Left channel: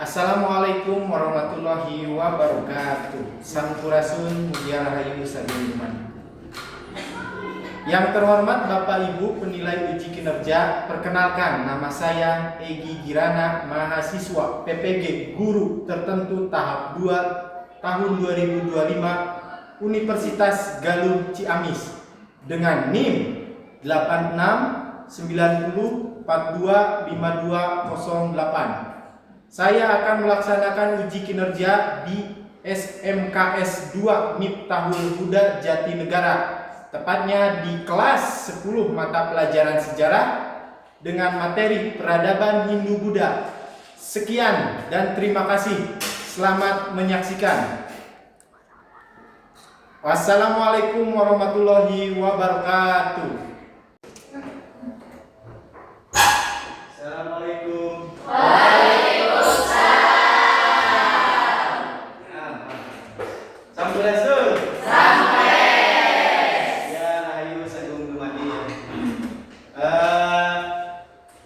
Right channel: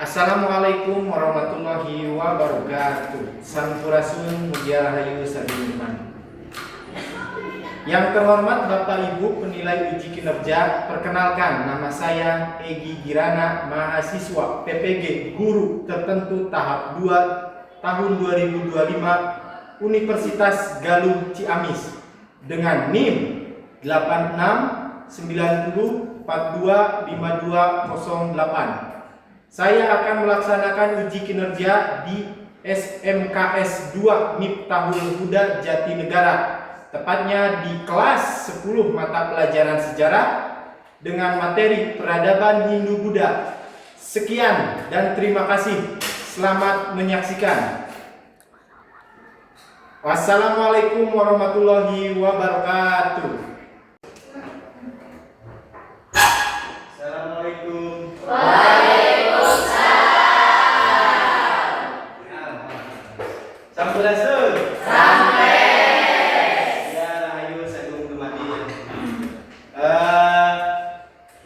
Assalamualaikum warahmatullahi wabarakatuh. Sampurasun mugia rahayu sabiluman. Yang terhormat Bapak Ibu penilai uji kinerja, perkenalkan nama saya Egi Girana, mahasiswa PPG Guru Tertentu tahap 2 tahun 2025 Universitas Galuh Ciamis dengan NIM 8690425208. Saya akan melaksanakan uji kinerja di SMKS 2 Miftahul Huda Jatinegara, tepatnya di kelas 10 mata pelajaran sejarah dengan materi peradaban Hindu-Buddha. Sekian dan terima kasih. Selamat menyaksikan. Wassalamualaikum warahmatullahi wabarakatuh. Assalamualaikum. Sampurasun. Ya, ayo sagung dumadin.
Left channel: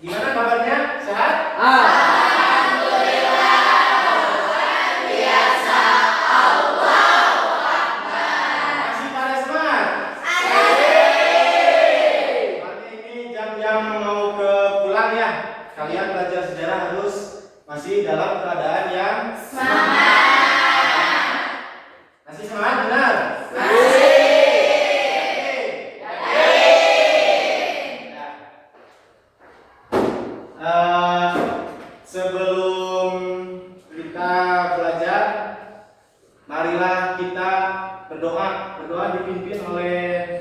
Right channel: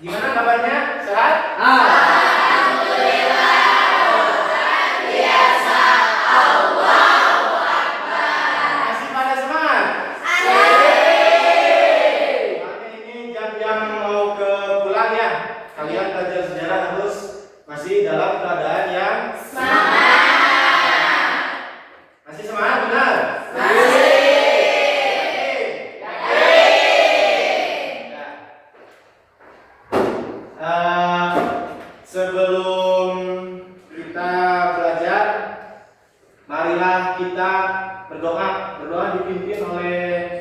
Gimana kabarnya? Sehat? Alhamdulillah. Luar biasa. Allahu Akbar. Masih pada semangat? Asyik. Makanya ini jam-jam mau ke pulang ya. Kalian belajar sejarah harus masih dalam keadaan yang Semangat. masih semangat, benar? Masih. Sebelum kita belajar, marilah kita berdoa. Berdoa dipimpin oleh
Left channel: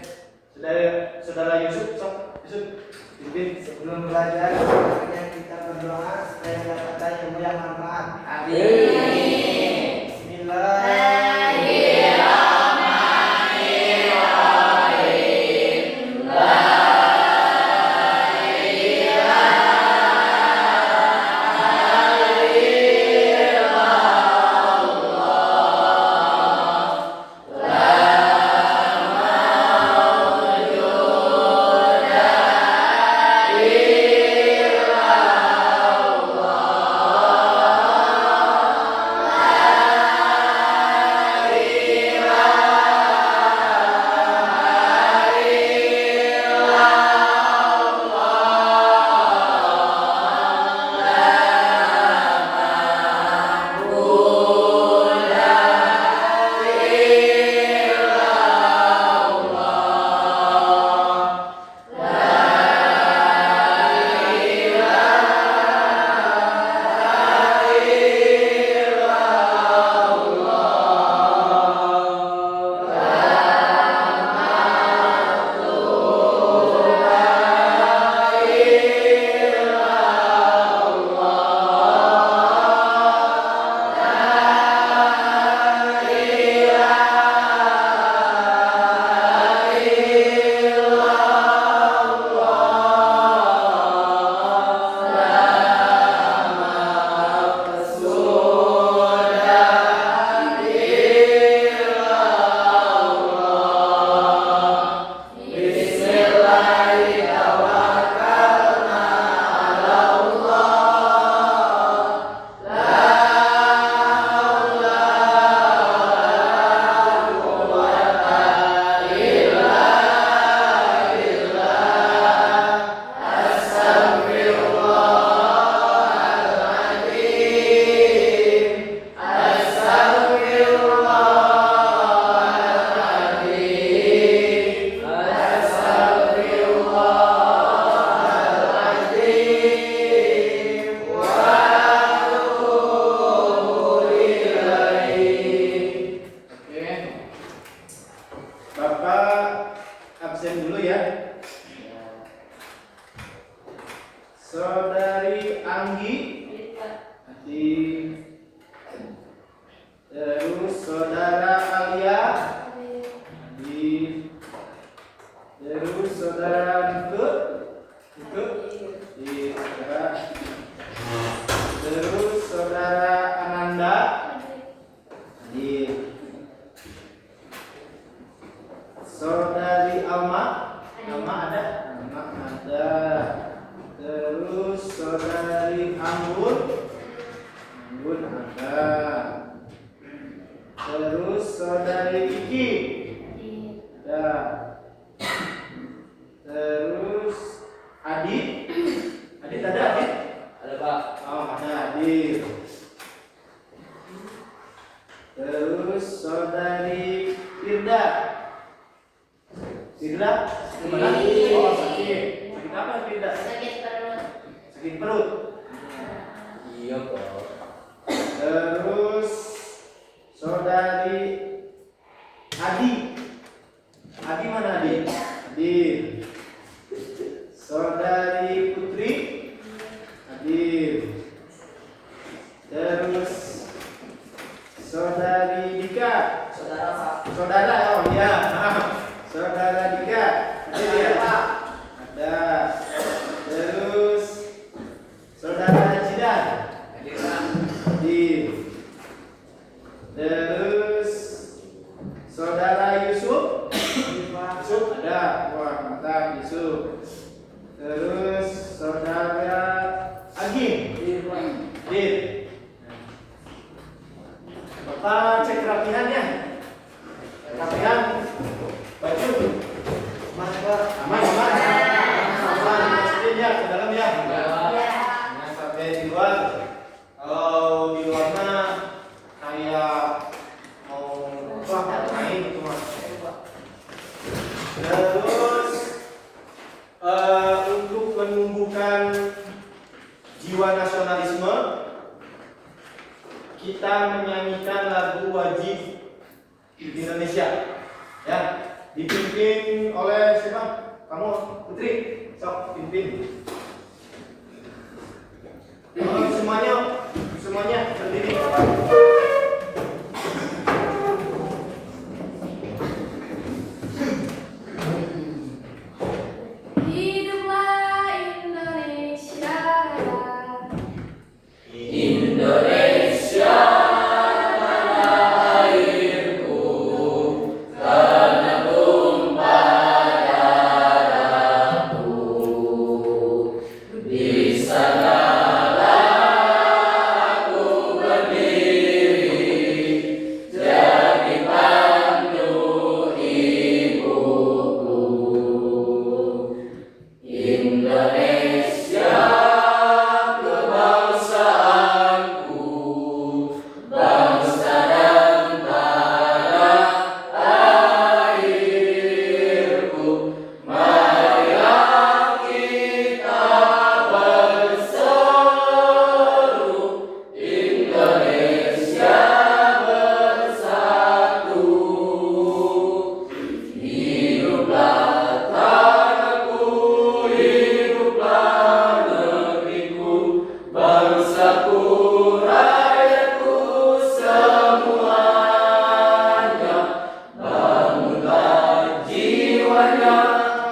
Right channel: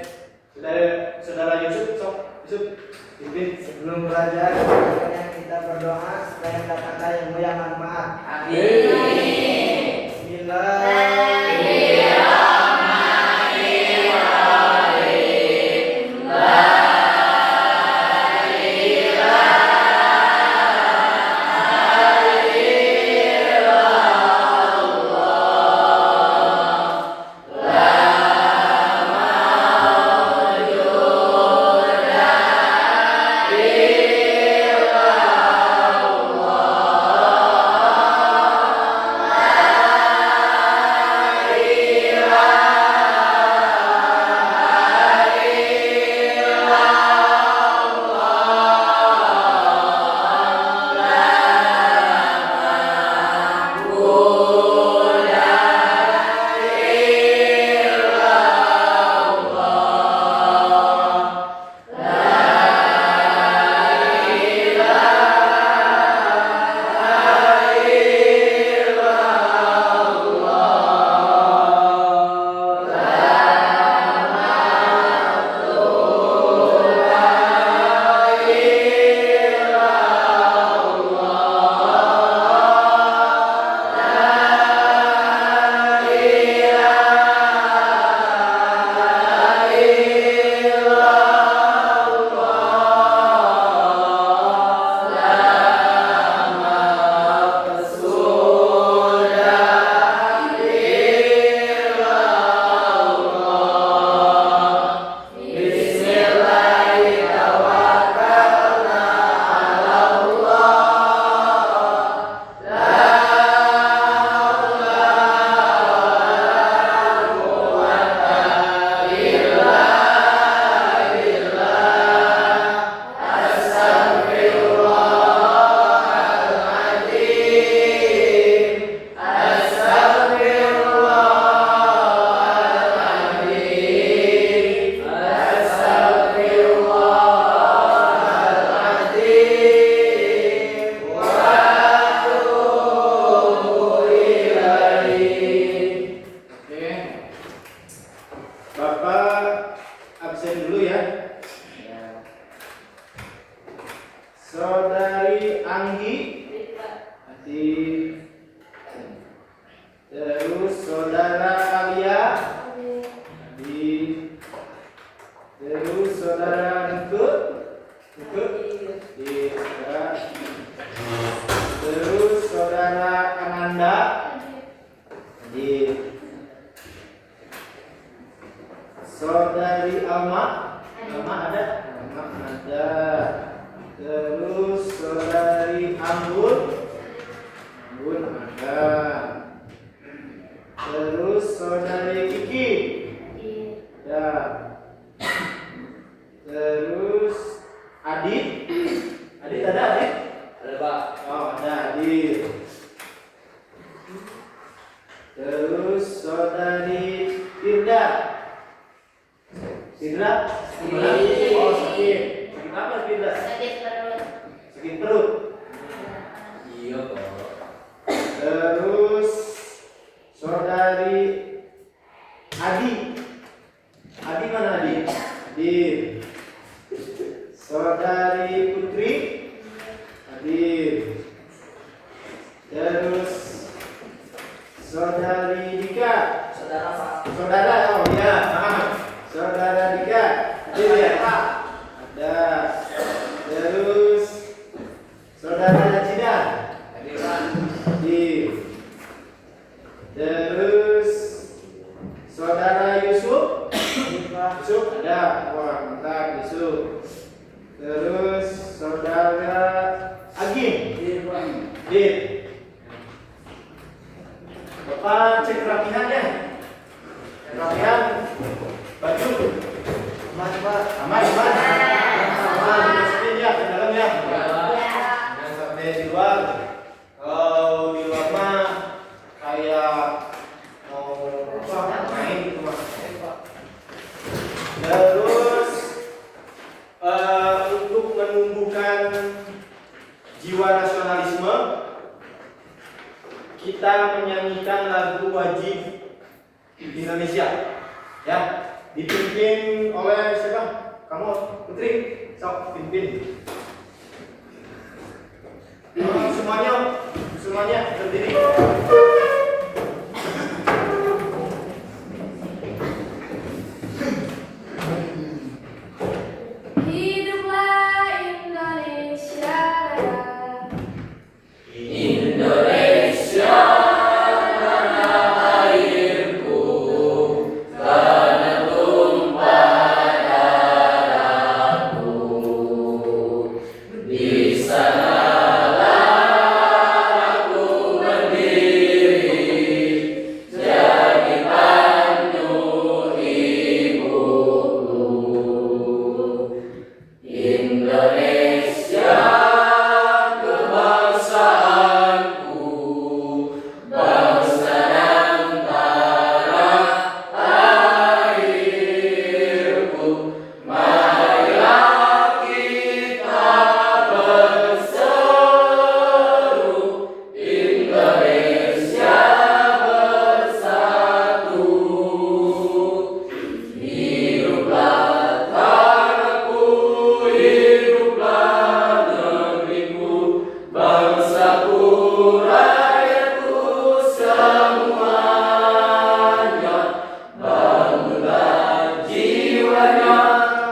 saudara Yusuf. Yusuf, pimpin. Sebelum belajar, sebenarnya kita berdoa supaya mendapatkan ilmu yang manfaat. Amin. Bismillahirrahmanirrahim. Bapak absen dulu ya. Saudari Anggi, terus saudara Alia, terus saudara Nikut, terus saudara Ananda, saudari Alma ada, terus saudari Anggun, Ya, Adil. Terus saudari Firda. Firda? Gimana? Oh, sakit. Sakit apa Firda? Sakit perut. Sakit perut. Iya kok. Terus saudari Adi. Adi mana Adi? Adi. Saudari Putri. Adi. Terus saudari Dika. Saudara Pak. Saudara, oh iya, maaf. Saudara Dika. Ada ya? Ada. Terus saudara Cina. Di. Terus saudara Yusuf. Yusuf ada. Wah, mantap Yusuf. Terus saudara Agim. Dit. Bapak cek kerapihannya. Kerapihan baju. Aman, aman. Aman, masukin ya ke dalam ya. Jangan sampai di luar. Kalau di luar mah kayak mau main gitu mah. Terus untuk menumbuhkan jiwa nasionalisme, kita menyanyikan lagu wajib Indonesia, ya, dipimpin oleh siapa? Kamu, Putri, sok pimpin. Semuanya berdiri. Hiduplah Indonesia Raya. Indonesia tanah airku, tanah tumpah darahku. Di sanalah aku berdiri, jadi pandu ibuku. Indonesia kebangsaanku, bangsa dan tanah airku. Marilah kita berseru, Indonesia bersatu. Hiduplah tanahku, hiduplah negeriku, bangsaku, rakyatku semuanya. Bangunlah jiwanya,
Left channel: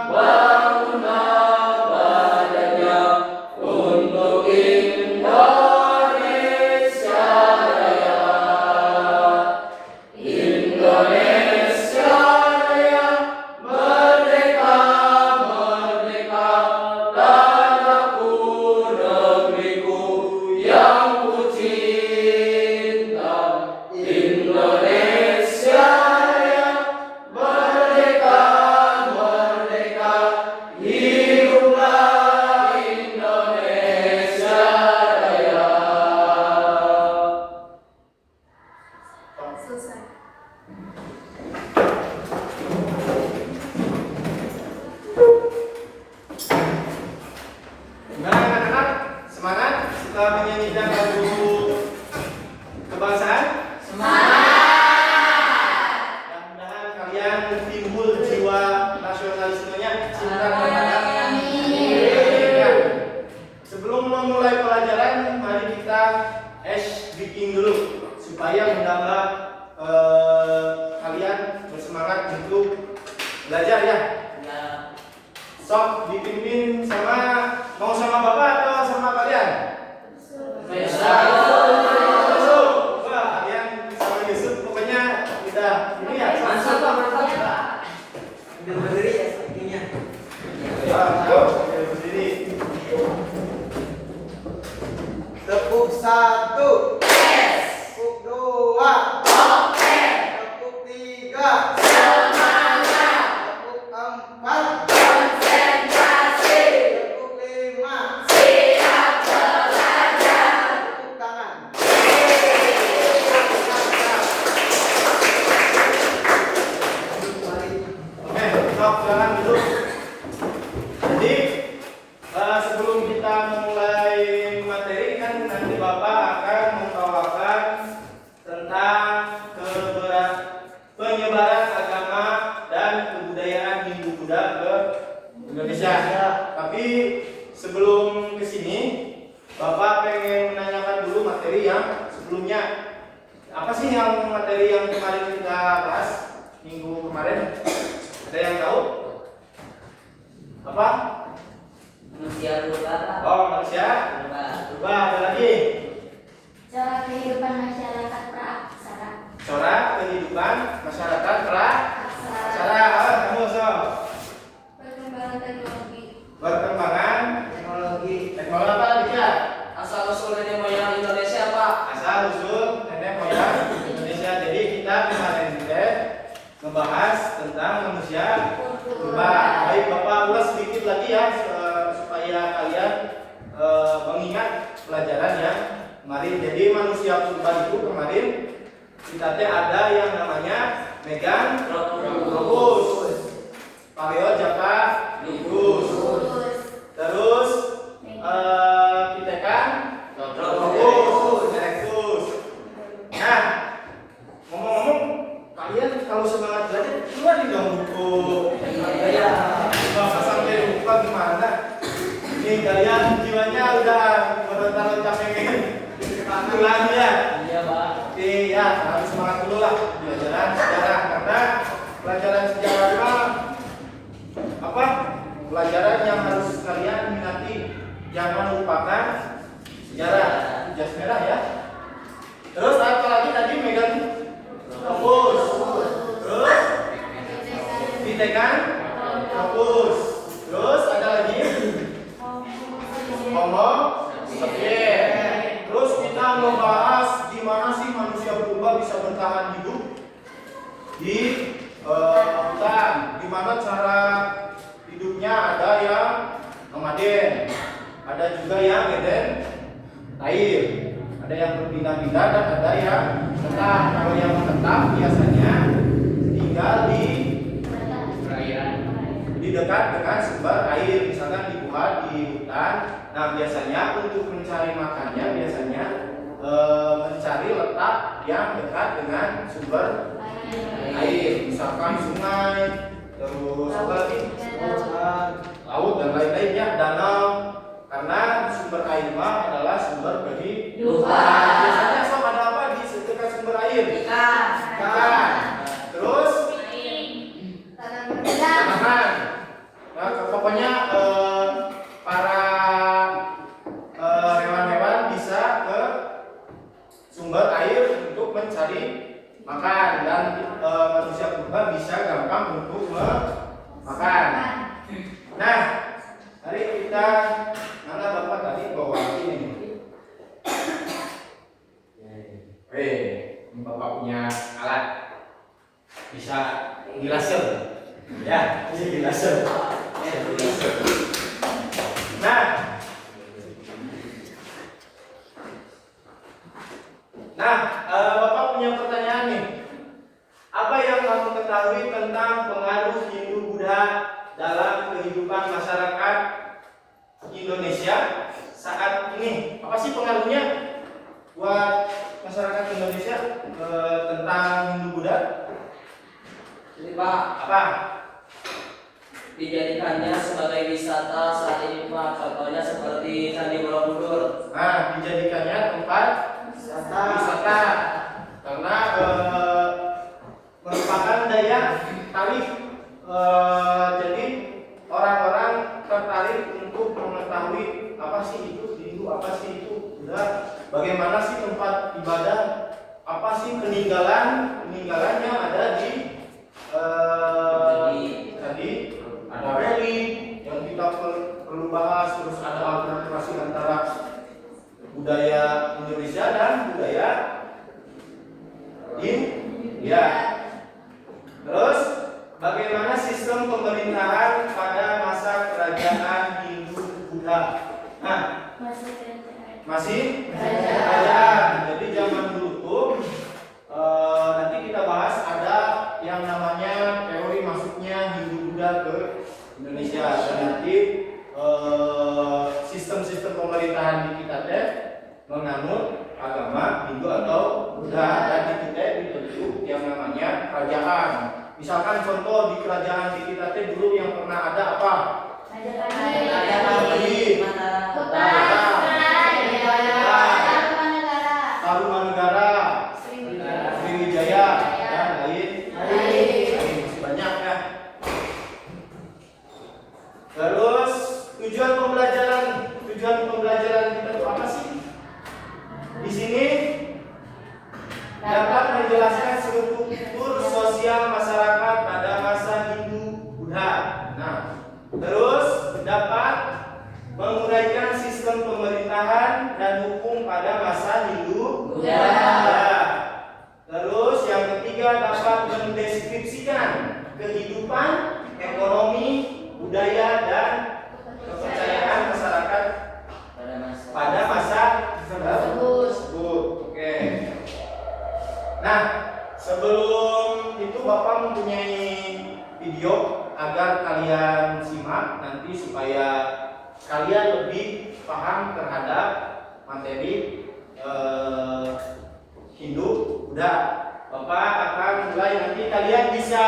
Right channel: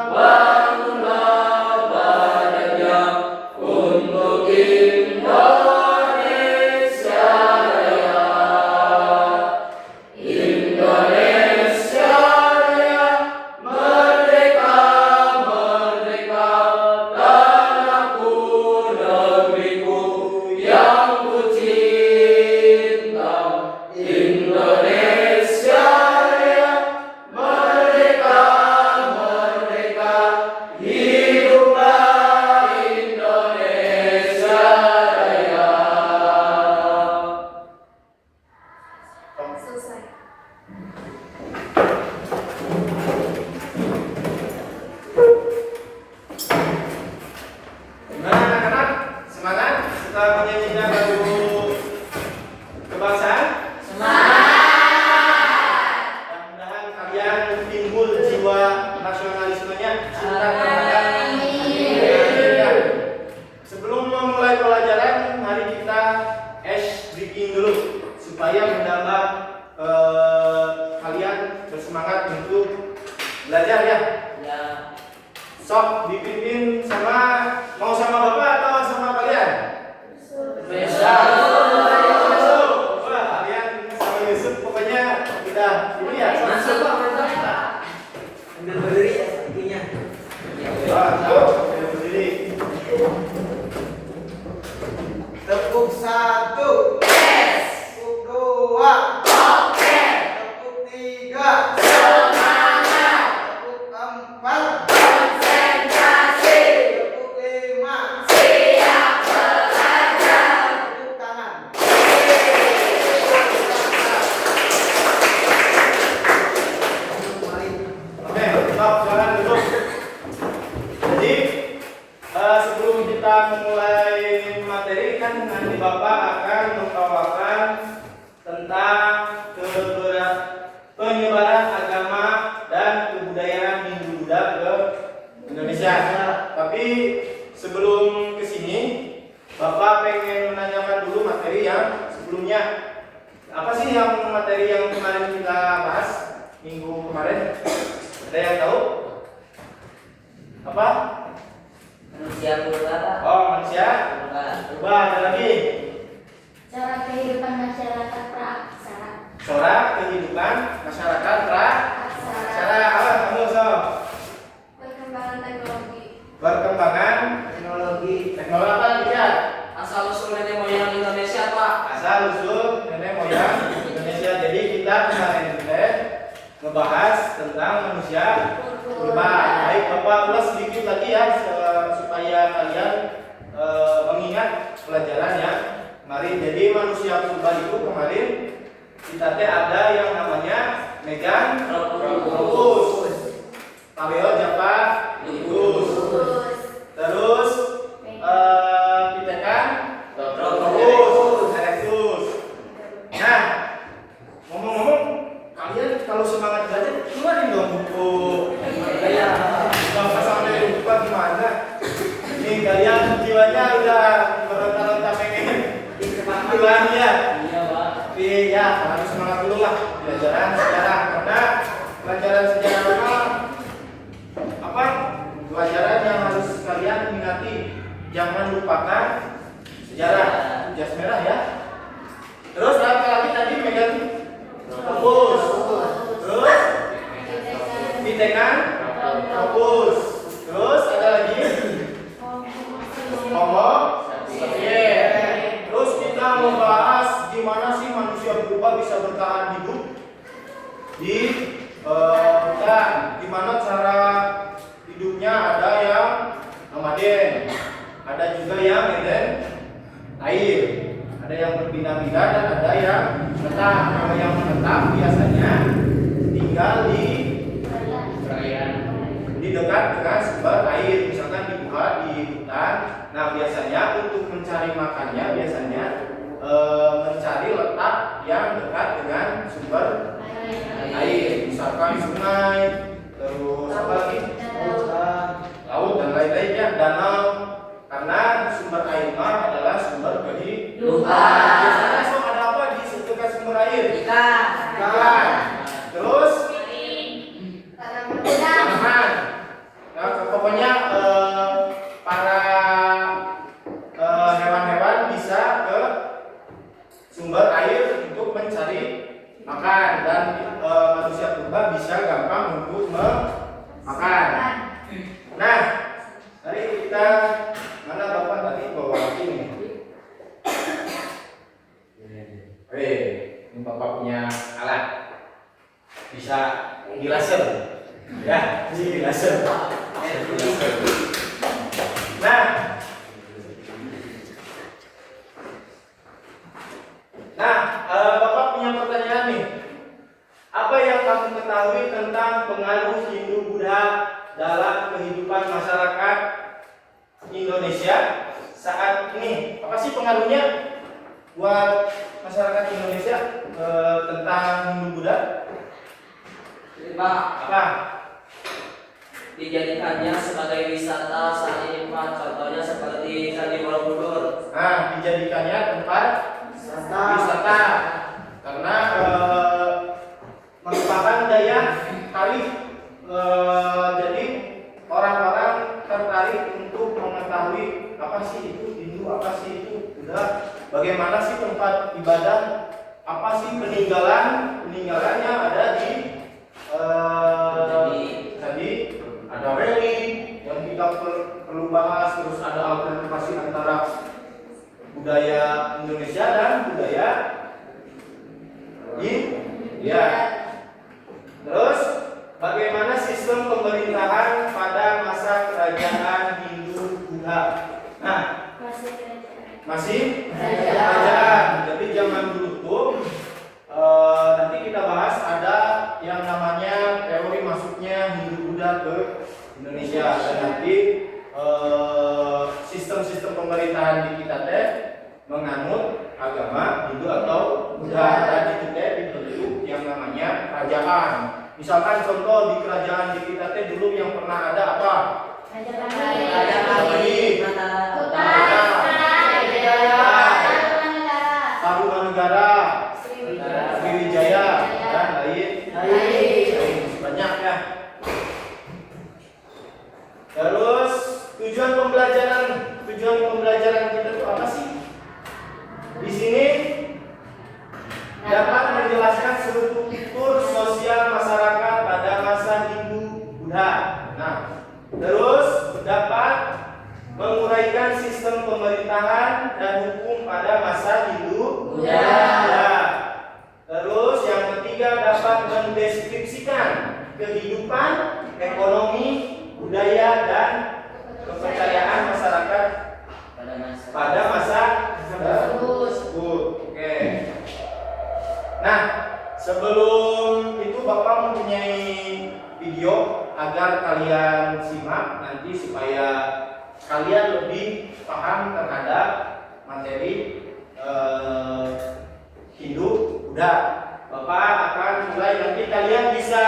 bangunlah badannya untuk Indonesia Raya. Indonesia Raya, merdeka, merdeka, tanahku, negeriku yang ku cinta. Indonesia Raya, merdeka, merdeka, hiduplah Indonesia Raya. Selesai. Nah, anak-anak, semangat setelah menyanyikan lagu kebangsaan. Mudah-mudahan kalian timbul jiwa nasionalismenya, cinta terhadap Indonesia. Sebelum memulai pelajaran, mari kita hash breaking dulu supaya menambah kalian bersemangat untuk belajar ya. Sok dipimpin mau sama bapak atau sama kalian? Wah, kalian sama Yusuf pokoknya udah ini ya. Masuk Pak, mantap. Udah berdiri ya sepertinya. Berdiri. Tepuk satu. Tepuk dua. Tepuk tiga. Tepuk empat. Tepuk lima. materi yang sebelumnya. Apa sih yang materi yang kemarin kita bahas minggu kemarin? Ada yang tahu? Apa? Manusia purba. Oh, manusia berubah. Ada lagi? Cara kehidupan masyarakat praaksara. Corak kehidupan masyarakat Aksara. apa kamu Sob? Perkembangan teknologi. Perkembangan Teknologi. teknologi apa lihat? Asal usul nenek moyang Indonesia, Pak. Asal usul nenek moyang Indonesia. Jadi kita kemarin ngebahas tentang manusia purba. Baik, Bapak ulas sedikit lagi ya supaya kalian mengingat pelajaran yang kemarin. Jadi manusia purba itu kemarin kita ada yang namanya Meganthropus, Paleojacarticus, terus kita kan Erectus. Nah, ngomong-ngomong, kalian kalau semangat belajar keluarin dong buku. Nggak sampai lupa gimana. Nih kalian jiwanya udah berontak-ontak pengen pulang ya. Iya, Pak. Tapi ya harus semangat dulu lah pelajaran sejarah, karena pelajaran sejarah itu apa? Pelajaran yang harus kalian minati. Jangan lupakan sejarah. Jas merah ya. Terus apa lagi tadi Meganthropus. Terus Pithecanthropus. Terus ada lagi Homo sapiens. Terus kita membahas gimana sih manusia purba bisa bertahan hidup di hutan. Gimana cara hidupnya, ada yang nomaden, ada juga yang air, ada yang berpindah-pindah dan ada yang tetap. Kalau yang tetap biasanya tinggal di dekat dengan sumber air, misalkan di gua, di hutan. Nah biasanya untuk mencari makannya biasanya mencari letak yang dekat dengan sumber air, misalkan sungai, terus apa lagi? Laut dan lain-lainnya, danau. Karena sumber air mah adalah sumber kehidupan. Biasanya Sob ada apa di dekat sumber air? Ikan. Terus tanaman. Nah, pokoknya para hewan-hewan bisa ke sumber air untuk mencari makan, dan manusia purba bisa gampang untuk makan. Nah, hari kita mana Bapak tadi bawa ini? Ini Bapak punya alat bisa di laser, ya, di laser. Nah, Bapak punya pertanyaan nih. Apa yang kamu ketahui tentang pengaruh Hindu-Buddha dalam kehidupan masyarakat Indonesia saat ini? Apa sih pengaruhnya buat masyarakat Indonesia tentang Hindu-Buddha? Jadi, Pak, Apa? dijadikannya sebagai wisata saat ini, Pak. Contohnya seperti Candi Borobudur. Nah, dijadikannya tempat wisata karena merupakan daya tarik. Jadi orang-orang tertarik untuk mengetahui apa sih itu Hindu, apa sih itu Buddha, bagaimana sih tempat ibadah, apa sih peninggalannya ada di tadi ada relik yang kita perlu bahas, terus ada alternatif antara budaya Indonesia dan budaya India. Terus bagaimana sistem pemerintahan pada masa kerajaan Hindu-Buddha? Nah, masih kerajaan. Jadi zaman dulu tuh nanti kita bahas ada yang namanya teori masuknya Hindu-Buddha ke Indonesia, dan nanti sistem-sistem pemerintahan di kita teh menganut agama Hindu atau Buddha, dan di kita dibentuk yang namanya kerajaan. Misalkan contoh di kerajaan di kita teh dulu yang pernah ada apa? menjelaskan struktur sosial masyarakat pada masa Hindu-Buddha. Nah, terus dapat menguraikan sistem pemerintahan dan hukum pada masa Hindu-Buddha. Terus yang ketiga dapat mendeskripsikan kehidupan, ekonomi, budaya dan kepercayaan masyarakat pada masa tersebut. Oke. Nah, sebelum itu Bapak mempunyai video agar kalian simak nanti supaya kalian lebih paham terhadap materi Hindu Buddha. Bapak akan mulai, nanti kalian bisa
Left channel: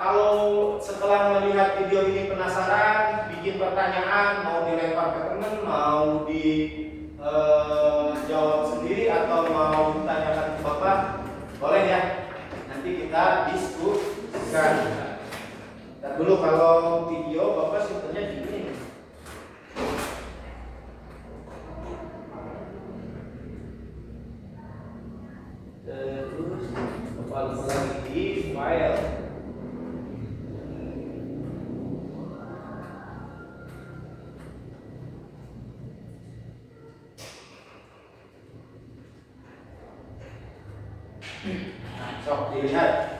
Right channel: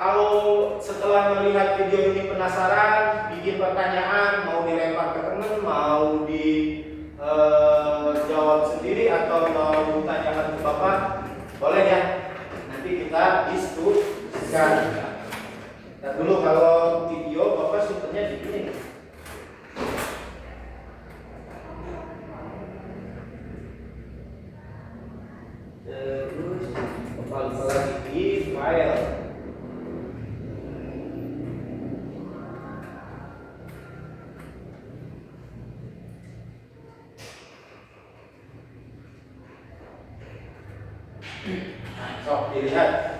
kalau setelah melihat video ini penasaran, bikin pertanyaan, mau dilempar ke teman, mau dijawab sendiri atau mau ditanyakan ke Bapak, boleh ya. Nanti kita diskusikan. Dan dulu kalau video Bapak sistemnya di sini. Terus Bapak lupa lagi di file. Sok dilihat.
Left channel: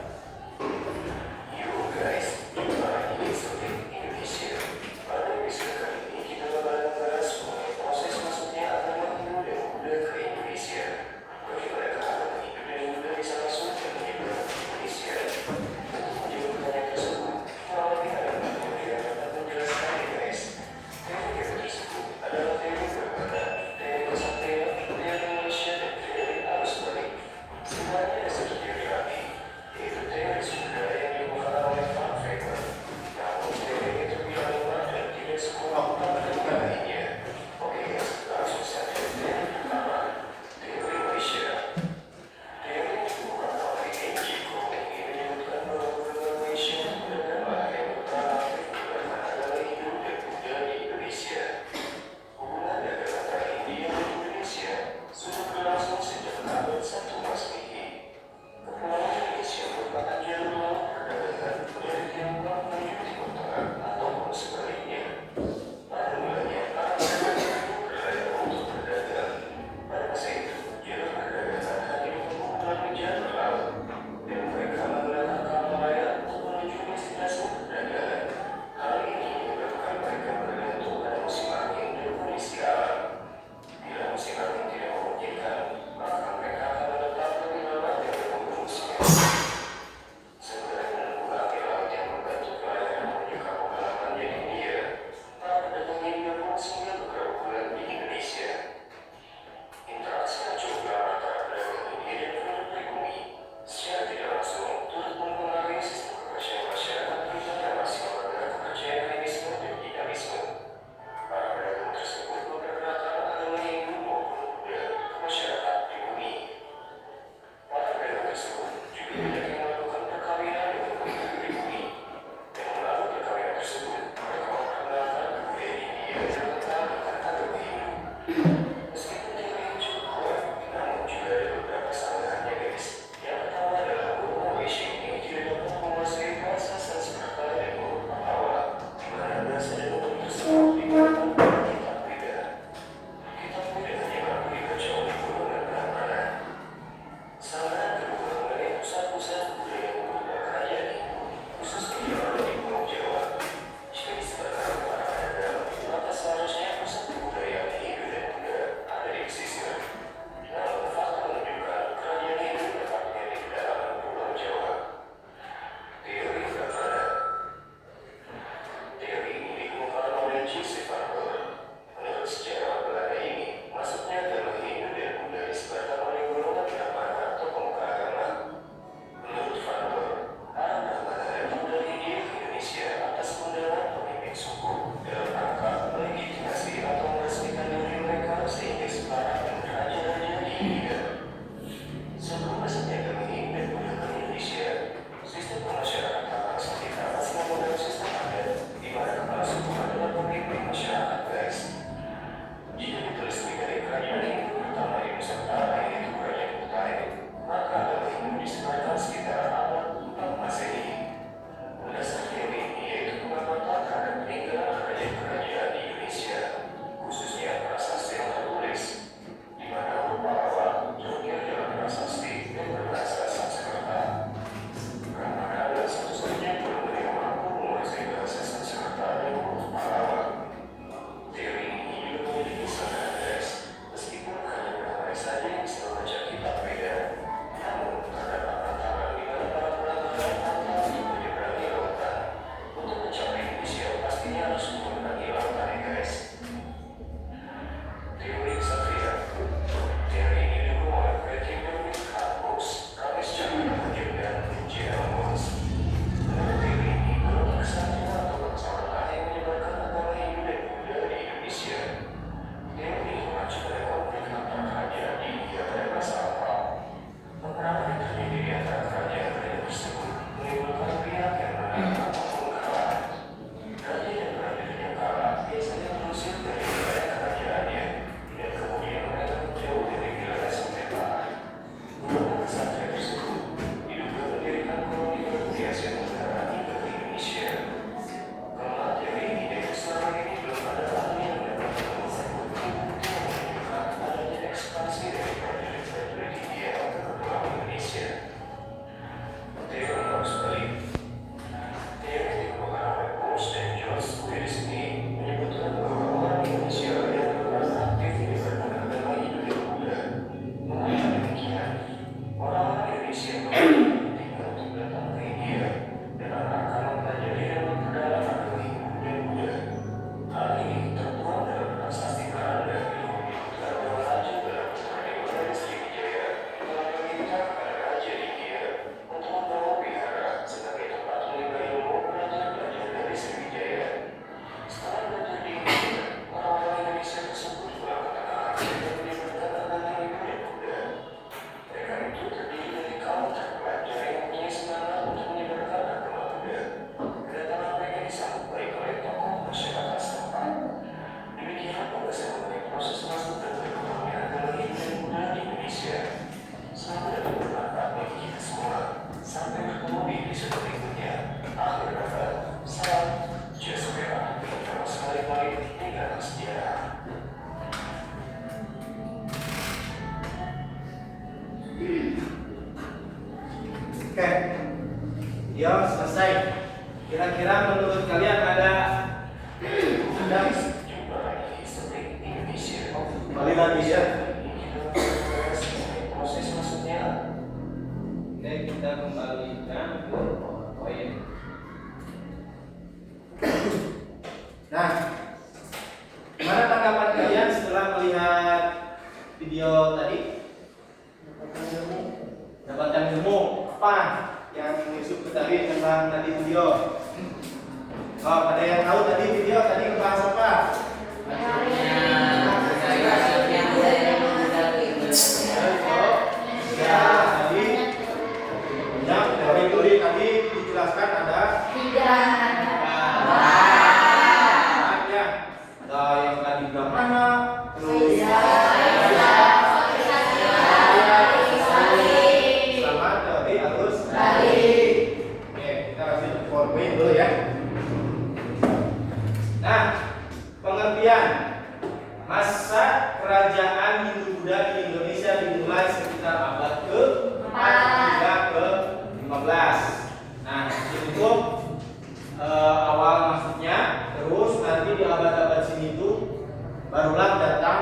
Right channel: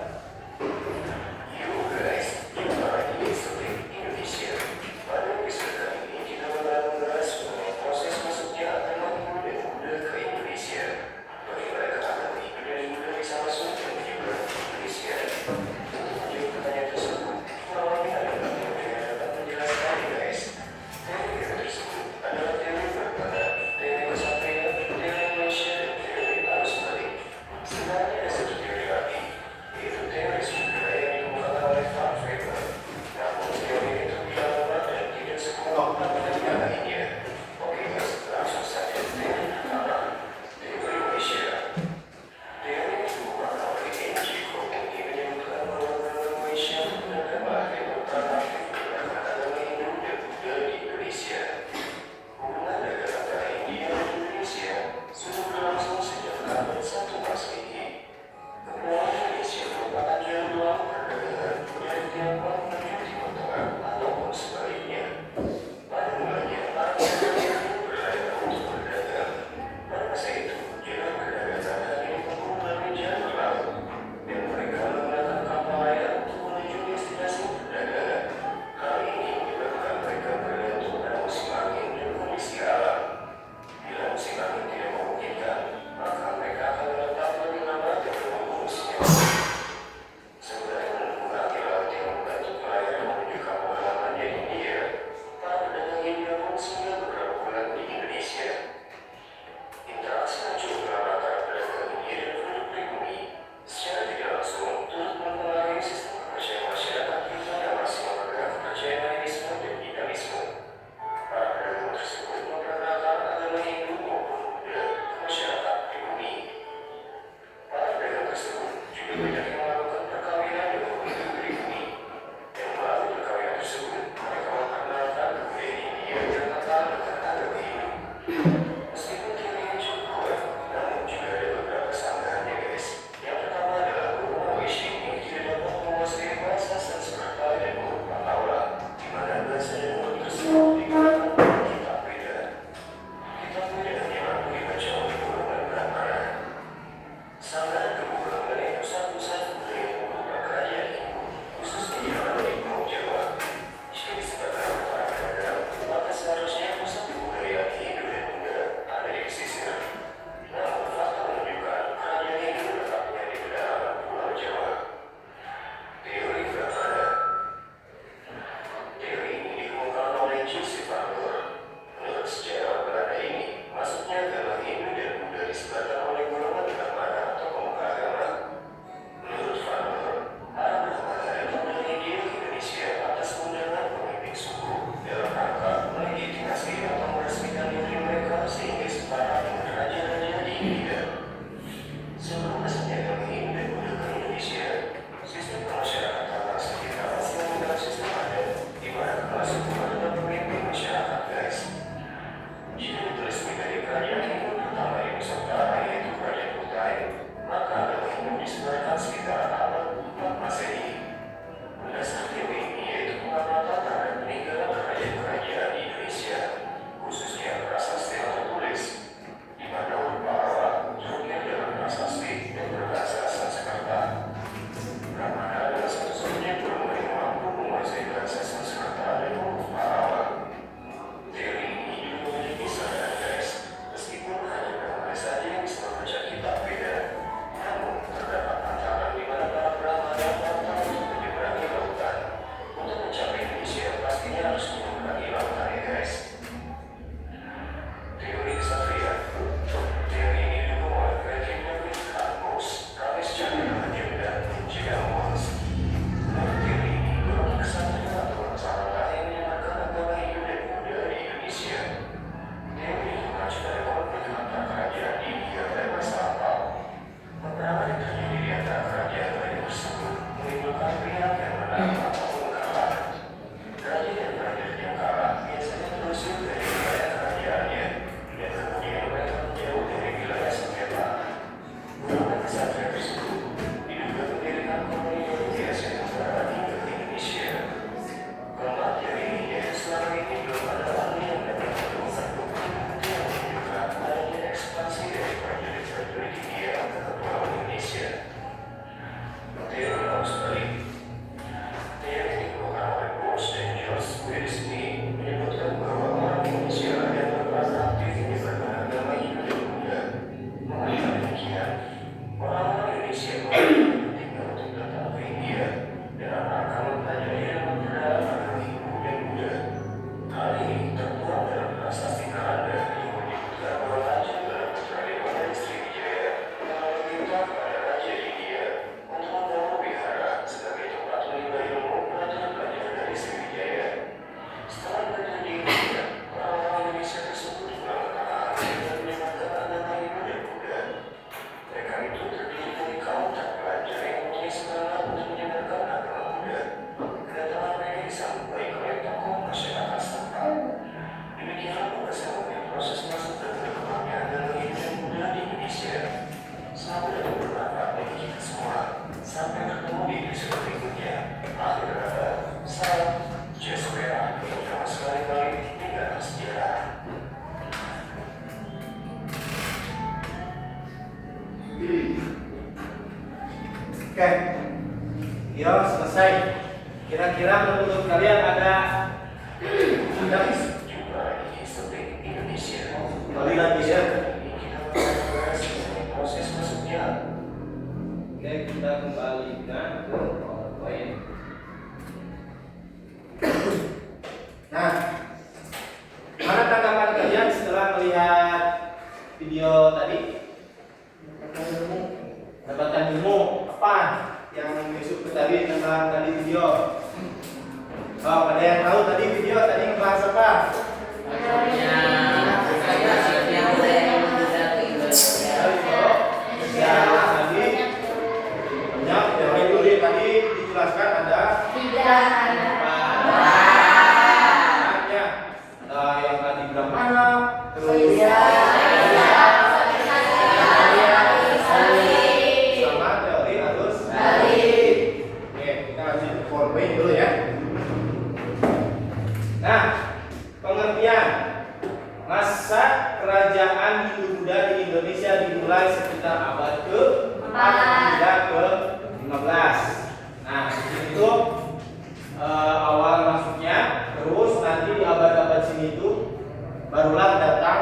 Oke, video selesai. Kira-kira menurut kalian ada kembali lagi ya. Oke, kita kembalikan ke PowerPoint. Nah, mana tanggapan kalian setelah melihat video tadi? Dapatkan ilmu apa yang Yusuf tadi tentang tadi video? Oh, ada yang tahu tadi video tadi ngebahas apa? Tadi dijelaskan ada yang tadi bilang mana, terus sama teori arus balik. Oke, kita lanjut ke PowerPoint dulu ya. Nah, pengertian masa kerajaan Hindu-Buddha di Indonesia dimulai sekitar abad ke-4 hingga ke-15. Nah, di sini tuh awal masuknya, terus nanti di abad-abad sini tuh barulah datang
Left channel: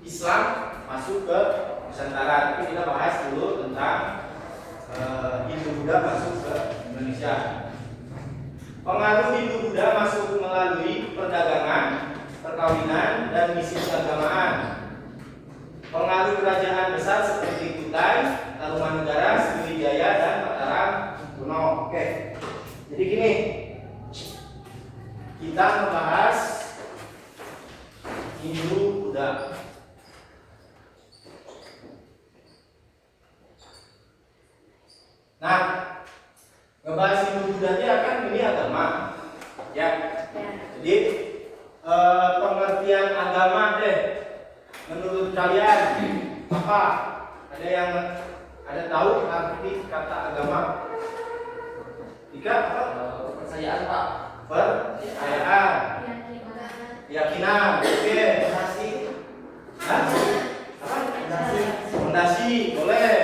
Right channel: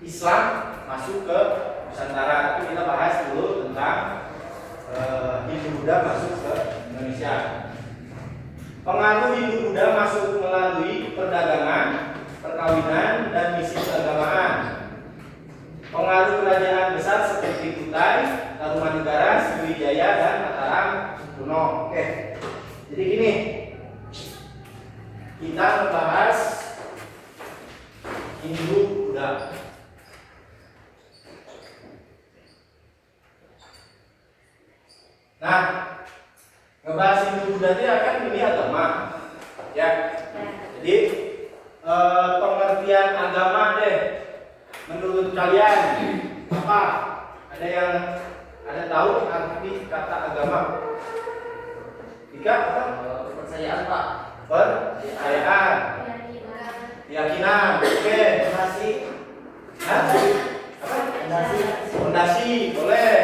Islam masuk ke Nusantara. Itu kita bahas dulu tentang Hindu-Buddha masuk ke Indonesia. Pengaruh Hindu-Buddha masuk melalui perdagangan, perkawinan, dan misi keagamaan. Pengaruh kerajaan besar seperti Kutai, Tarumanegara, Sriwijaya, dan Mataram kuno. Oke, jadi gini, kita membahas Hindu-Buddha. Nah, ngebahas Hindu-Buddha ini akan ini agama, ya. Jadi pengertian agama deh, menurut kalian apa? Ada yang tahu arti kata agama? Jika apa? Kepercayaan, Pak. Percayaan, keyakinan. Oke, fondasi. Hah? Apa? Fondasi, boleh.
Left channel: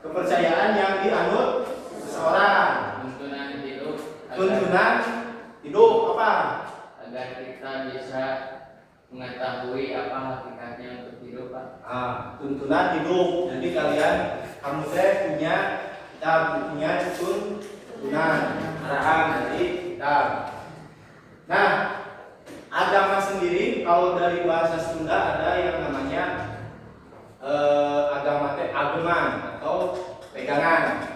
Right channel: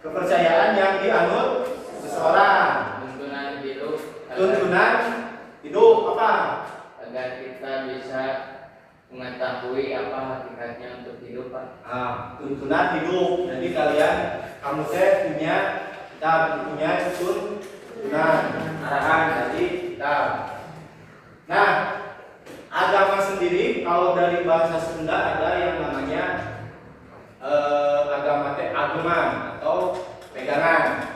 Kepercayaan yang dianut seseorang. Tuntunan hidup apa? Agar kita bisa mengetahui apa hakikatnya untuk hidup, Pak. Tuntunan hidup. Jadi kalian, kamu punya, kita punya tuntunan arahan dari kita. Nah, agama sendiri kalau dari bahasa Sunda ada yang namanya agama ageman atau pegangan.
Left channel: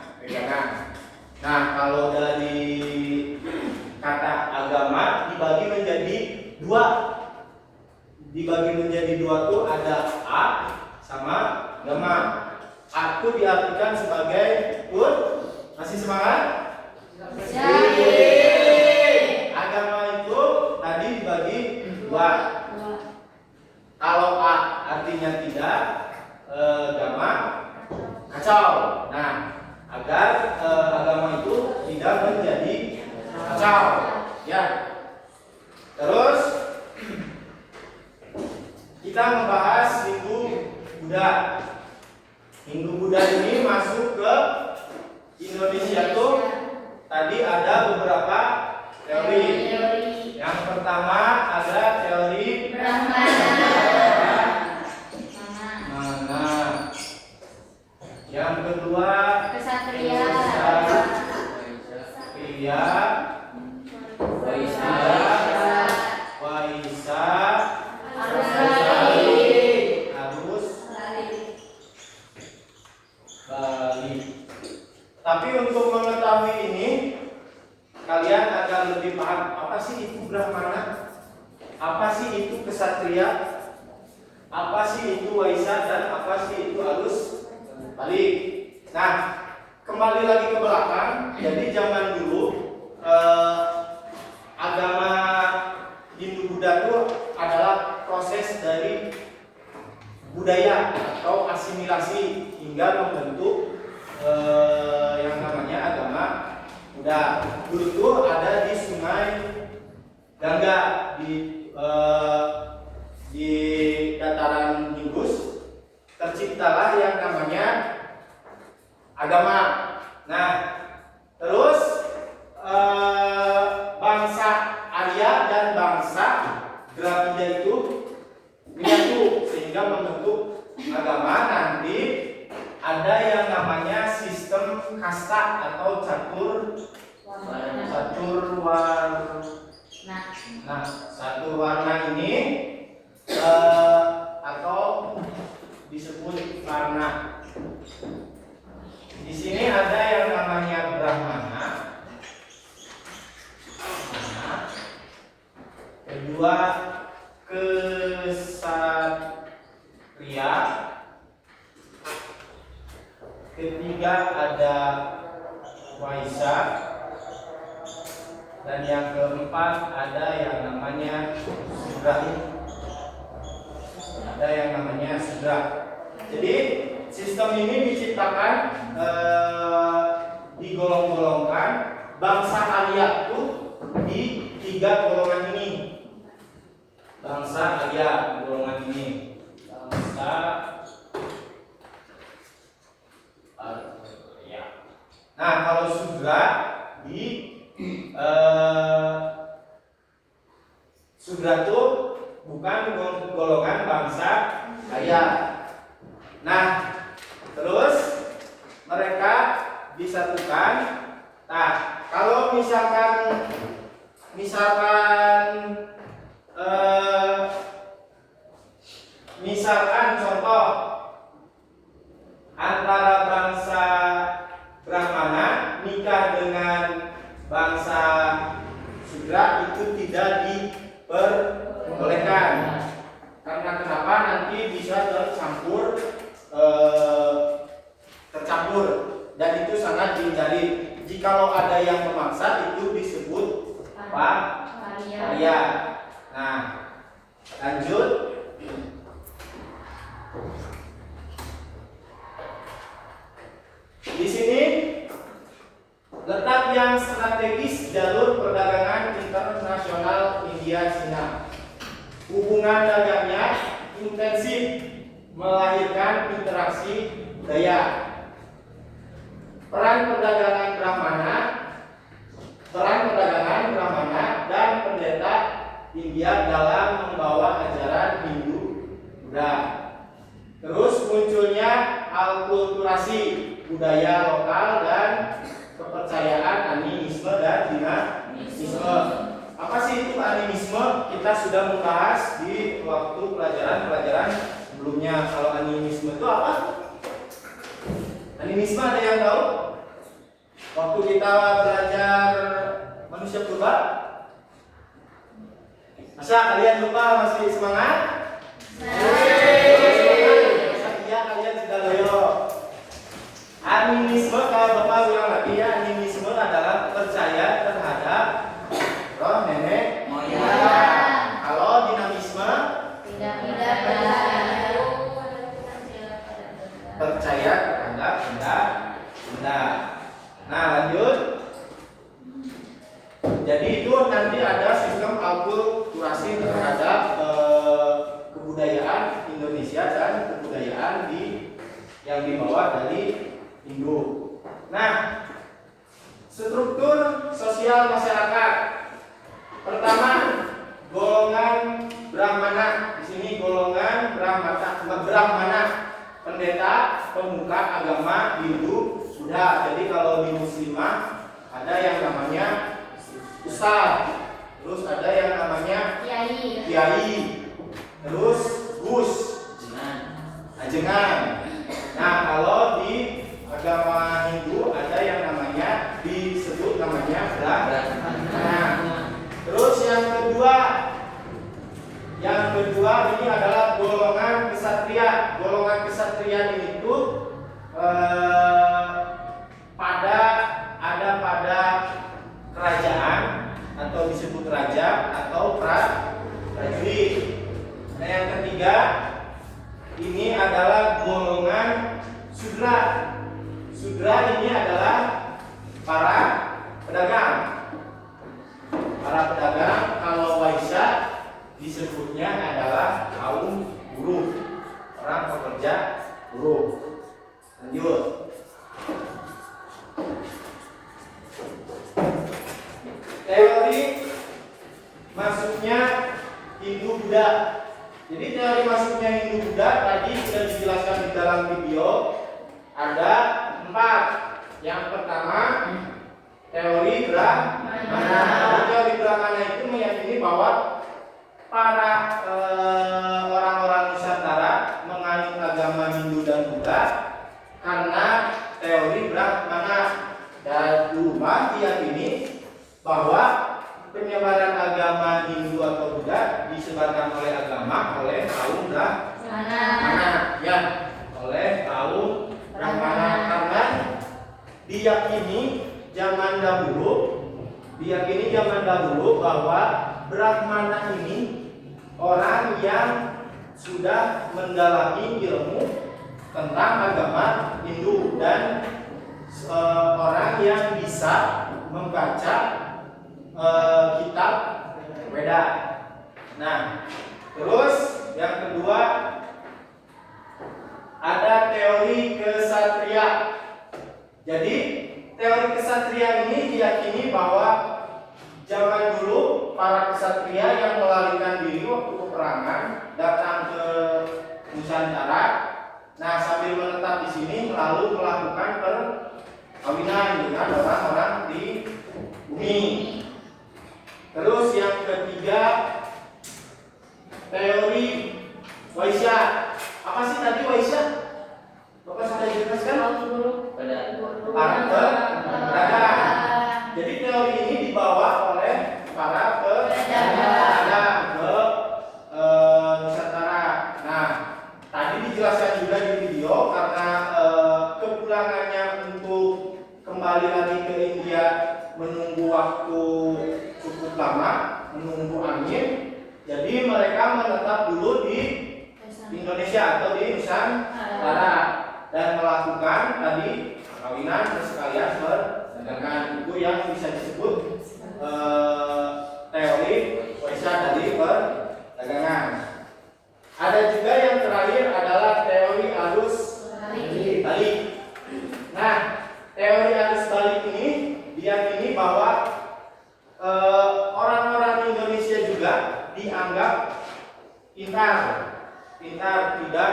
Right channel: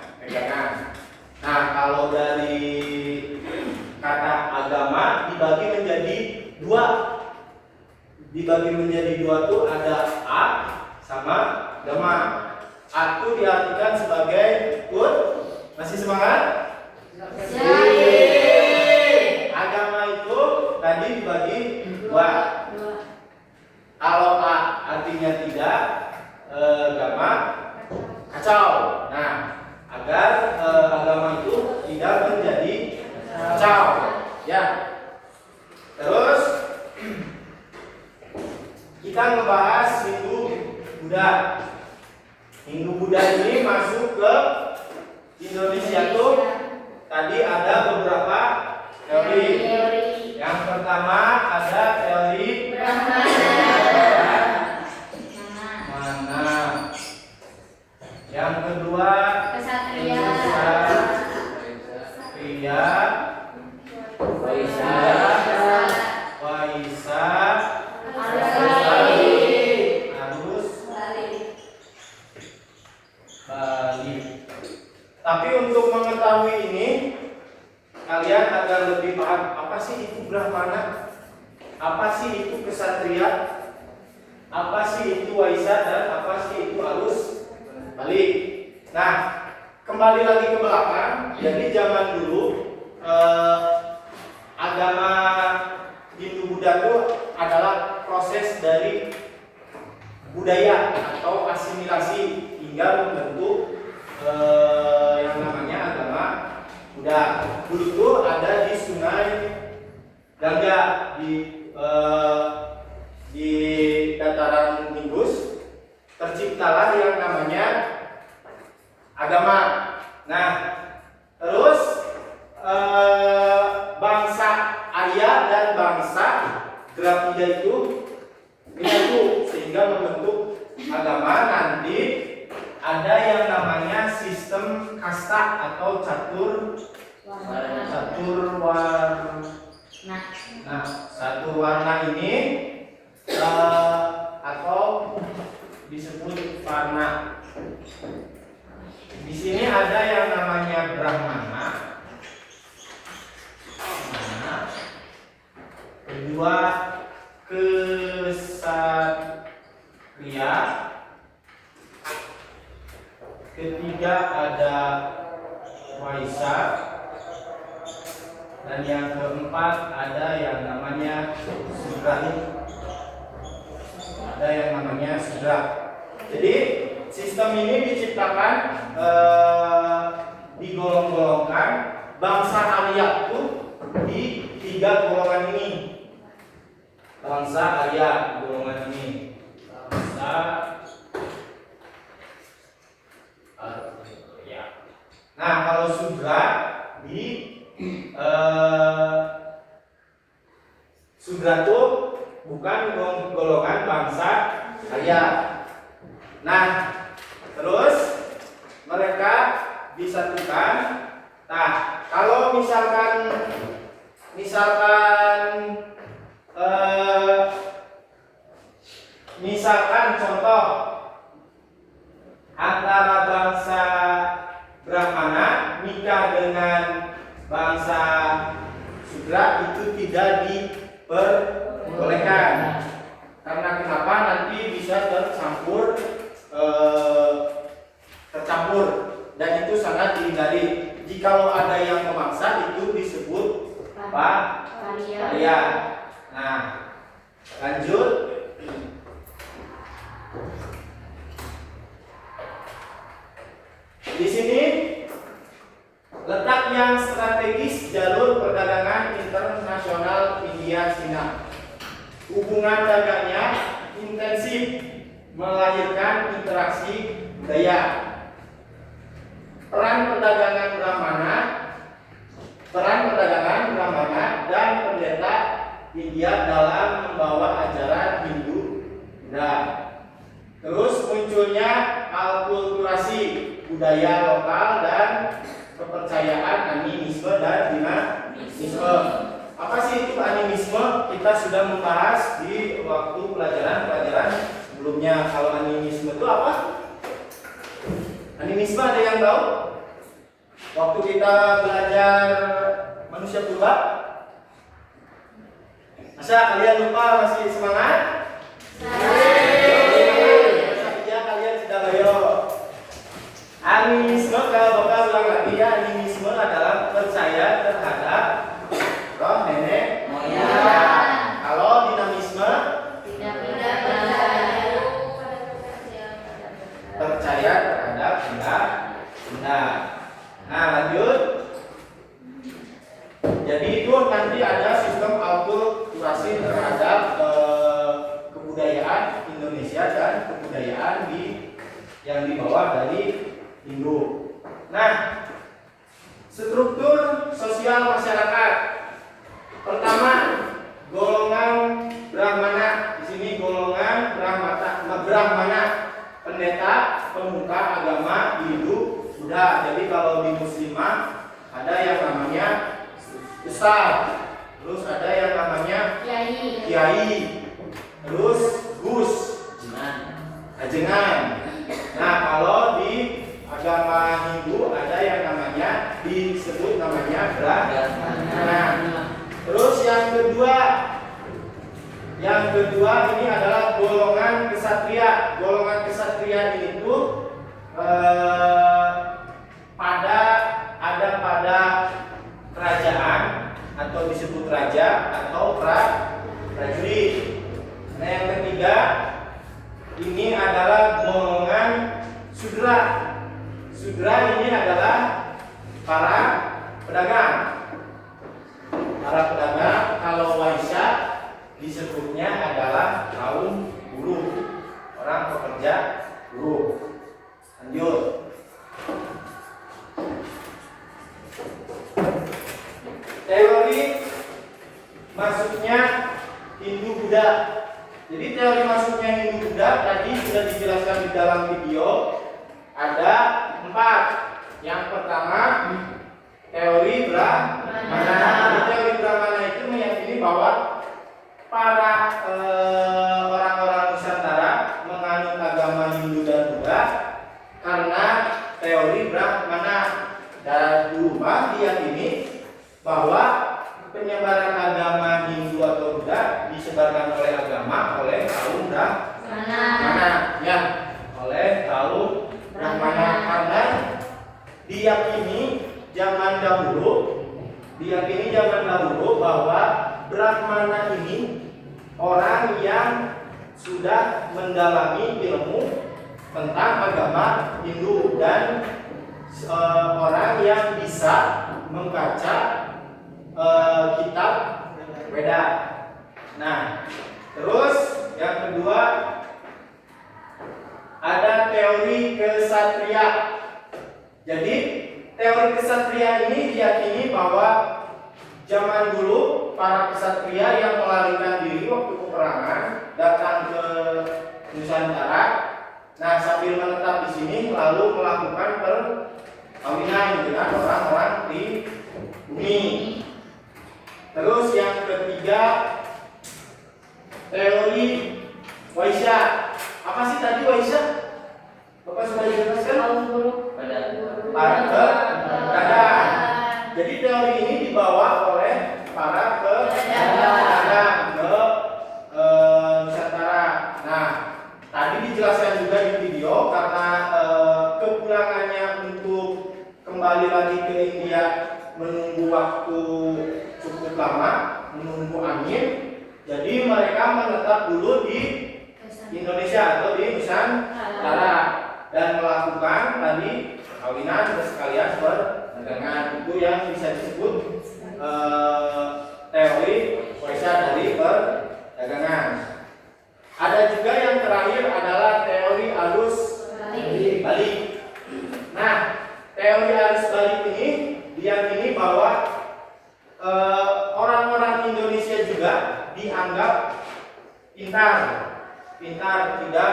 Nah, kalau dari kata agama dibagi menjadi dua tuh ada A sama gama. A itu diartikan sebagai masih semangat? Agama itu tadi dibagi dua. Kalau A artinya tidak, gama kacau. Nah, agar agama itu tidak menjadi kacau, ya. Terus kita membahas Hindu-Buddha. Hindu-Buddha ini masuk ke Indonesia tuh tadi ada beberapa teori. Yang pertama ada teori Brahmana. Yang kedua Kesatria. Waisa, ksatria? Apa sih itu waisa dan apa sih itu arus balik? Nah, kembali lagi ke belakang. Jadi zaman dulu agama Hindu Buddha itu adalah proses dari budaya atau asimilasi hingga membentuk yang namanya agama Buddha. Dulu itu ada di Sungai Gangga di dataran Indus, terciptalah yang namanya agama. Nah, terus bangsa Arya dan bangsa Dravida itu menyatu sehingga membentuk agama. Nanti ada yang namanya sistem kasta atau catur warna ini atau disebut warna. Di sini ada yang namanya Brahmana, kedua Ksatria, ketiga ada Waisa, dan yang keempat ada yang namanya Sudra. Jadi sistem ini diciptakan digolong-golongkan bangsa Arya itu di 3 golongan ini. Bangsa Arya golongan ini. Bangsa Arya. Nah, kalau Sudra di Sudra itu bukan golongan bangsa Arya. Nah, terus mereka disatukan. Nah, kalau misalkan contoh antara bangsa Brahmana nikah dengan bangsa Sudra itu tidak diperbolehkan. Karena kenapa? Nanti bisa tercampur dan itu sangat dihindari. Jikalau ada yang memaksa itu disebut paria. Nah, lanjut. Di sini letak yang strategis jalur perdagangan internasional India-Cina. Hubungan dagangnya intensif, melahirkan interaksi budaya. Peran perdagangan Brahmana dan pendeta India dalam membawa ajaran Hindu Buddha. Terus munculnya alkulturasi budaya lokal dan kepercayaan animisme dan dinamisme. Apa sih itu animisme? Kita sudah membahas di waktu pelajaran sebelumnya. Kalau animisme itu apa? Animisme ada yang tahu? Waktu kita belajar manusia purba, masa kalian lupa masih semangat? Iya, kalian sudah loyo. Animisme, kalau Bapak ulang lagi ya, animisme adalah percaya terhadap roh nenek moyang. Kalau dinamisme Tidak percaya terhadap benda. Nah, lanjut. Jadi itu nanti ada sistem alkulturasi terhadap kebudayaan Indonesia dan kebudayaan yang dibawa dari Hindu. Nah, struktur sosial masyarakat. Pertama, golongan Brahmana. Di sini golongan Brahmana, pendeta, pemuka agama Hindu Buddha. Jadi kalau di Muslimah ada yang namanya Ustaz, terus ada yang namanya Kiai, terus Gus, Ajengan. Nah, kalau di agama Hindu ada yang namanya disebut namanya Brahmana. Terus yang kedua ini adalah golongan kesatria. Golongan kesatria itu pada kerajaan atau disebut raja atau prajurit. Nah, yang ketiga ini adalah golongan sudra. Sudra ini adalah para pedagang. Para pedagang, kalau Waisya disebutnya adalah kaum buruh, orang pekerja buruh. Lanjut. Teori masuknya Hindu-Buddha. Jadi teori masuknya Hindu-Buddha tadi sudah dijelaskan di dalam video. Ada 4. Yang pertama teori Brahmana. Teori Brahmana itu meyakini bahwa para orang-orang Nusantara menganut agama Hindu dan Buddha karena teori Brahmana. Dan Duma diyakini bahwa penyebaran agama Hindu atau Buddha disebarkan oleh kaum Brahmana, ya, oleh kaum Brahmana karena diyakini zaman dahulu bahwa Brahmana ini orang yang sudah mendalami ilmu tentang agama Hindu dan orang yang bisa membaca kitab Weda. Nah, terus yang kedua ada teori kesatria. Jadi teori kesatria ini diyakini bahwa zaman dulu para kesatria yang melarikan diri waktu peperangan datang ke Nusantara. Nah, sambil menetap di sini lalu melakukan perkawinan dengan orang-orang di bumi. Terus yang ketiga teori Waisya. Apa sih tadi Waisya? Bapak sudah jelaskan? Para pedagang. Jadi teori ini dibawa oleh para pedagang ke Nusantara. Nah, tadi dijelaskan juga di video karena kepulangannya untuk kembali lagi ke India menunggu waktu cukup lama, menunggu angin. Jadi mereka menetap dulu di Indonesia atau di Nusantara dan melakukan tadi perkawinan dan sekalian perdagangan. Itu yang bisa disebut teori Waisya dari perdagangan. Ada juga yang terakhir adalah teori arus balik. Nah, teori arus balik ini diyakini bahwa orang-orang Indonesia juga dianggap pintar, tidak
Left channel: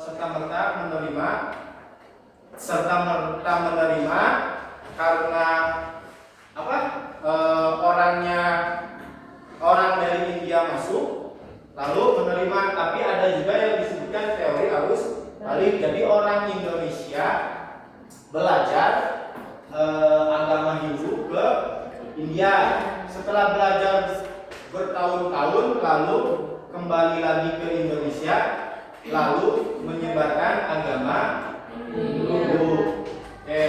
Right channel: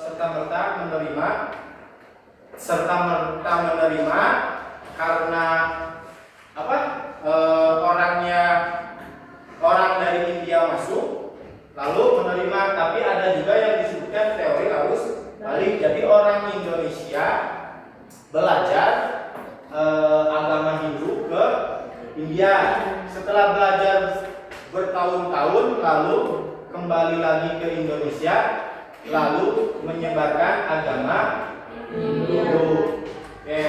serta-merta menerima karena apa? Orang dari India masuk lalu menerima, tapi ada juga yang disebutkan teori arus balik. Jadi orang Indonesia belajar agama Hindu ke India. Setelah belajar bertahun-tahun lalu kembali lagi ke Indonesia lalu menyebarkan agama Hindu. Oke.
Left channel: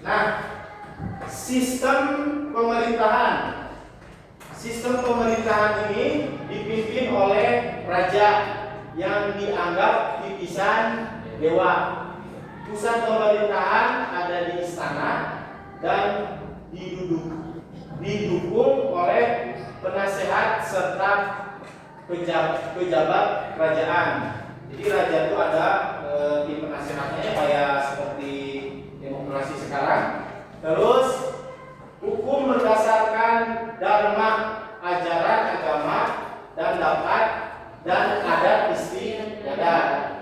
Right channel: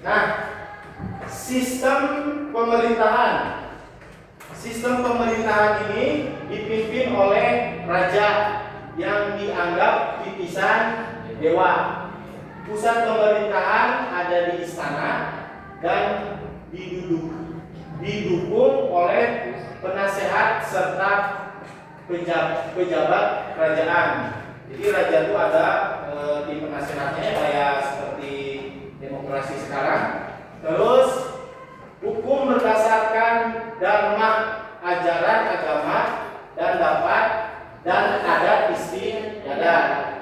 Nah, sistem pemerintahan ini dipimpin oleh raja yang dianggap titisan dewa. Pusat pemerintahan ada di istana dan didukung oleh penasehat serta pejabat kerajaan. Jadi raja itu ada di penasehatnya kayak seperti demokrasi sekarang. Terus hukum berdasarkan dharma, ajaran agama dan adat istiadat.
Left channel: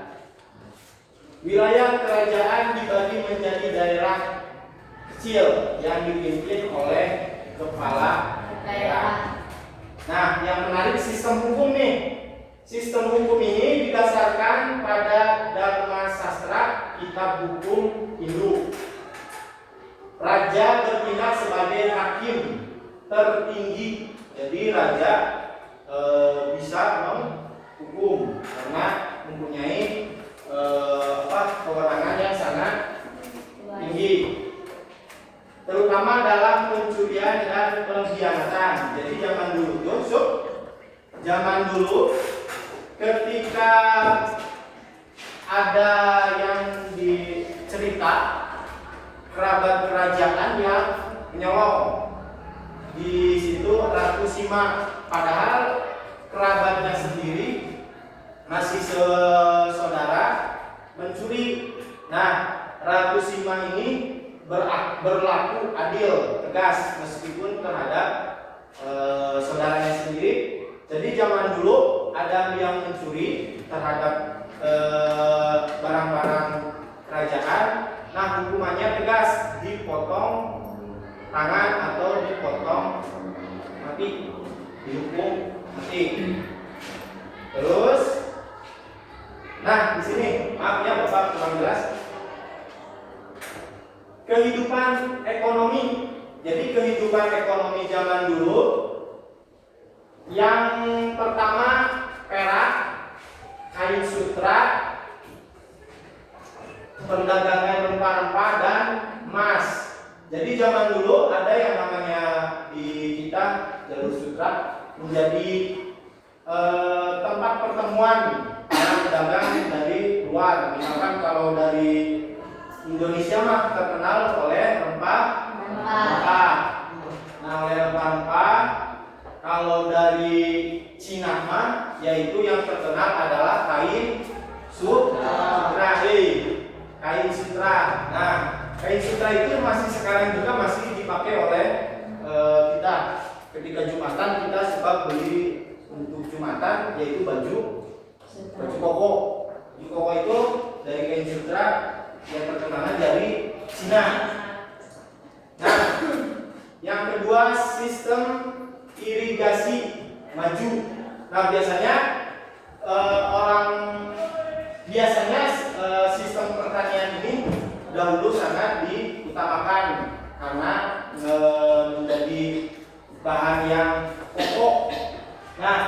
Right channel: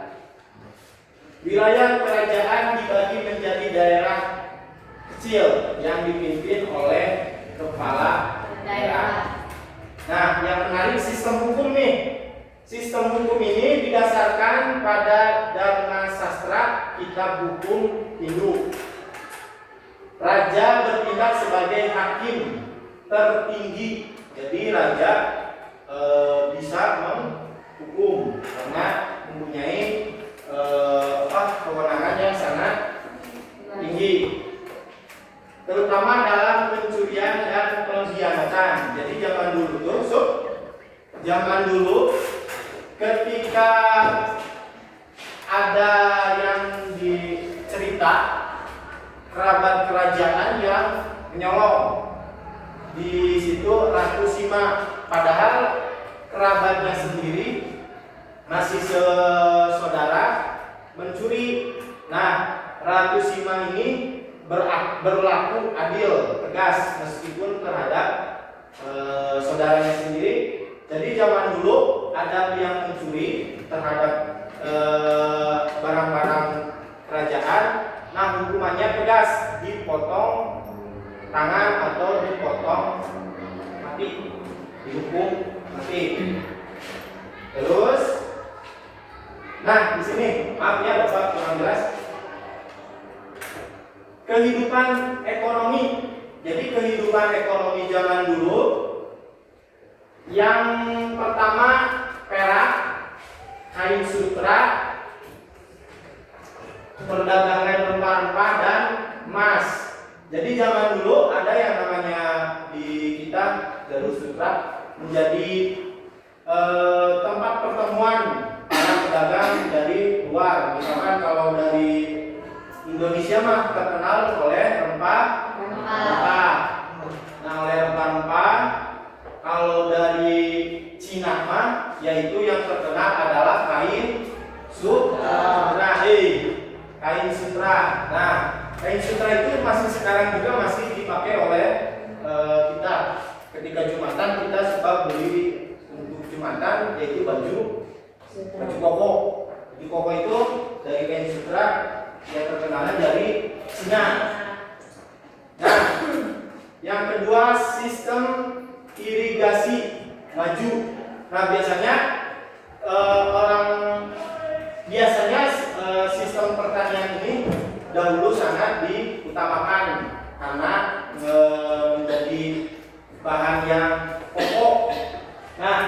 Wilayah kerajaan dibagi menjadi daerah kecil yang dipimpin oleh kepala daerah. Nah, yang menarik sistem hukum nih. Sistem hukum ini didasarkan pada Dharma Sastra, kitab hukum Hindu. Raja bertindak sebagai hakim tertinggi. Jadi raja bisa menghukum karena mempunyai kewenangan yang sangat tinggi, terutama dalam pencurian dan pengkhianatan. Jadi zaman dulu ketika ada yang dicerita kerabat kerajaan yang menyolong, di situ Ratu Sima, padahal kerabatnya sendiri masih sesaudara mencuri. Nah, Ratu Sima ini berlaku adil, tegas meskipun terhadap saudaranya sendiri. Jadi zaman dulu ada yang mencuri terhadap barang-barang kerajaan, nah hukumannya tegas, dipotong tangan atau dipotong mati, dihukum mati. Terus, nah di sini maaf ya Bapak kurang jelas. Kehidupan ekonomi. Jadi kehidupan ekonomi zaman dulu yang pertama perak, kain sutra, perdagangan rempah-rempah dan emas. Jadi zaman dulu ada yang namanya di kita Jalur Sutra menjadi tempat pertemuan para pedagang dari luar. Misalkan kalau dari Indonesia mah terkenal oleh rempah-rempah. Nah, oleh rempah-rempah. Kalau dari Cina mah yaitu yang terkenal adalah kain sutra. Kain sutra. Nah, kain sutra itu masih sekarang juga masih dipakai oleh kita. Ketika Jumatan kita suka beli untuk Jumatan yaitu baju koko. Baju koko itu dari kain sutra yang terkenalnya dari Cina. Nah, yang kedua sistem irigasi maju. Nah, biasanya sistem pertanian ini dahulu sangat diutamakan karena menjadi bahan yang pokok. Nah,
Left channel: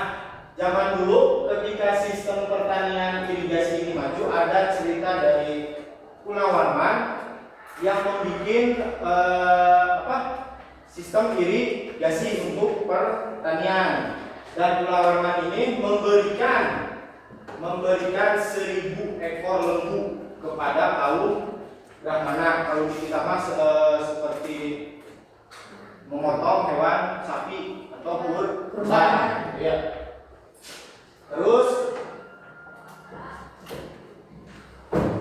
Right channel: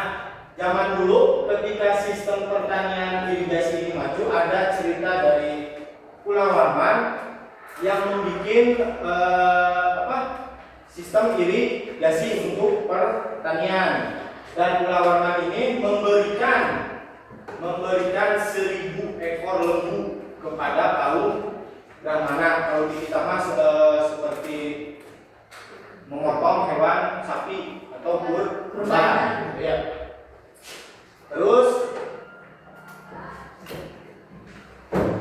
zaman dulu ketika sistem pertanian irigasi ini maju, ada cerita dari Pulau Warman yang membuat sistem irigasi untuk pertanian. Dan Pulau Warman ini memberikan 1.000 ekor lembu kepada kaum Brahmana. Kalau di kita mas seperti memotong hewan sapi atau kurban. Ya. Terus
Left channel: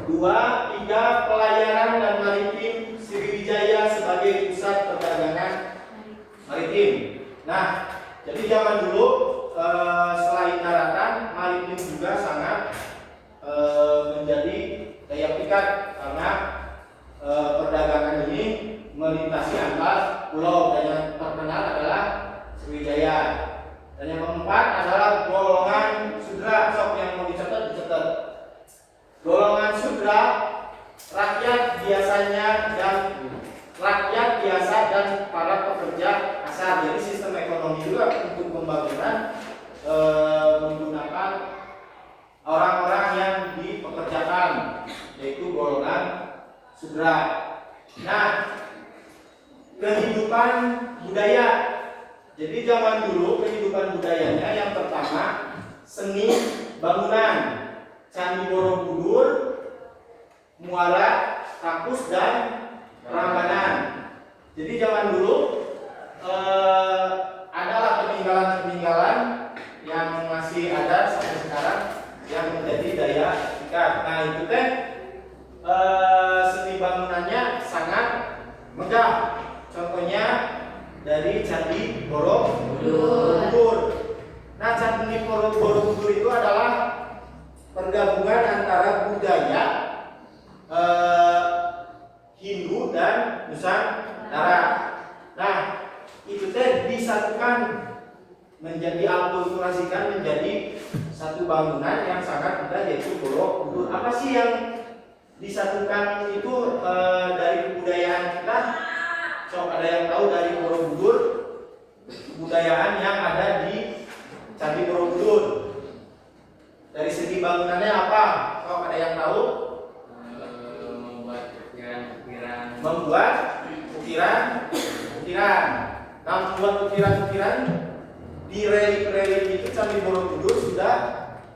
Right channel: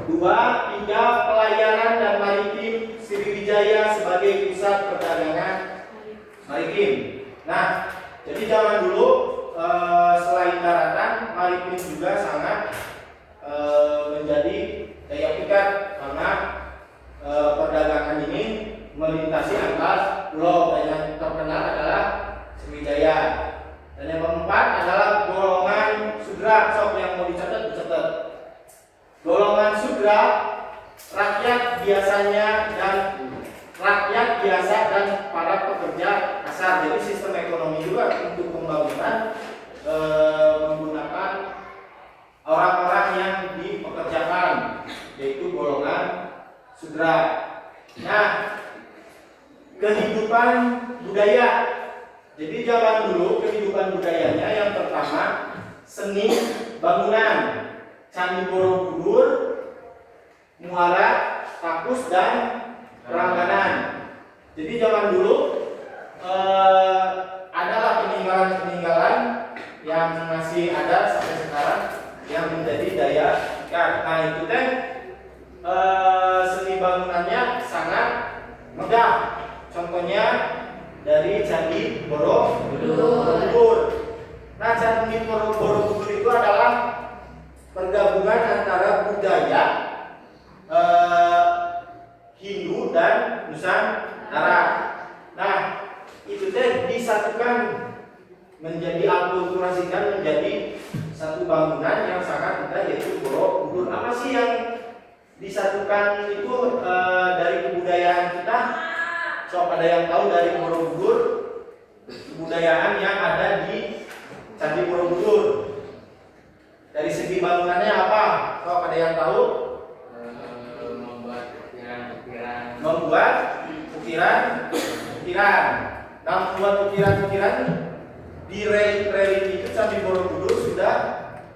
2, 3 pelayaran dan maritim Sriwijaya sebagai pusat perdagangan maritim. Nah, jadi zaman dulu selain daratan, maritim juga sangat menjadi daya pikat karena perdagangan ini melintasi antar pulau, dan yang terkenal adalah Sriwijaya. Dan yang keempat adalah golongan sudra. Sok yang mau dicatat. Golongan sudra, rakyat biasa dan para pekerja kasar. Jadi sistem ekonomi juga untuk pembangunan menggunakan orang-orang yang dipekerjakan, yaitu golongan sudra. Nah, kehidupan budaya. Jadi zaman dulu kehidupan budayanya yang pertama seni bangunan, Candi Borobudur, Muara, Takus, dan Prambanan. Jadi zaman dulu adalah peninggalan-peninggalan yang masih ada sampai sekarang yang menjadi daya pikat. Nah, itu seni bangunannya sangat megah. Contohnya dari Candi Borobudur. Nah, Candi Borobudur itu adalah pergabungan antara budaya Hindu dan Nusantara. Nah, itu disatukan menjadi akulturasikan menjadi satu bangunan yang sangat indah, yaitu Borobudur. Apa sih yang disatukan itu dari kebudayaan kita? Ada yang tahu dari Borobudur? kebudayaan yang ada di Candi Borobudur. Dari segi bangunannya apa? Kalau ada yang tahu? Membuat ukiran-ukiran. Membuat ukiran-ukiran. Nah, membuat ukiran-ukiran di relief-relief itu Candi Borobudur sudah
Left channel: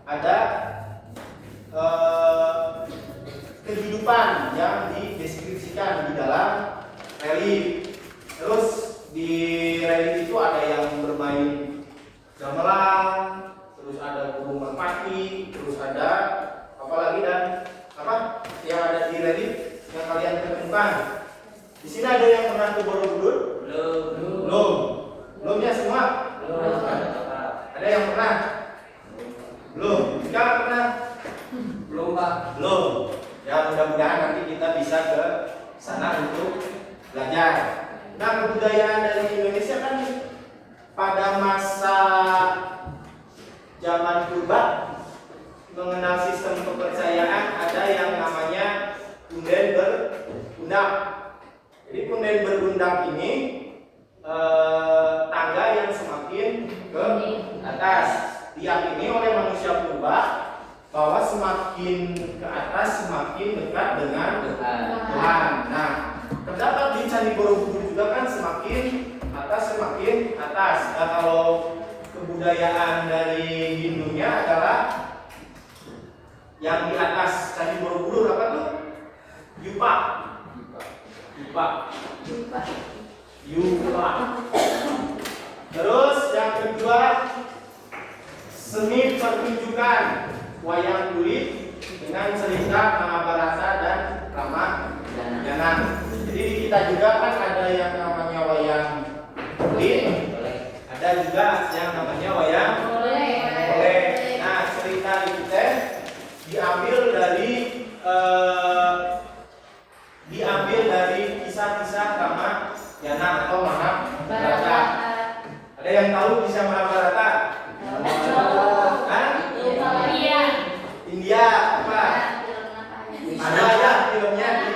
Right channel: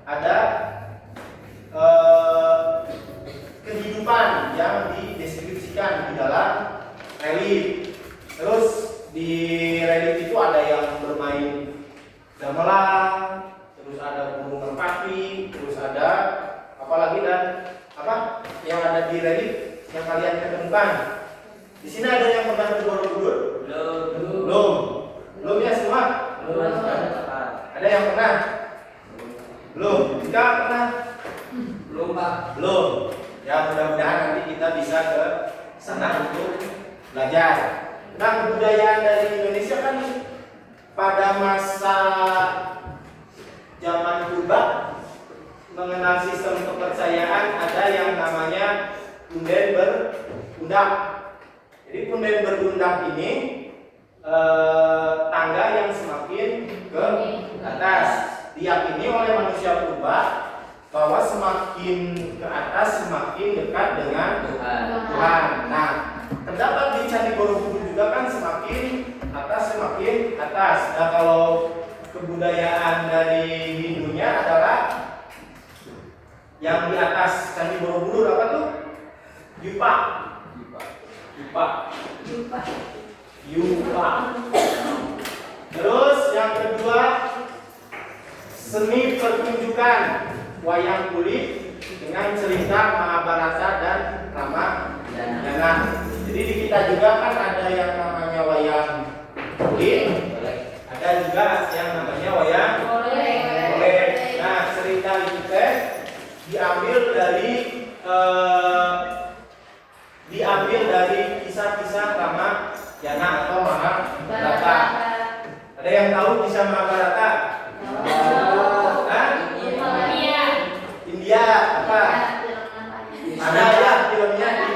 ada kehidupan yang dideskripsikan di dalam relief. Terus di relief itu ada yang bermain gamelan, terus ada burung merpati, terus ada apa lagi dan apa yang ada di relief yang kalian ketemukan. Di sini ada yang pernah ke Borobudur? Belum ya semua? Ada yang pernah? Belum. Jika pernah? Belum Pak. Belum. Ya mudah-mudahan nanti kita bisa ke sana untuk belajar. Nah, kebudayaan dari Indonesia kan pada masa zaman purba mengenal sistem kepercayaan ada yang namanya punden berundang. Jadi punden berundang ini tangga yang semakin ke atas diyakini oleh manusia purba bahwa semakin ke atas semakin dekat dengan Tuhan. Nah, terdapat di Candi Borobudur juga kan semakin atas. Nah, kalau kebudayaan dari Hindunya adalah yang di atas Candi Borobudur apa tuh? Yupa. Terus yang kedua seni pertunjukan wayang kulit dengan cerita Mahabharata dan Ramayana. Jadi di kita juga kan ada yang namanya wayang kulit, ada juga yang namanya wayang golek. Nah, cerita itu diambil dari kisah-kisah Ramayana atau Mahabharata. Ada yang tahu kisah Mahabharata? India apa? Ada ya filmnya ada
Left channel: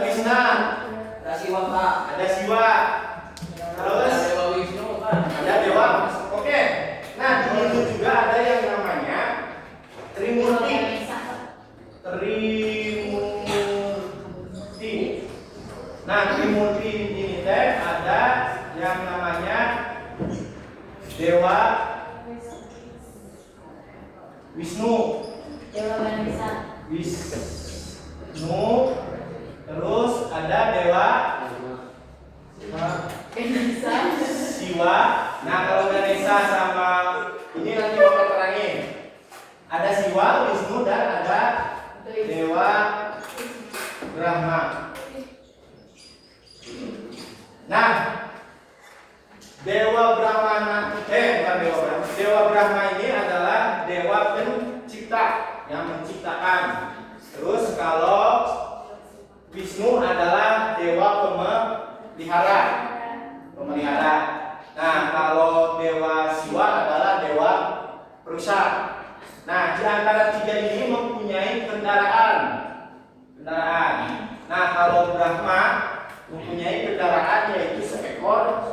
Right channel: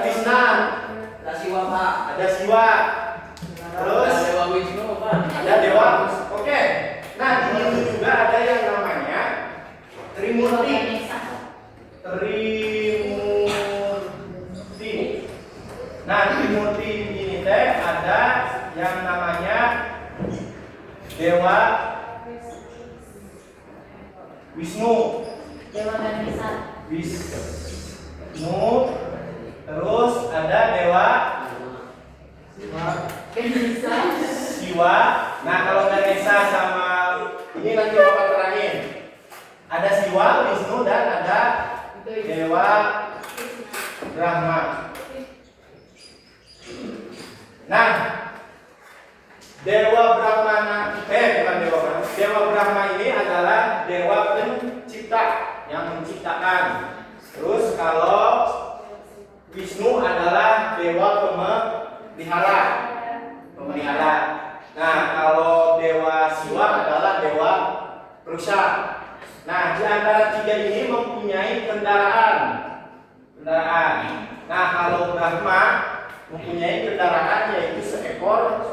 Krishna, Ada Siwa Pak. ada Siwa, terus Dewa Wisnu Pak. ada dewa. Oke. Nah, di Hindu juga ada yang namanya Trimurti. Nah, Trimurti ini teh ada yang namanya Dewa Wisnu, terus ada Dewa Siwa. Nah, kalau Ganesha sama ini nanti bapak terangin. Ada Siwa, Wisnu dan ada Dewa Brahma. Nah, Dewa Brahma bukan Dewa Brahma. Dewa Brahma ini adalah dewa pencipta yang menciptakan. Terus kalau Wisnu adalah dewa pemelihara. Nah, kalau Dewa Siwa adalah dewa perusak. Nah, di antara tiga ini mempunyai kendaraan. Nah, kalau Brahma mempunyai kendaraan yaitu seekor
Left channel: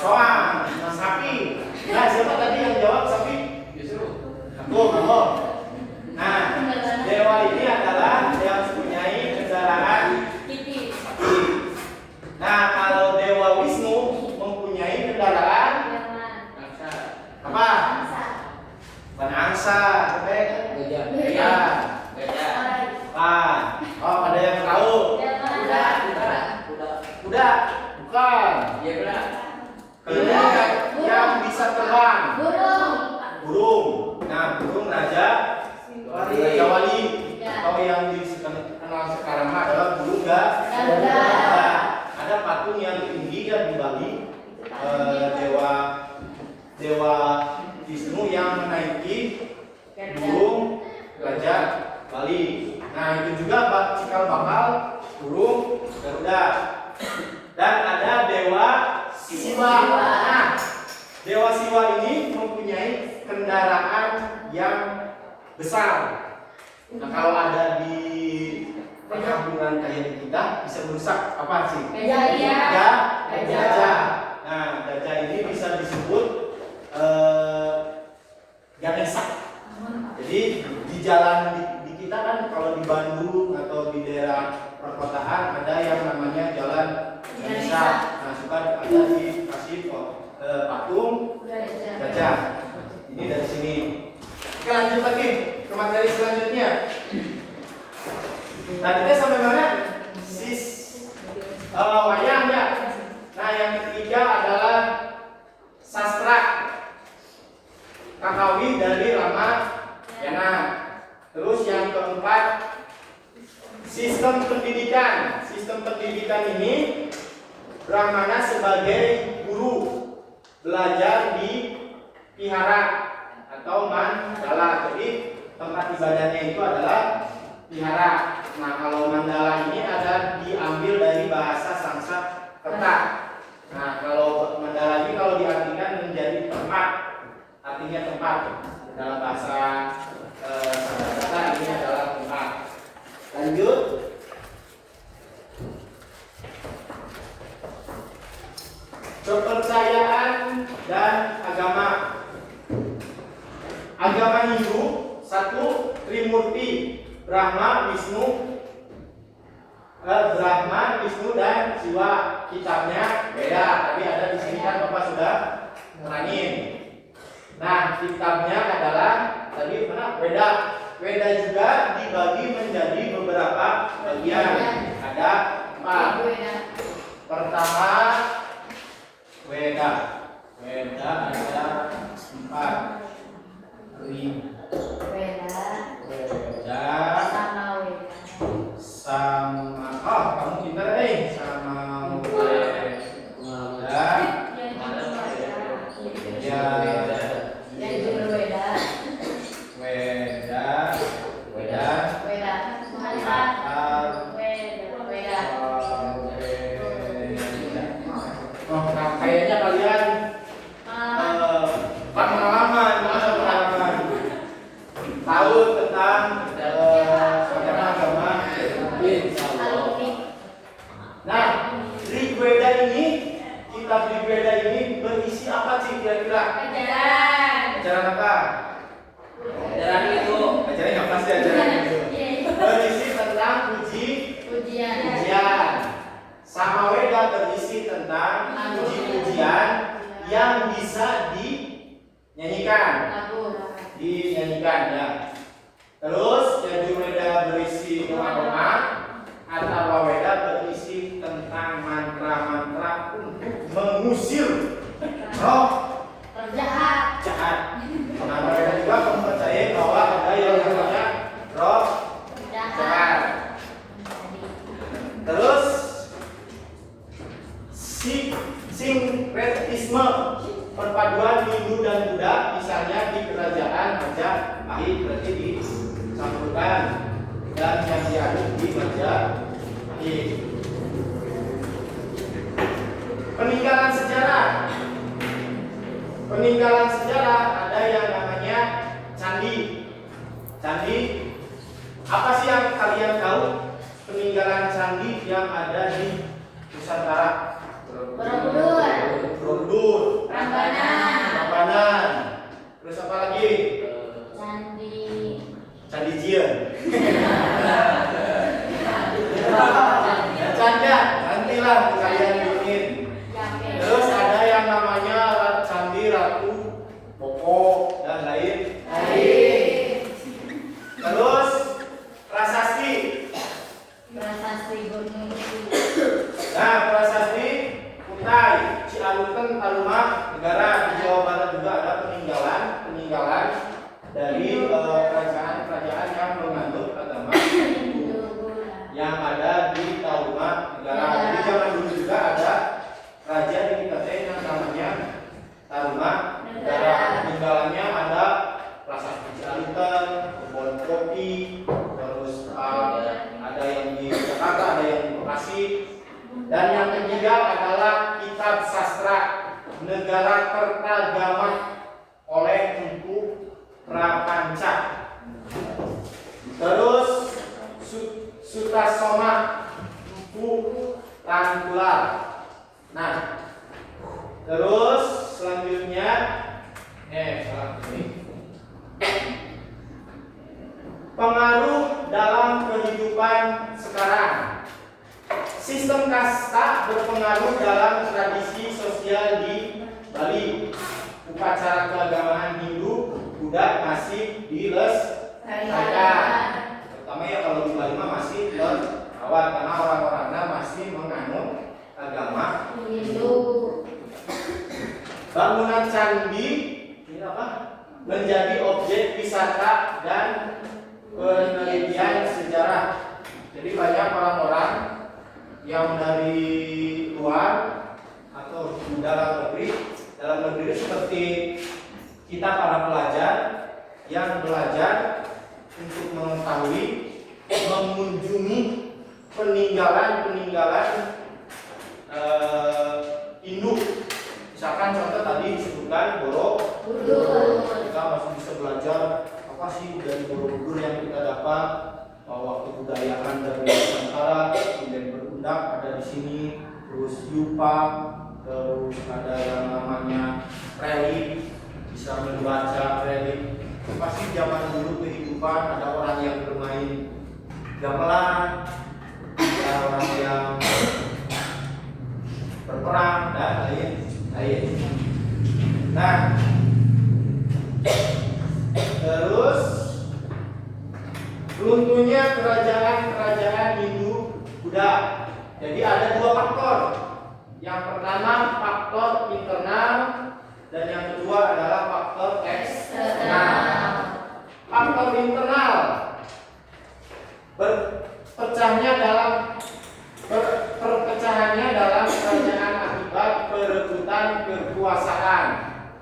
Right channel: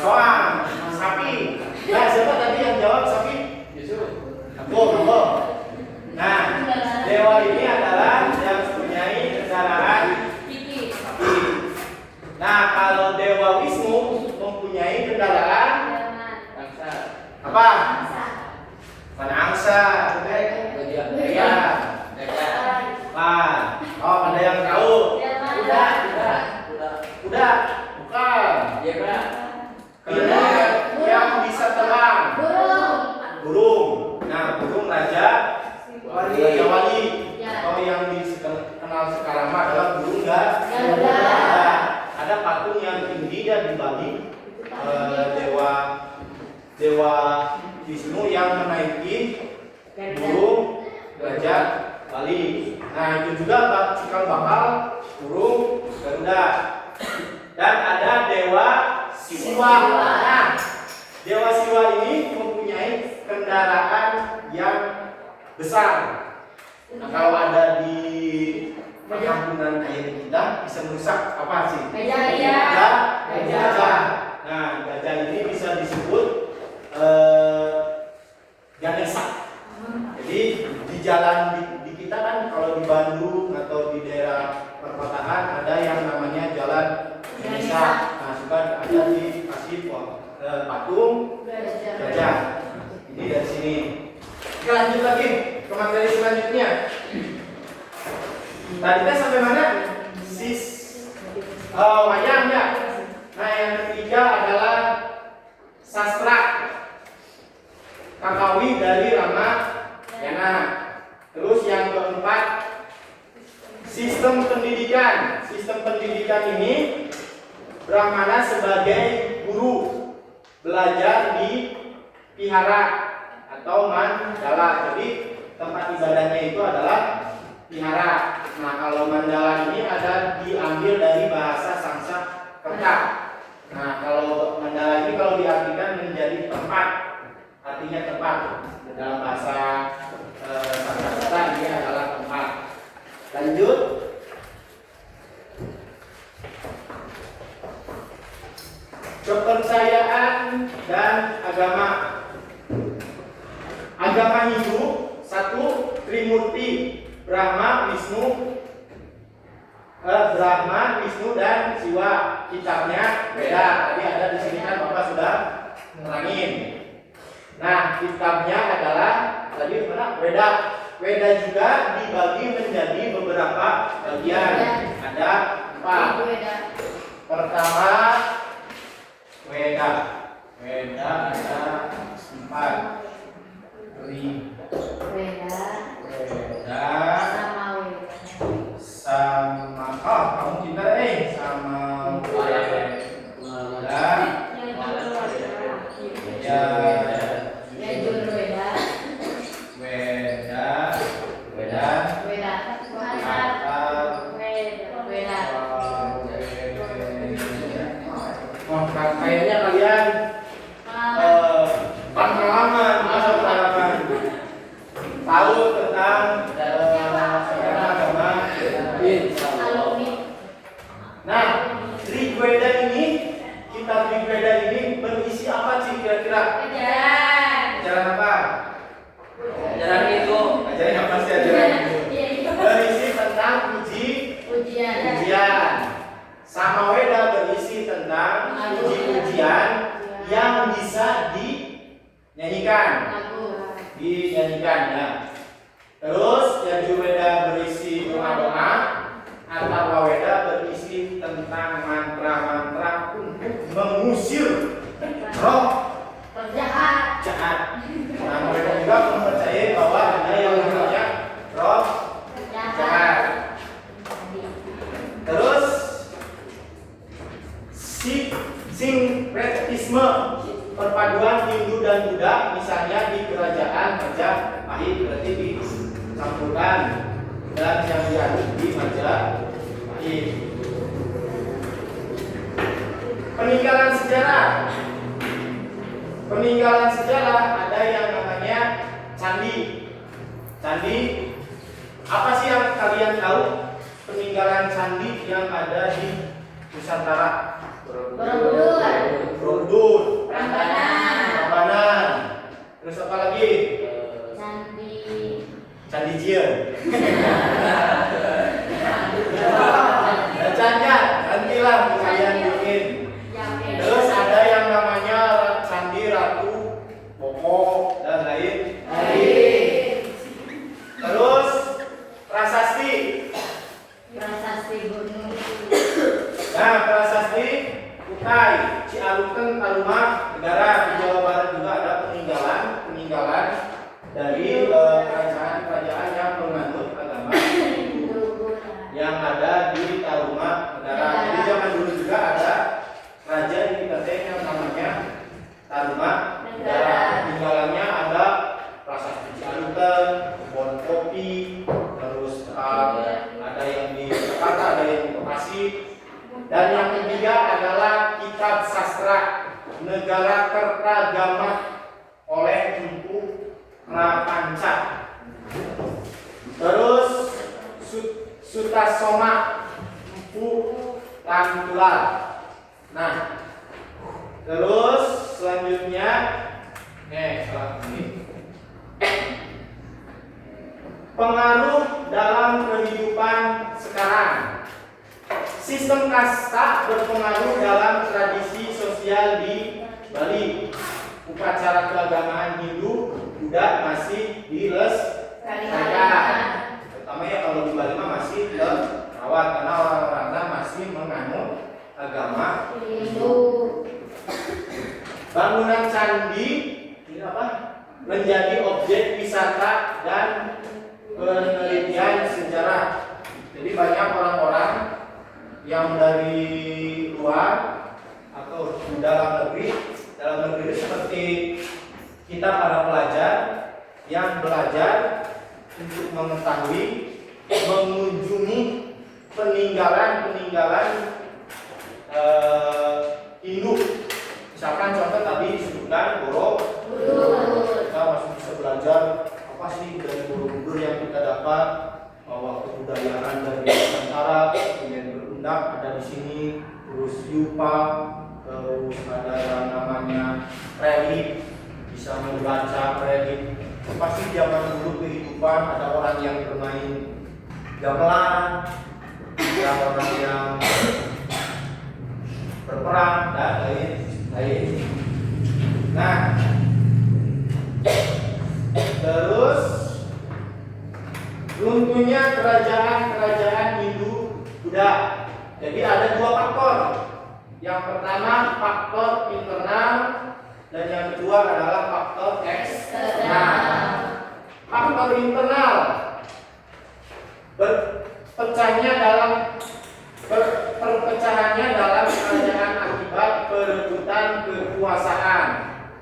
Soang, sapi. Nah, siapa tadi yang jawab sapi? Betul. Nah, dewa ini adalah yang mempunyai kendaraan sapi. Nah, kalau Dewa Wisnu mempunyai kendaraan apa? Bukan angsa, Gajah. Oh, ada yang tahu? Kuda. Kuda? Bukan. Iya Pak. Yang bisa terbang. Burung. Nah, burung Raja Wali. Atau yang dikenal sekarang adalah burung Garuda. Ada patung yang tinggi dan di Bali Dewa Wisnu yang menaiki burung Raja Wali. Nah, itu juga cikal bakal burung Garuda. Dan ada Dewa Siwa. Nah, Dewa Siwa ini mempunyai kendaraan yang besar. Nah, kalau ada di perkampungan kayak kita bisa merusak apa sih? Gajah. Gajah. Nah, gajah ini bisa disebut Ganesha. Jadi di jalan di kita kan kalau di Bandung atau di daerah perkotaan ada yang namanya jalan Ganesha. Nah, suka ada dikasih patung gajah. Ini dari sini. Oke, lanjut lagi ke materi selanjutnya. Tadi kita sampai mana? Wayang ya. Nah, yang ketiga adalah sastra Kakawi dari Ramayana. Terus yang keempat sistem pendidikan. Sistem pendidikan ini Brahmana sebagai guru belajar di vihara atau mandala. Jadi tempat ibadahnya itu adalah vihara. Nah, kalau mandala ini ada diambil dari bahasa Sanskerta. Nah, kalau mandala ini kalau diartikan menjadi tempat, artinya tempat dalam bahasa Sanskerta ini adalah tempat. Lanjut. Kepercayaan dan agama. Agama Hindu satu Trimurti, Brahma, Wisnu, dan Siwa. Kitabnya beda. Tadi ada di sini kan Bapak sudah nerangin. Nah, kitabnya adalah tadi mana? Weda. Weda juga dibagi menjadi beberapa bagian. Ada 4. Pertama Weda. Weda ada 4. Weda sama kamu pintar sama Weda kayaknya kalian pengalaman tahu tentang agama. Nah, Rigveda ini, kitab Rigveda ini berisi apa sih kira-kira? Ajaran apa? Ajaran itu. Ajaran apa sih ajaran itu? Berisi tentang pujian. Samaweda berisi tentang puji-pujian yang bisa dinyanyikan ya. Terus Yajurveda berisi doa-doa. Atharvaveda berisi tentang mantra-mantra untuk mengusir roh jahat. Nah, mereka juga mempercayai bahwa ada yang namanya roh jahat. Terus sinkretisme, perpaduan Hindu dan Buddha, misalnya di kerajaan Majapahit, berarti di Samputan, dan yang diaduk di Majapahit. Peninggalan sejarah ada yang namanya candi. Apa sih yang kalian tahu peninggalan candi yang ada di Nusantara? Borobudur, Prambanan. Terus apa lagi? Candi Jien. Nantilah kalian bikin. Terus ada yang namanya Candi Ratu Boko dan lain. Terus prasasti gunung. Nah, prasasti Kutai, Cialuken, Taruma, Negara. Di Jawa Barat juga ada peninggalan dari kerajaan-kerajaan yang menganut agama Hindu yang ada di Taruma Negara. Jadi zaman dulu juga ada raja di kita yang namanya Taruma Sistem kasta berpengaruh dalam tradisi sosial di Bali. Upacara keagamaan Hindu, Buddha masih dilestarikan. Terutama ya kalau di Bali mah masih terawat karena orang-orangnya masih menganut agama Hindu. Bangunan candi ini apa? Menjadi objek wisata dan penelitian sejarah. Jadi banyak orang-orang yang dari luar atau dalam negeri seperti kita para pelajar yang belajar untuk mengetahui, mengunjungi peninggalan Hindu. Misalkan contoh tadi disebutkan Borobudur, kita masih bisa belajar apa sih dari Borobudur yang kita dapat, bahwa kebudayaan dari Nusantara menjadi berundak ada di sini, terus yupa, terus ada yang namanya relief, bisa membaca relief. Pasti zaman dulu kehidupan ada orang yang bermain gamelan, ada orang yang berperang dan lain-lain. Nah, terus runtuhnya kerajaan Hindu Buddha. Jadi ada dua faktor. Yang pertama faktor internal dan yang kedua adalah faktor eksternal. Faktor internal perpecahannya dalam kerajaan akibat perebutan kekuasaan,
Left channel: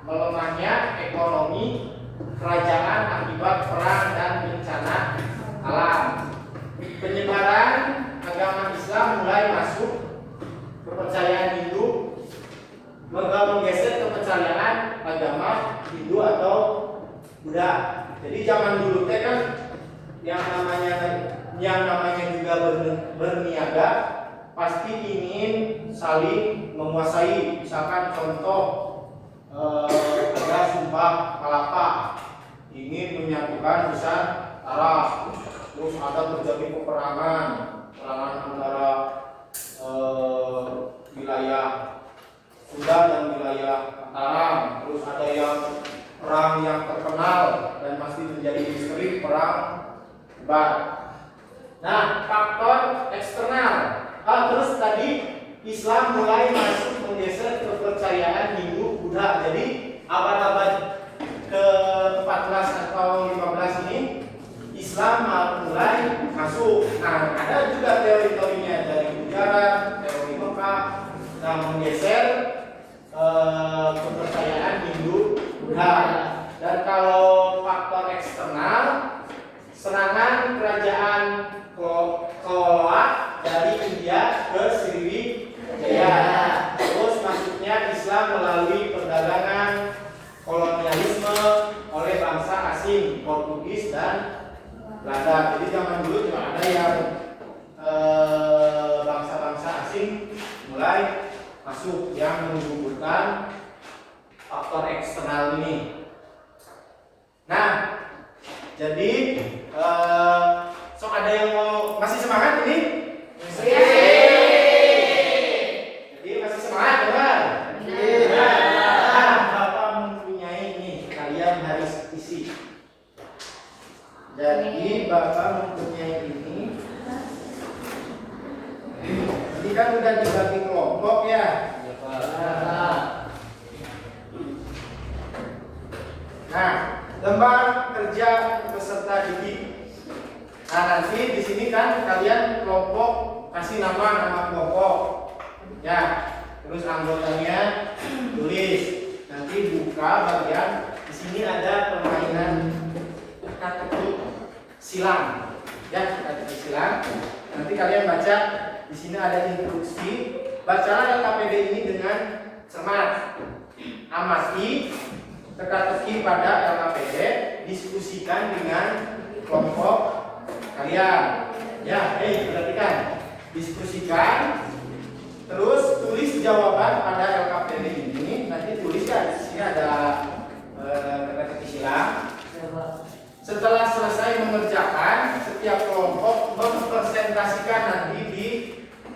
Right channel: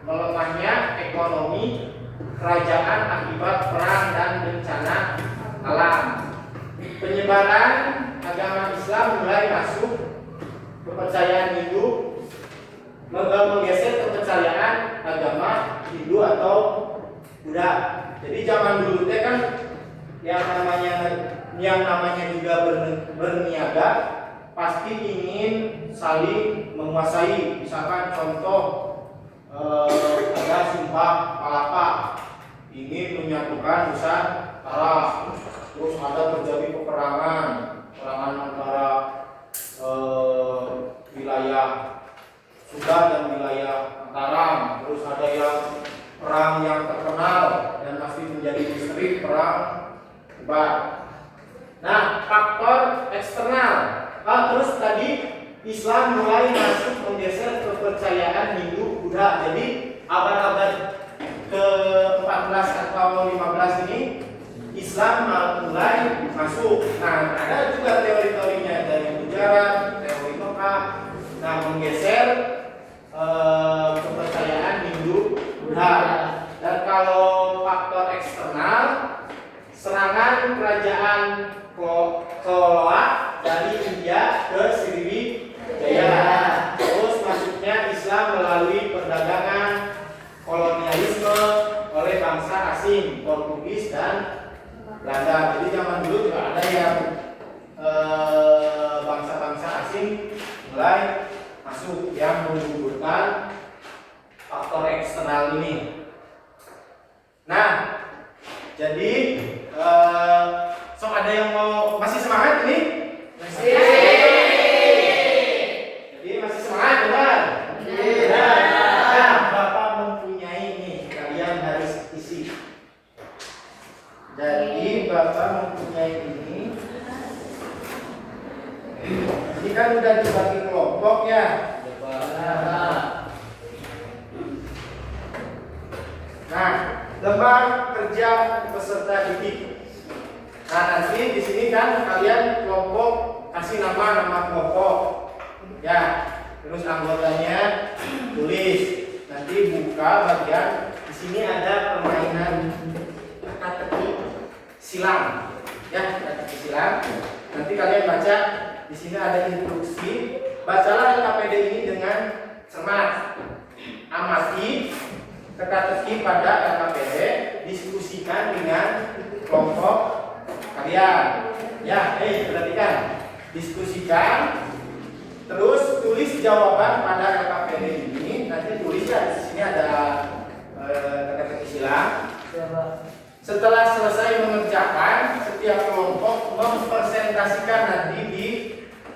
melemahnya ekonomi kerajaan akibat perang dan bencana alam. Penyebaran agama Islam mulai masuk kepercayaan Hindu, menggeser kepercayaan agama Hindu atau Buddha. Jadi zaman dulu teh kan yang namanya juga berniaga pasti ingin saling menguasai. Misalkan contoh ada sumpah palapa ingin menyatukan Nusantara, terus ada terjadi peperangan antara wilayah Sunda dan wilayah Mataram, terus ada yang perang yang terkenal dan pasti menjadi misteri perang Bar. Nah, faktor eksternal. Terus tadi Islam mulai masuk menggeser kepercayaan Hindu Buddha. Jadi abad-abad ke-14 atau 15 ini Islam mulai masuk. Nah, ada juga teori-teorinya dari Gujarat, teori Mekah, nah menggeser kepercayaan Hindu Buddha. Dan kalau faktor eksternal, serangan kerajaan Chola dari India ke Sriwijaya. Terus masuknya Islam melalui perdagangan kolonialisme oleh bangsa asing, Portugis dan Belanda. Jadi zaman dulu juga ada yang bangsa-bangsa asing mulai masuk yang menggugurkan faktor eksternal ini. Nah, jadi sok ada yang mau masih semangat ini? Masih. Jadi masih semangat, bukan? Nah, Bapak mempunyai ini, kalian harus isi. Jadi Bapak mempunyai ini. Ini kan udah dibagi kelompok ya. Nah, lembar kerja peserta didik. Nah, nanti di sini kan kalian kelompok kasih nama kelompok. Ya, terus anggotanya tulis. Nanti buka bagian di sini ada permainan teka-teki silang. Ya, teka-teki silang. Nanti kalian baca di sini ada instruksi. Bacalah LKPD ini dengan cermat. Amati teka-teki pada LKPD, diskusikan dengan kelompok kalian. Ya, perhatikan. Diskusikan, terus tulis jawaban pada LKPD ini. Nanti tulis ya, di sini ada teka-teki silang. Setelah selesai mengerjakan, setiap kelompok mempresentasikan nanti di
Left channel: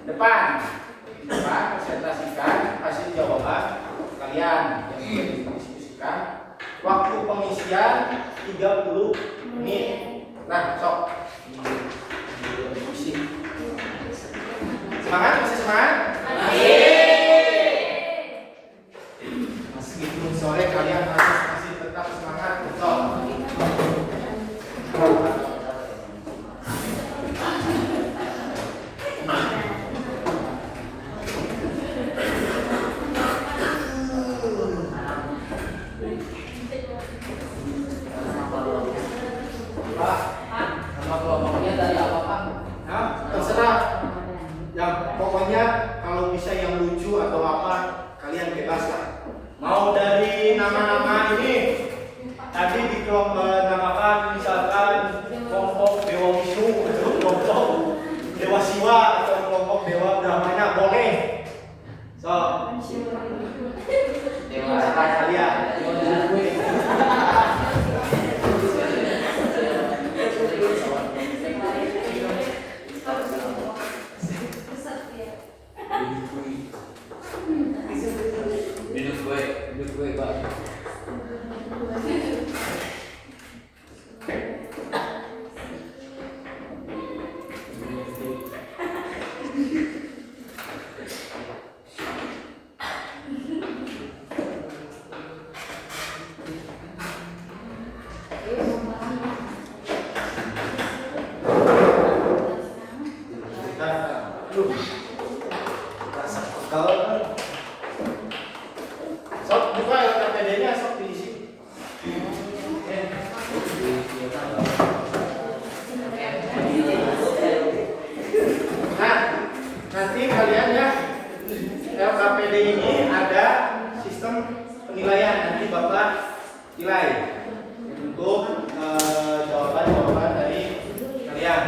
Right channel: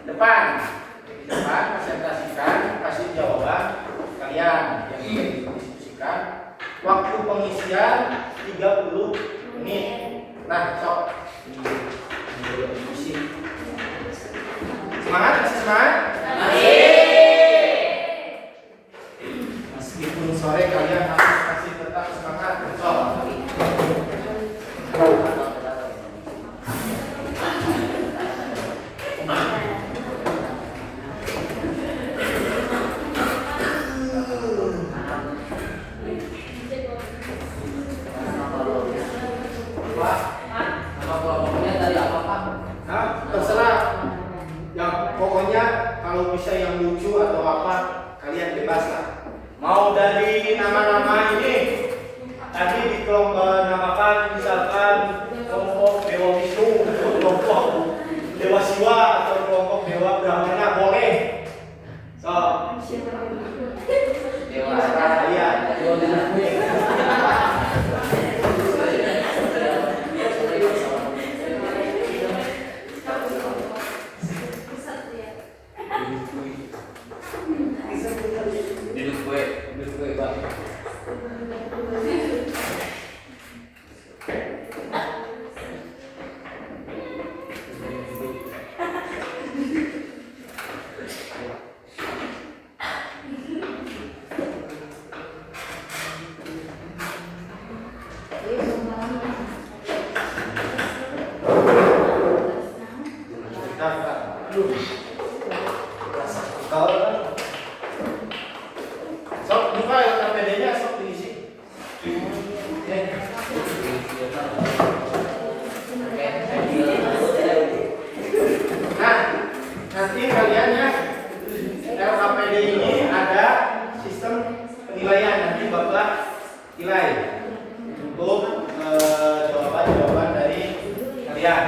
depan. Di depan presentasikan, kasih jawaban kalian yang ingin didiskusikan. Waktu pengisian 30 menit. Nah, sok. Semangat, masih semangat? Meskipun sore kalian masih tetap semangat. Sok. Nama kelompoknya dari apa Pak? Nah, terserah. Yang pokoknya kalau bisa yang lucu atau apa kalian bebas lah. Mau dari nama-nama ini tadi namakan misalkan kelompok Dewa Wisnu atau kelompok Dewa Siwa atau kelompok Dewa Brahmana boleh. So, Dewa terserah kalian. Duduk gue Pak. Sok buka LKPD-nya, sok diisi. Nah, nanti kalian ya LKPD ini ada sistem penilaian, nanti Bapak nilai untuk jawaban-jawaban dari kalian.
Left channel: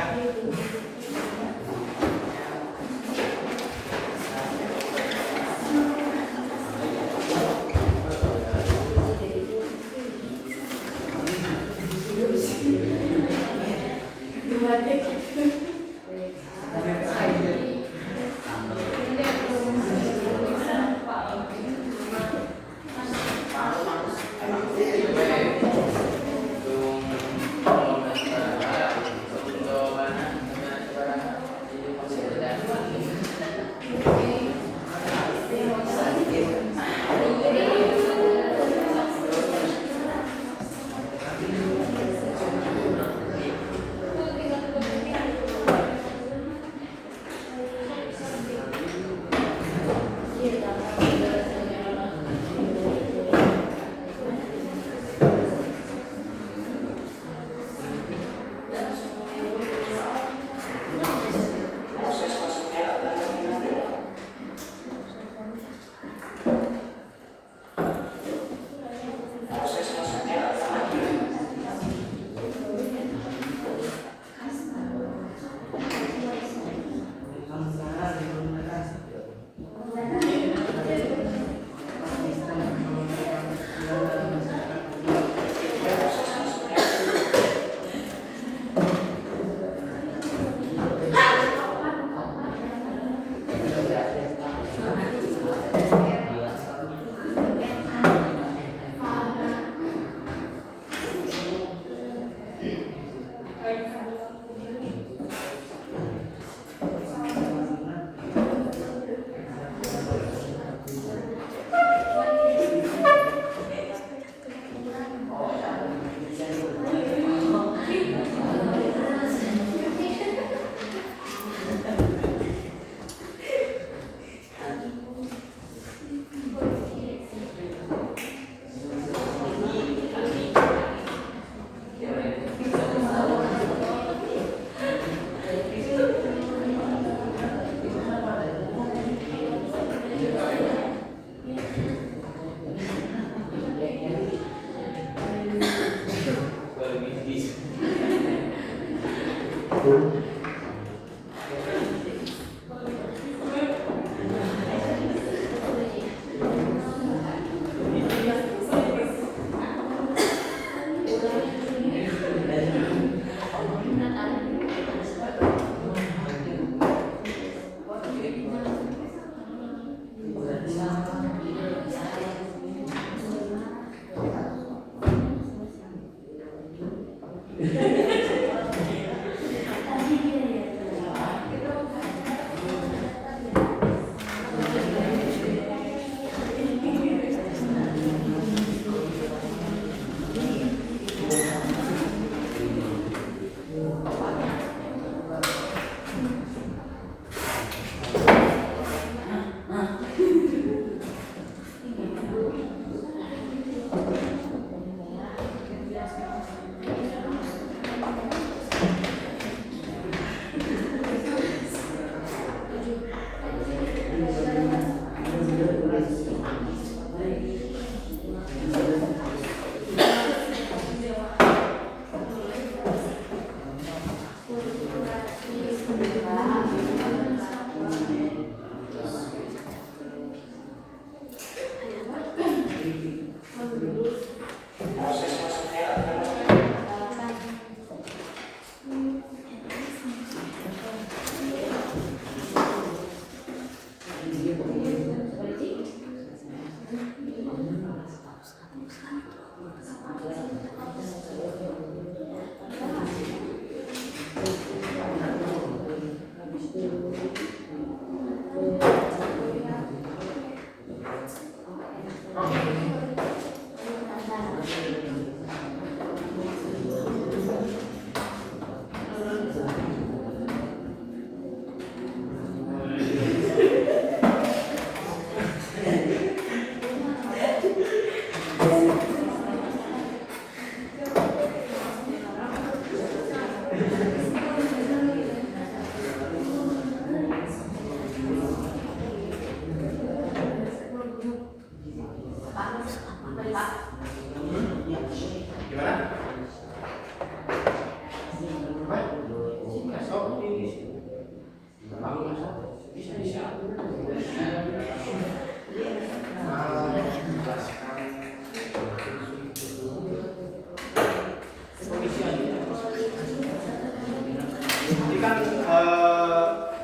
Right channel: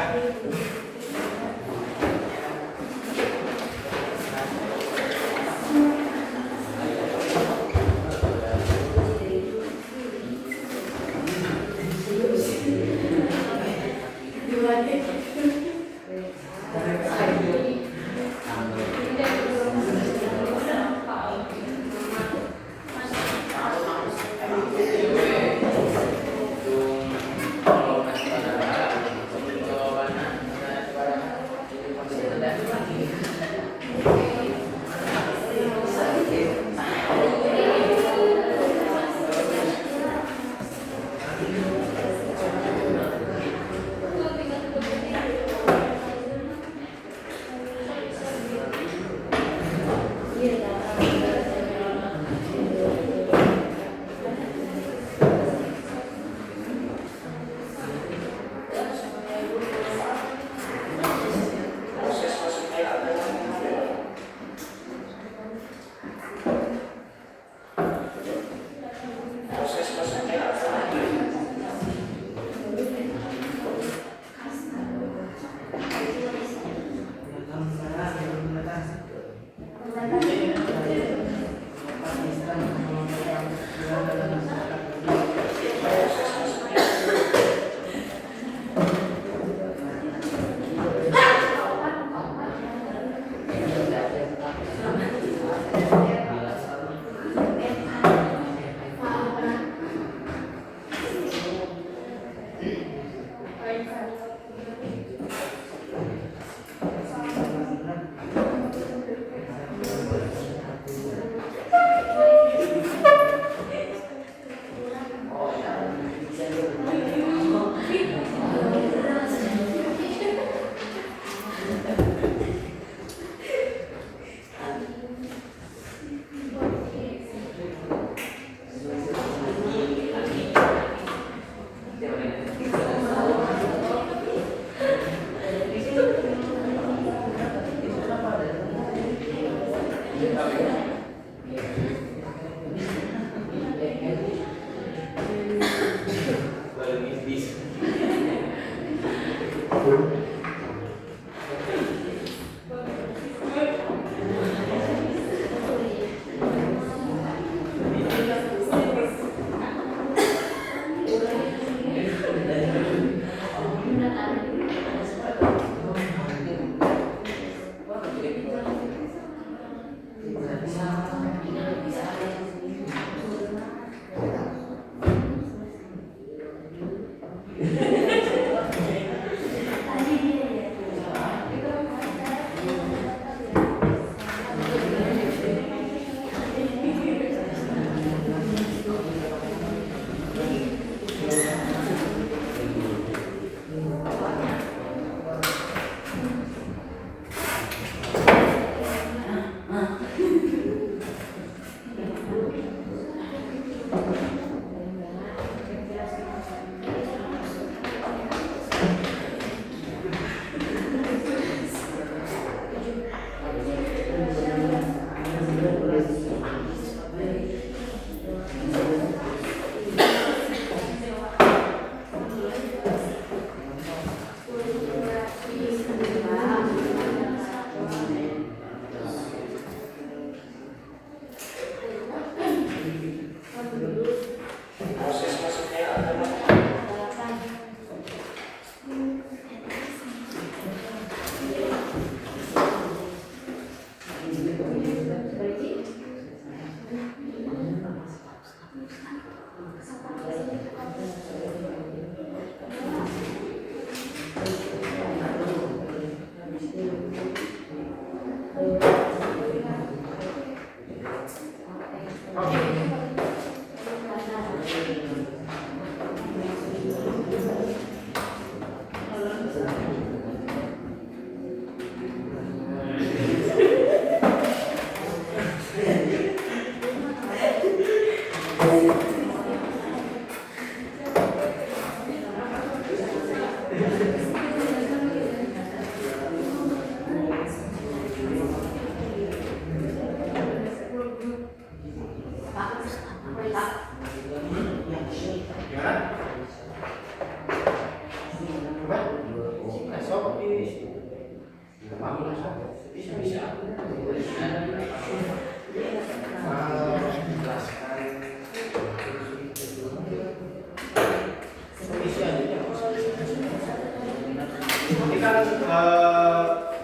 Ini kan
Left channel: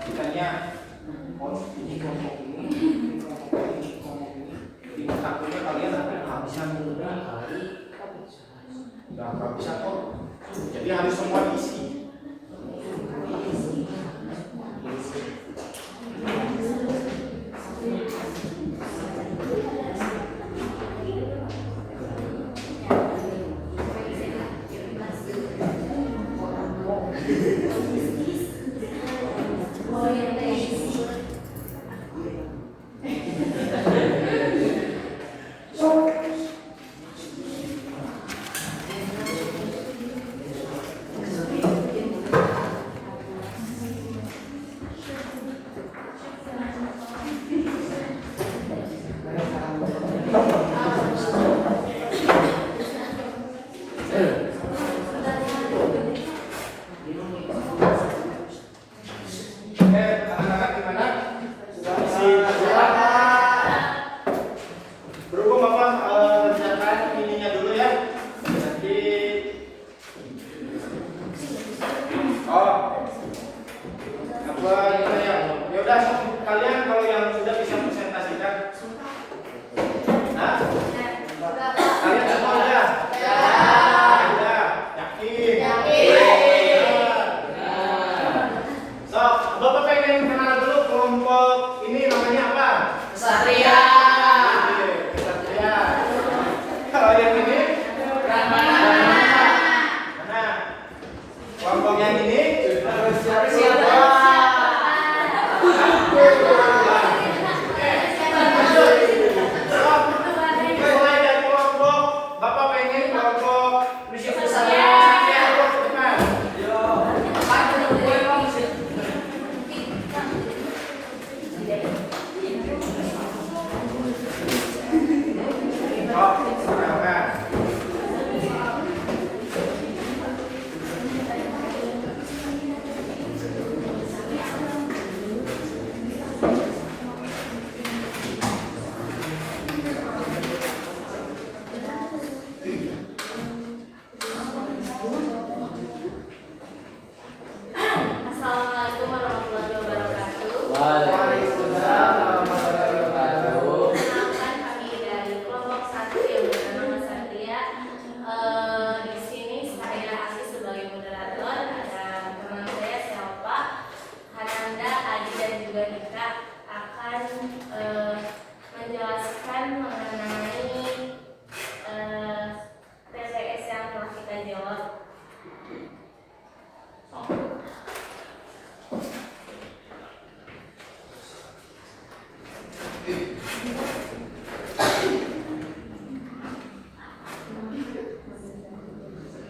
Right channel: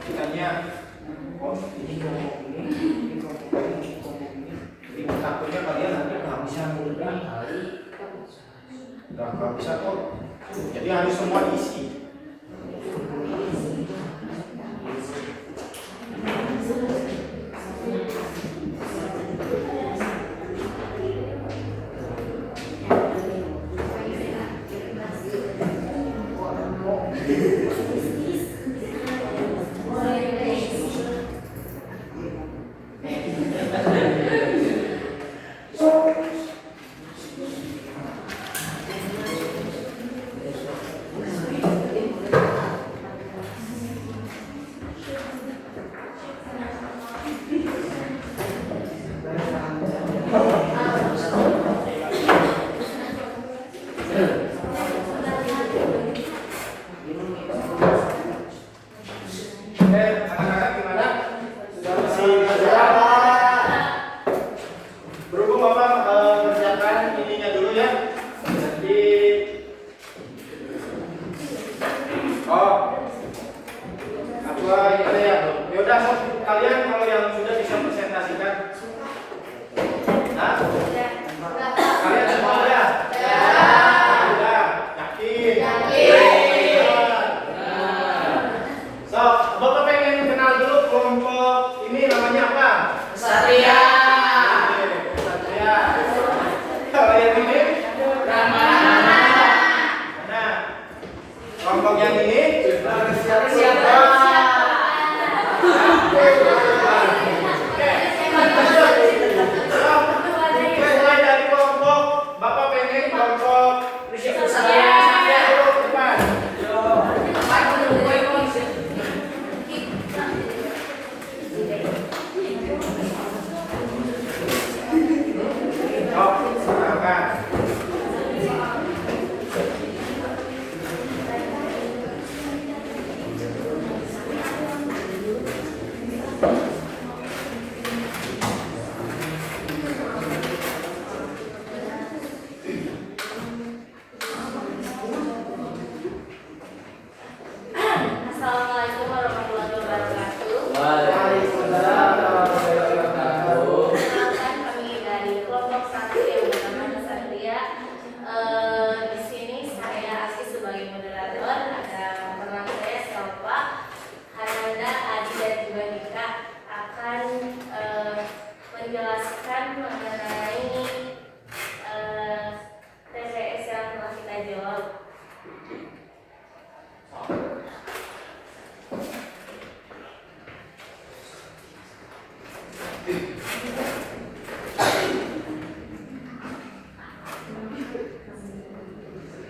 kitanya ini kelompok ini kelompok ini. Di takutnya kalian nanti kehabisan nggak kehabisan kok. Jadi harus semua diisi.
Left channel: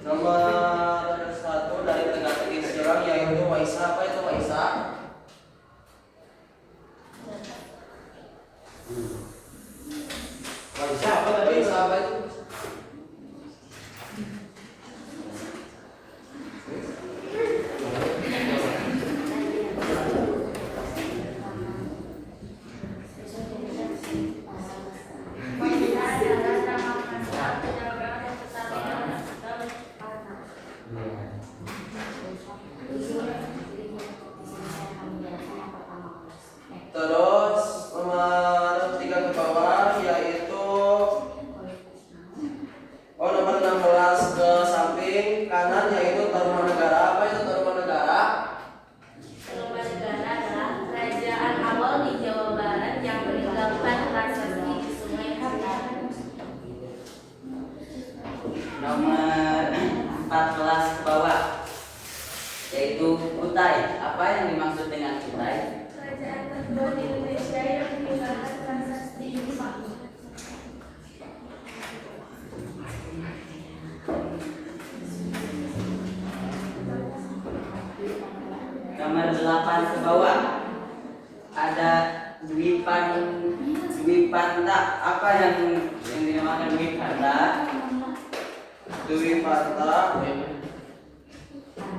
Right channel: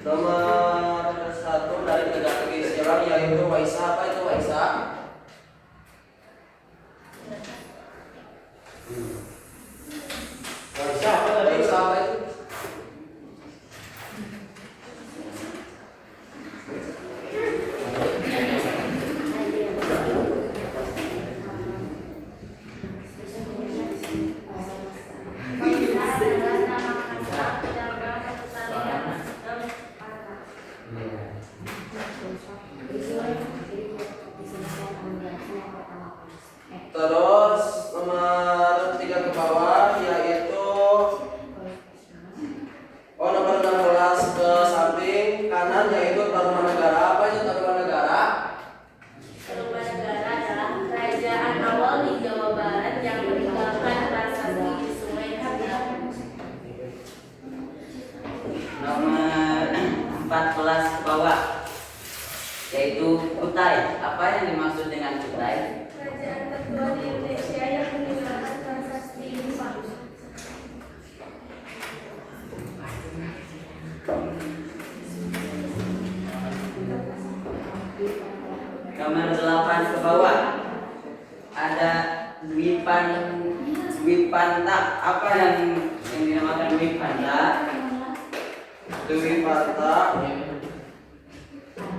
Nomor 1 dari teka-teki sejarah yaitu Waisa. Apa itu Waisa? Waisa apa tadi? Waisa apa itu? Terus nomor 3 ke bawah yaitu nomor 16 ke samping kanan yaitu Tarumanegara. Apa itu Tarumanegara? Tarumanegara adalah kerajaan awal di Jawa Barat yang meninggalkan prasasti di Sungai Kapuas. Nomor 14 ke bawah yaitu Kutai. Apa yang dimaksud dengan Kutai? Kerajaan tertua di Indonesia yang meninggalkan prasasti Jepang. Nomor 8 ke bawah ada Dwipanta. Apa yang dinamakan Dwipanta?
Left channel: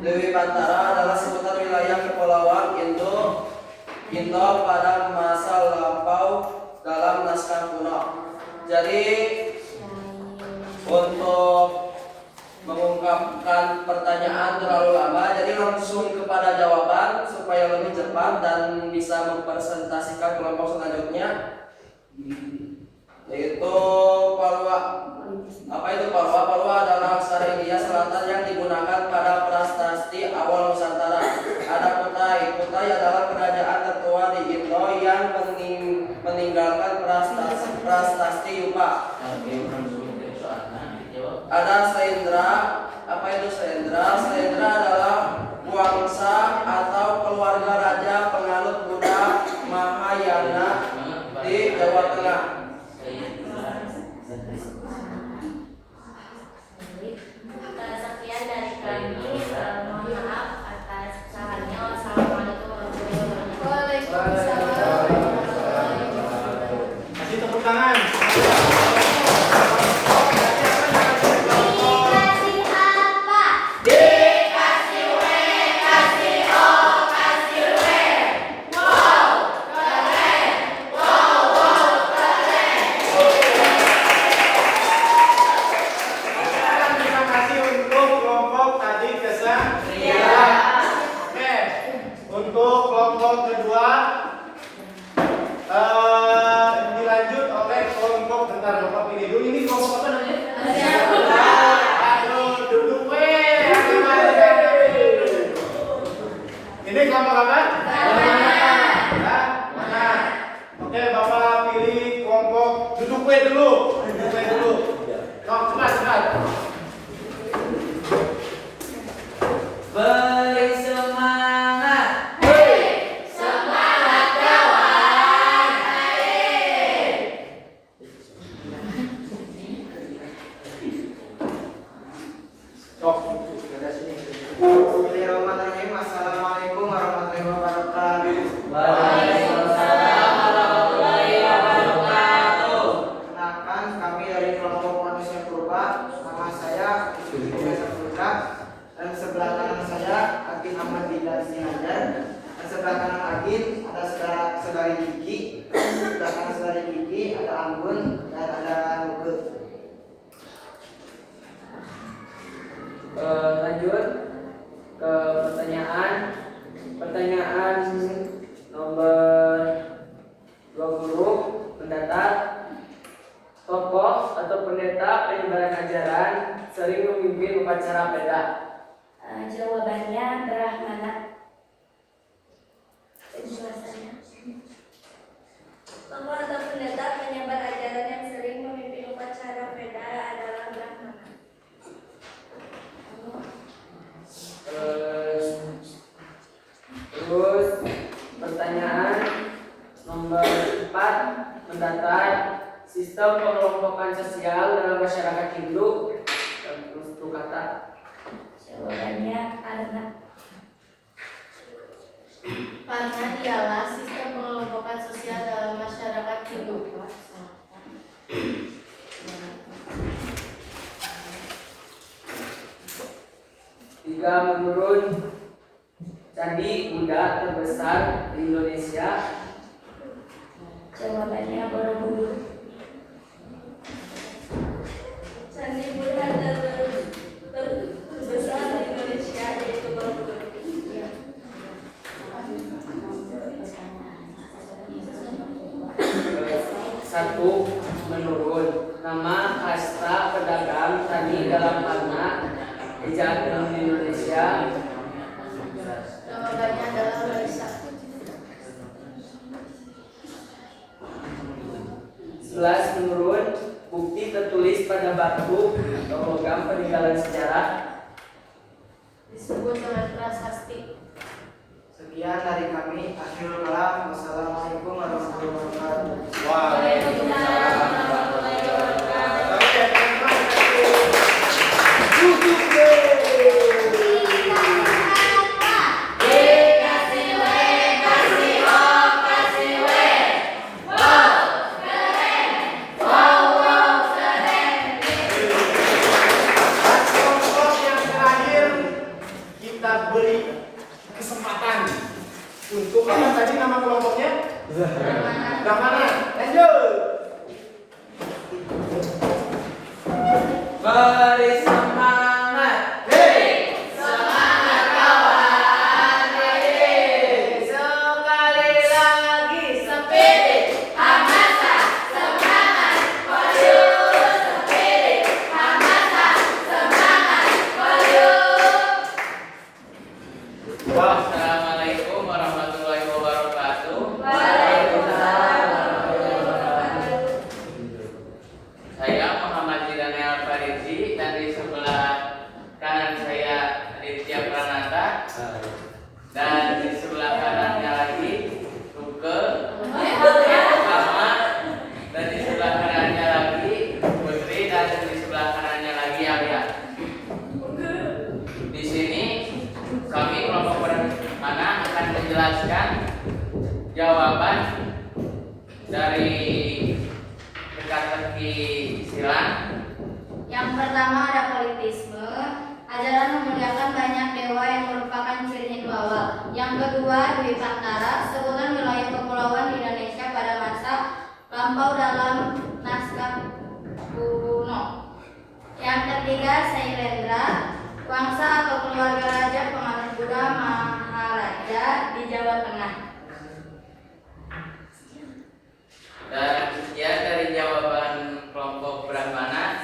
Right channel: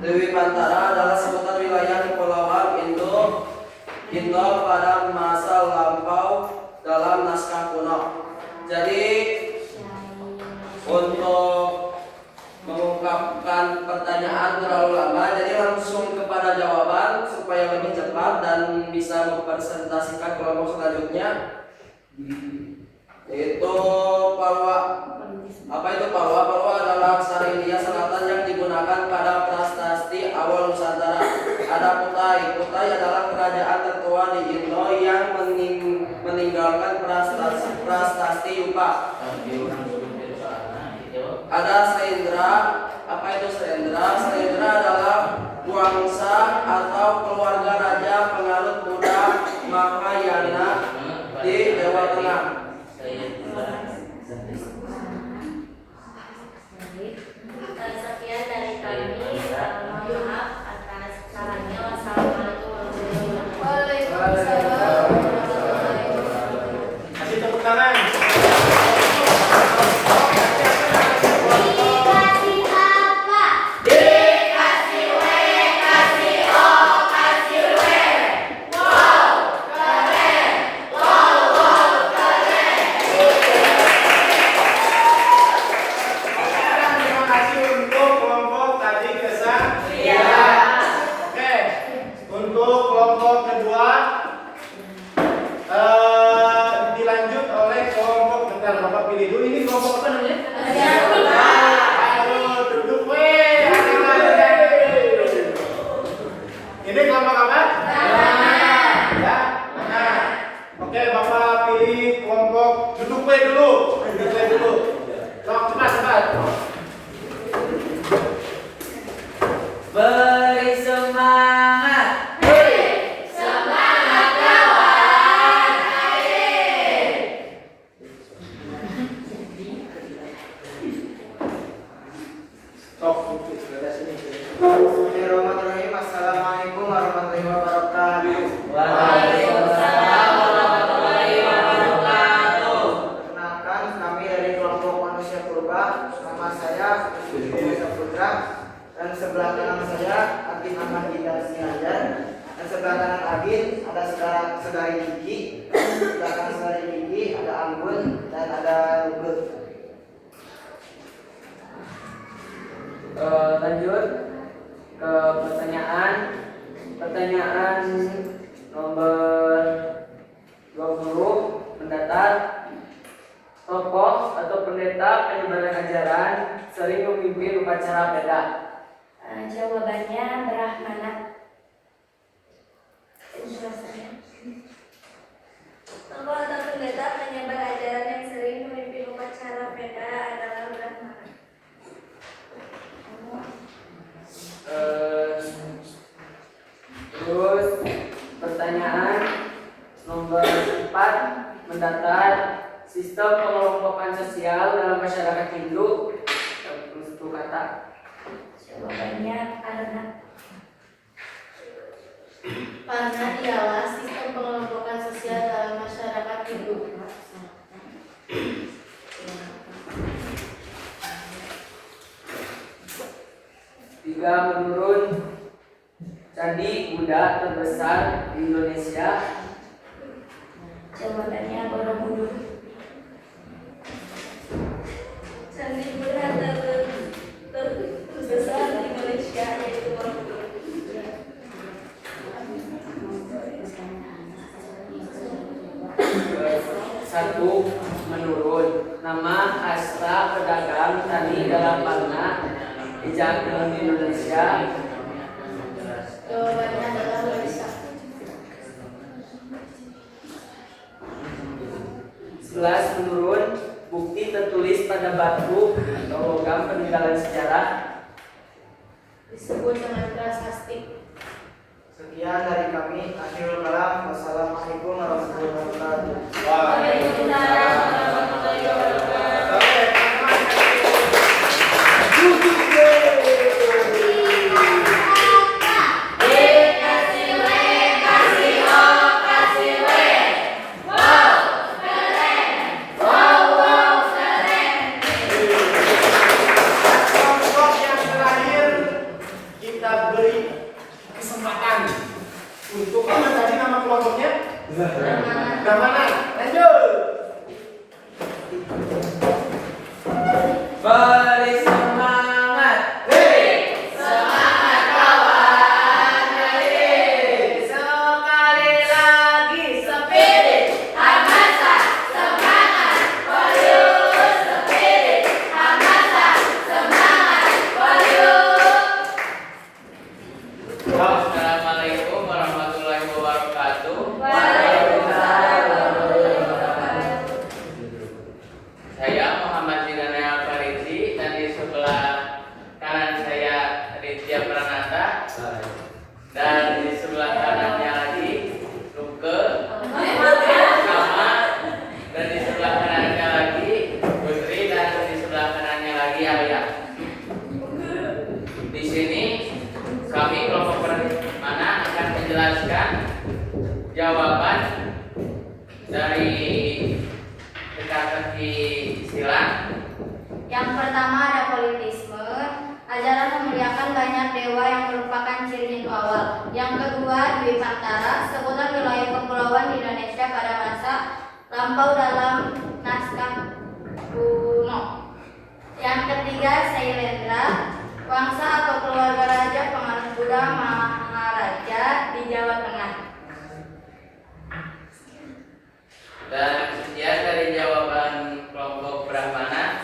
Dewi Pantara adalah sebutan wilayah kepulauan Indo pada masa lampau dalam naskah kuno. Jadi untuk mengungkapkan pertanyaan terlalu lama, jadi langsung kepada jawaban supaya lebih cepat dan bisa mempresentasikan kelompok selanjutnya, yaitu Palwa. Apa itu Palwa? Palwa adalah aksara India Selatan yang digunakan pada prasasti awal Nusantara. Ada Kutai. Kutai adalah kerajaan tertua di Indo yang meninggalkan prasasti Yupa. Ada Selendra. Apa itu Selendra? Selendra adalah wangsa atau keluarga raja penganut Buddha Mahayana di Jawa Tengah. Sekian dari kami. Mohon maaf atas kesalahannya. Wassalamualaikum warahmatullahi wabarakatuh. Kasih tepuk tangan. Dikasih apa? Dikasih W, kasih O, kasih W. Wow, keren. Wow, wow, keren. Terima kasih untuk kelompok tadi kesatria. Oke, untuk kelompok kedua dilanjut oleh kelompok, bentar Bapak pilih dulu, ini kelompok apa namanya? Aduh, duduk weh. Ini kelompok apa? Ya, mana? Oke, Bapak pilih kelompok duduk weh dulu. Duduk weh dulu. Cepat. Beri semangat. Semangat kawan. Ayo. Sok, dari sini. Bismillahirrahmanirrahim. Assalamualaikum warahmatullahi wabarakatuh. Waalaikumsalam warahmatullahi wabarakatuh. Perkenalkan, kami dari kelompok manusia purba. Nama saya Yusuf Saputra dan sebelah kanan saya Atin Ahmad Dida Sihajar dan sebelah kanan Agin ada saudari Gigi, sebelah kanan saudari Gigi ada Anggun dan ada Luke. Lanjut ke pertanyaan nomor 20 mendatar. Tokoh atau pendeta penyebaran ajaran sering memimpin upacara peda. Jawabannya Brahmana. Penjelasannya. Tokoh atau pendeta penyebar ajaran yang sering memimpin upacara peda adalah Brahmana. Terus pertanyaan nomor 4 mendatar. Sistem pengelompokan sosial dalam masyarakat Hindu, tentukan kota? Jawabannya karena dialah sistem pengelompokan sosial dalam masyarakat hidup. Tiga, menurut candi Buddha terbesar di Indonesia. Jawabannya Borobudur. Candi Buddha terbesar di Indonesia yaitu Borobudur. Satu, menurut nama kasta pedagang tani dalam warna hijab di Indonesia. Jawabannya adalah Waisak. 11, menurut bukti tertulis pada batu atau logam peninggalan sejarah. Disebut dengan prasasti. Sekian dari kami. Akhirul kalam. Wassalamualaikum warahmatullahi wabarakatuh. Waalaikumsalam warahmatullahi wabarakatuh. Kelompok yang terakhir kita beri kesempatan untuk apa tadi nama kelompoknya? Brahmana. Lanjut. Beri semangat. Semangat kawan, Sekali lagi. spirit, hamasa, semangat, koyus, spirit, hamasa, semangat, koyus. Assalamualaikum warahmatullahi wabarakatuh. Waalaikumsalam warahmatullahi wabarakatuh. Saya Muhammad Dinani Al-Farisi dan di sebelah kanan saya Ritya Pranata dan di sebelah kanannya lagi Luke Sama dan di sebelah kanannya lagi Putri dan di sebelah kanannya lagi Arya. Di sini kami kelompok Brahmana akan menjelaskan jawaban dari teka-teki silang. Yang pertama ada politisme. Ajaran memuliakan banyak dewa yang merupakan ciri Hindu awal. Yang kedua, Dwipantara, sebutan wilayah kepulauan di Indonesia pada masa lampau dalam naskah kuno. Yang ketiga, Sailendra, wangsa atau keluarga raja pemanah Buddha Maharaja di Jawa Tengah. Dan sekian dari jawaban kelompok Brahmana.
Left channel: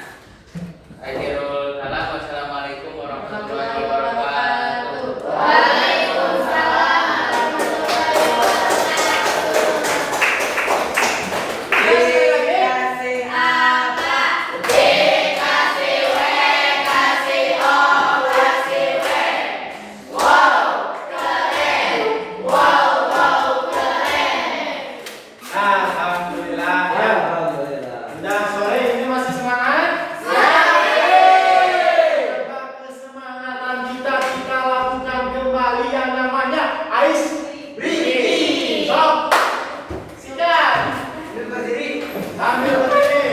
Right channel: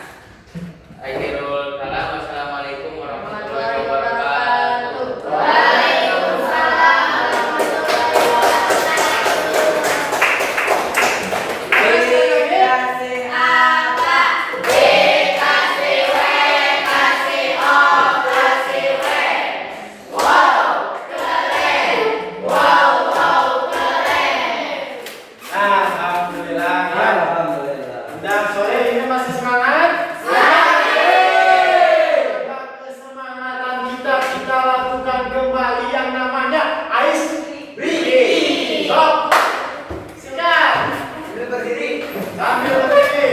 Akhirul kalam. Wassalamualaikum warahmatullahi wabarakatuh. Waalaikumsalam warahmatullahi Dikasih apa? Dikasih W, kasih O, kasih W. Wow, keren. Wow, wow, keren. Alhamdulillah. Ya. Alhamdulillah. Udah sore ini masih semangat? Kesemangatan kita lakukan kembali yang namanya ice breathing. Sok. Sikat. Sambil berdiri. Sambil berdiri.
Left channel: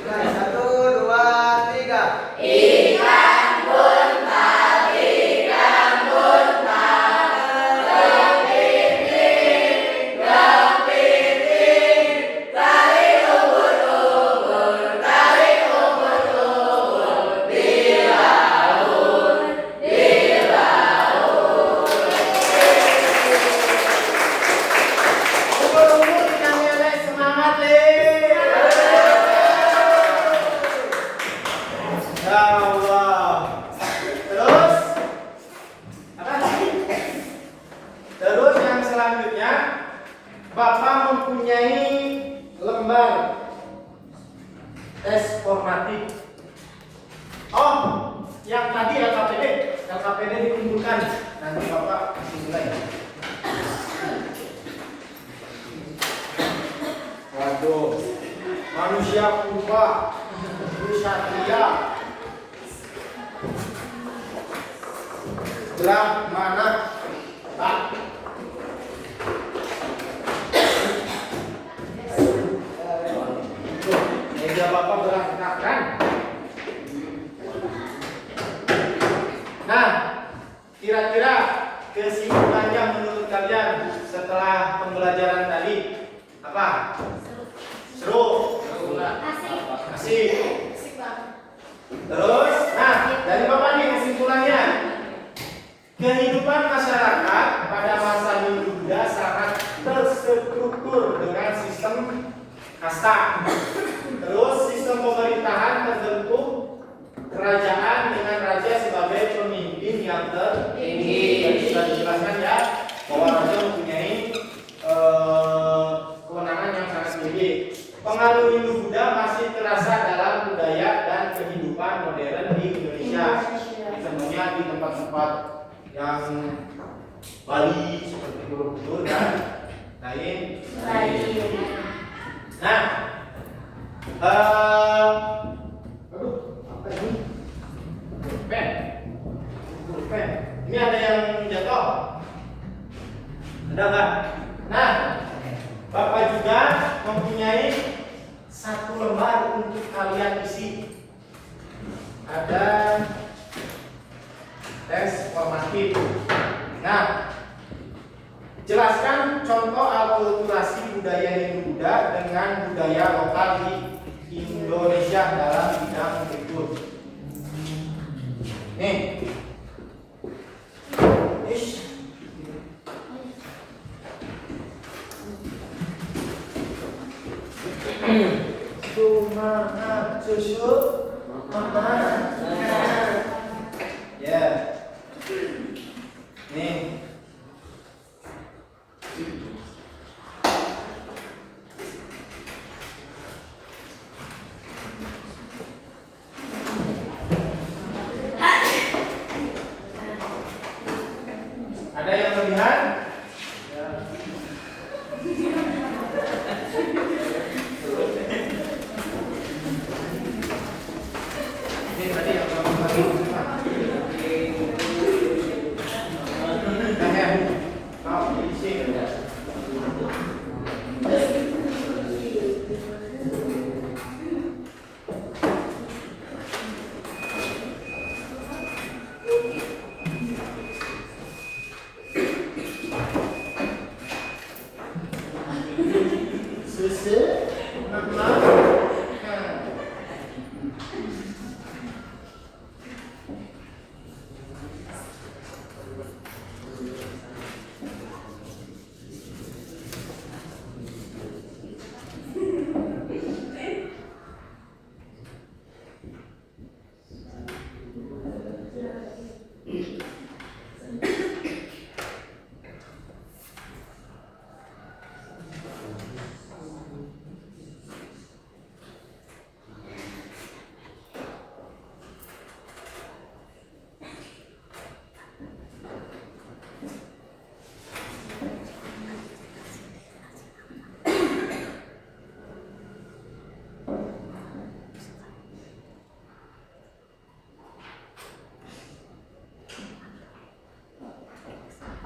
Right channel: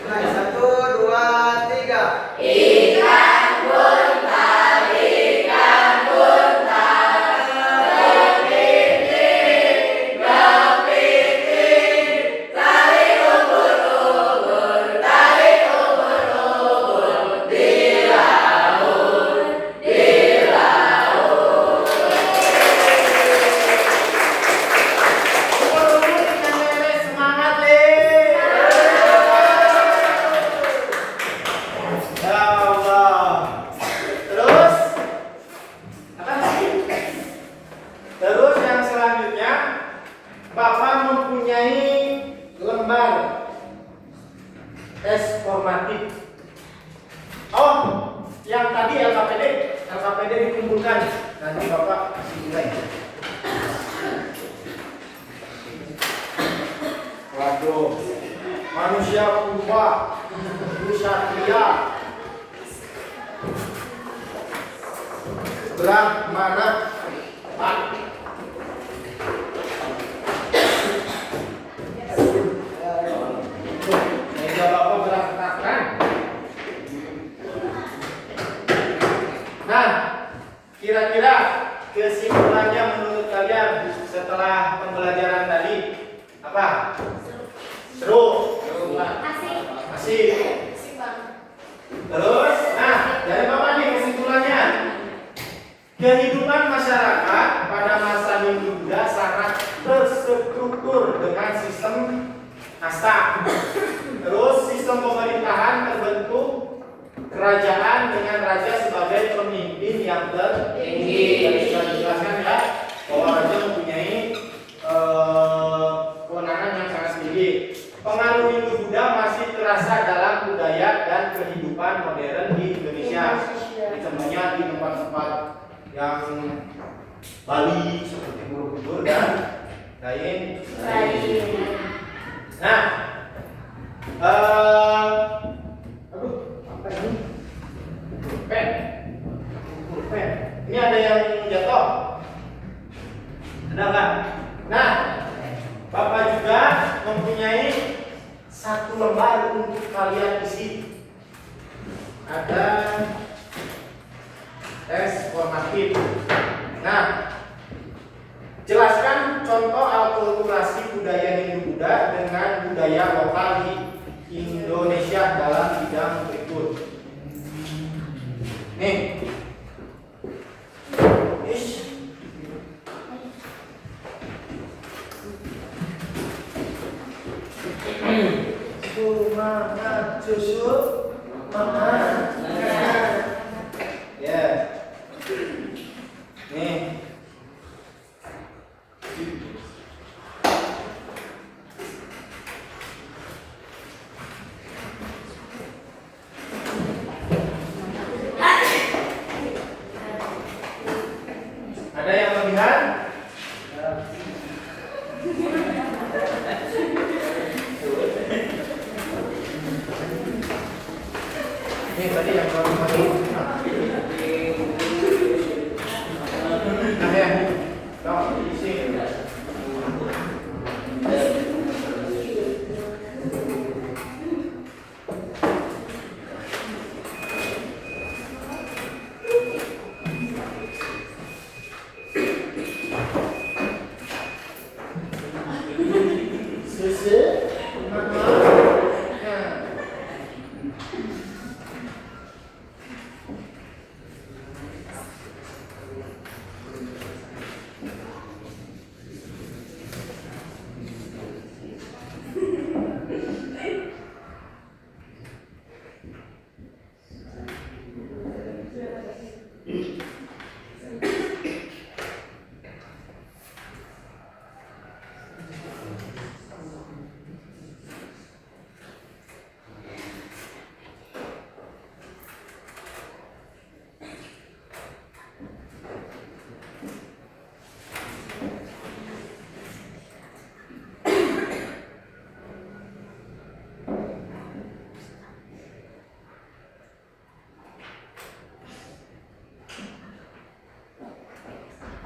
Mulai 1, 2, 3. Ikan buntal, ikan buntal. Gempiting, gempiting. Tarik ubur-ubur, tarik ubur-ubur. Di laut, di laut. Umur-umur ikan lele semangat le. Ya Allah. Terus apa lagi? Terus yang selanjutnya Bapak mempunyai lembar tes formatif. Oh, yang tadi LKPD dikumpulkan. Nanti Bapak kasih nilai. Waduh, manusia Purba, Kusatria, Brahmana, Pak. Meja Bapak berantakan. Nah, kira-kira kesimpulannya menurut kalian setelah pembelajaran tadi apa? Seru? Asik. Asik. Asik banget. Terus, nah dari Bapak nih kesimpulannya. Kehidupan masyarakat pada masa Hindu-Buddha sangat terstruktur dengan sistem kasta. Terus sistem pemerintahan terbentuk kerajaan dengan raja sebagai pemimpin yang tertinggi. Tadi sudah dijelaskan ya bahwa raja mempunyai kewenangan yang sangat tinggi. Pengaruh Hindu-Buddha masih terasa dalam budaya dan kehidupan modern di Indonesia. Contohnya di tempat-tempat yang Bali seperti Borobudur dan lain. Nah, aduh, apa ini? Pen. Ini ada yang jatuh. Ada nggak? Nah, Bapak juga mempunyai satu lembar untuk kalian isi. Ada tes formatif. Nah, jelaskan contoh akulturasi budaya Hindu-Buddha dengan budaya lokal di Indonesia dalam bidang berikut. Nih. Ish. Semangat susu mama. Ya. Nih. Ada yang melihat? Ini tadi yang kamu pakai. Nah ya, kau isi. Susu, mama.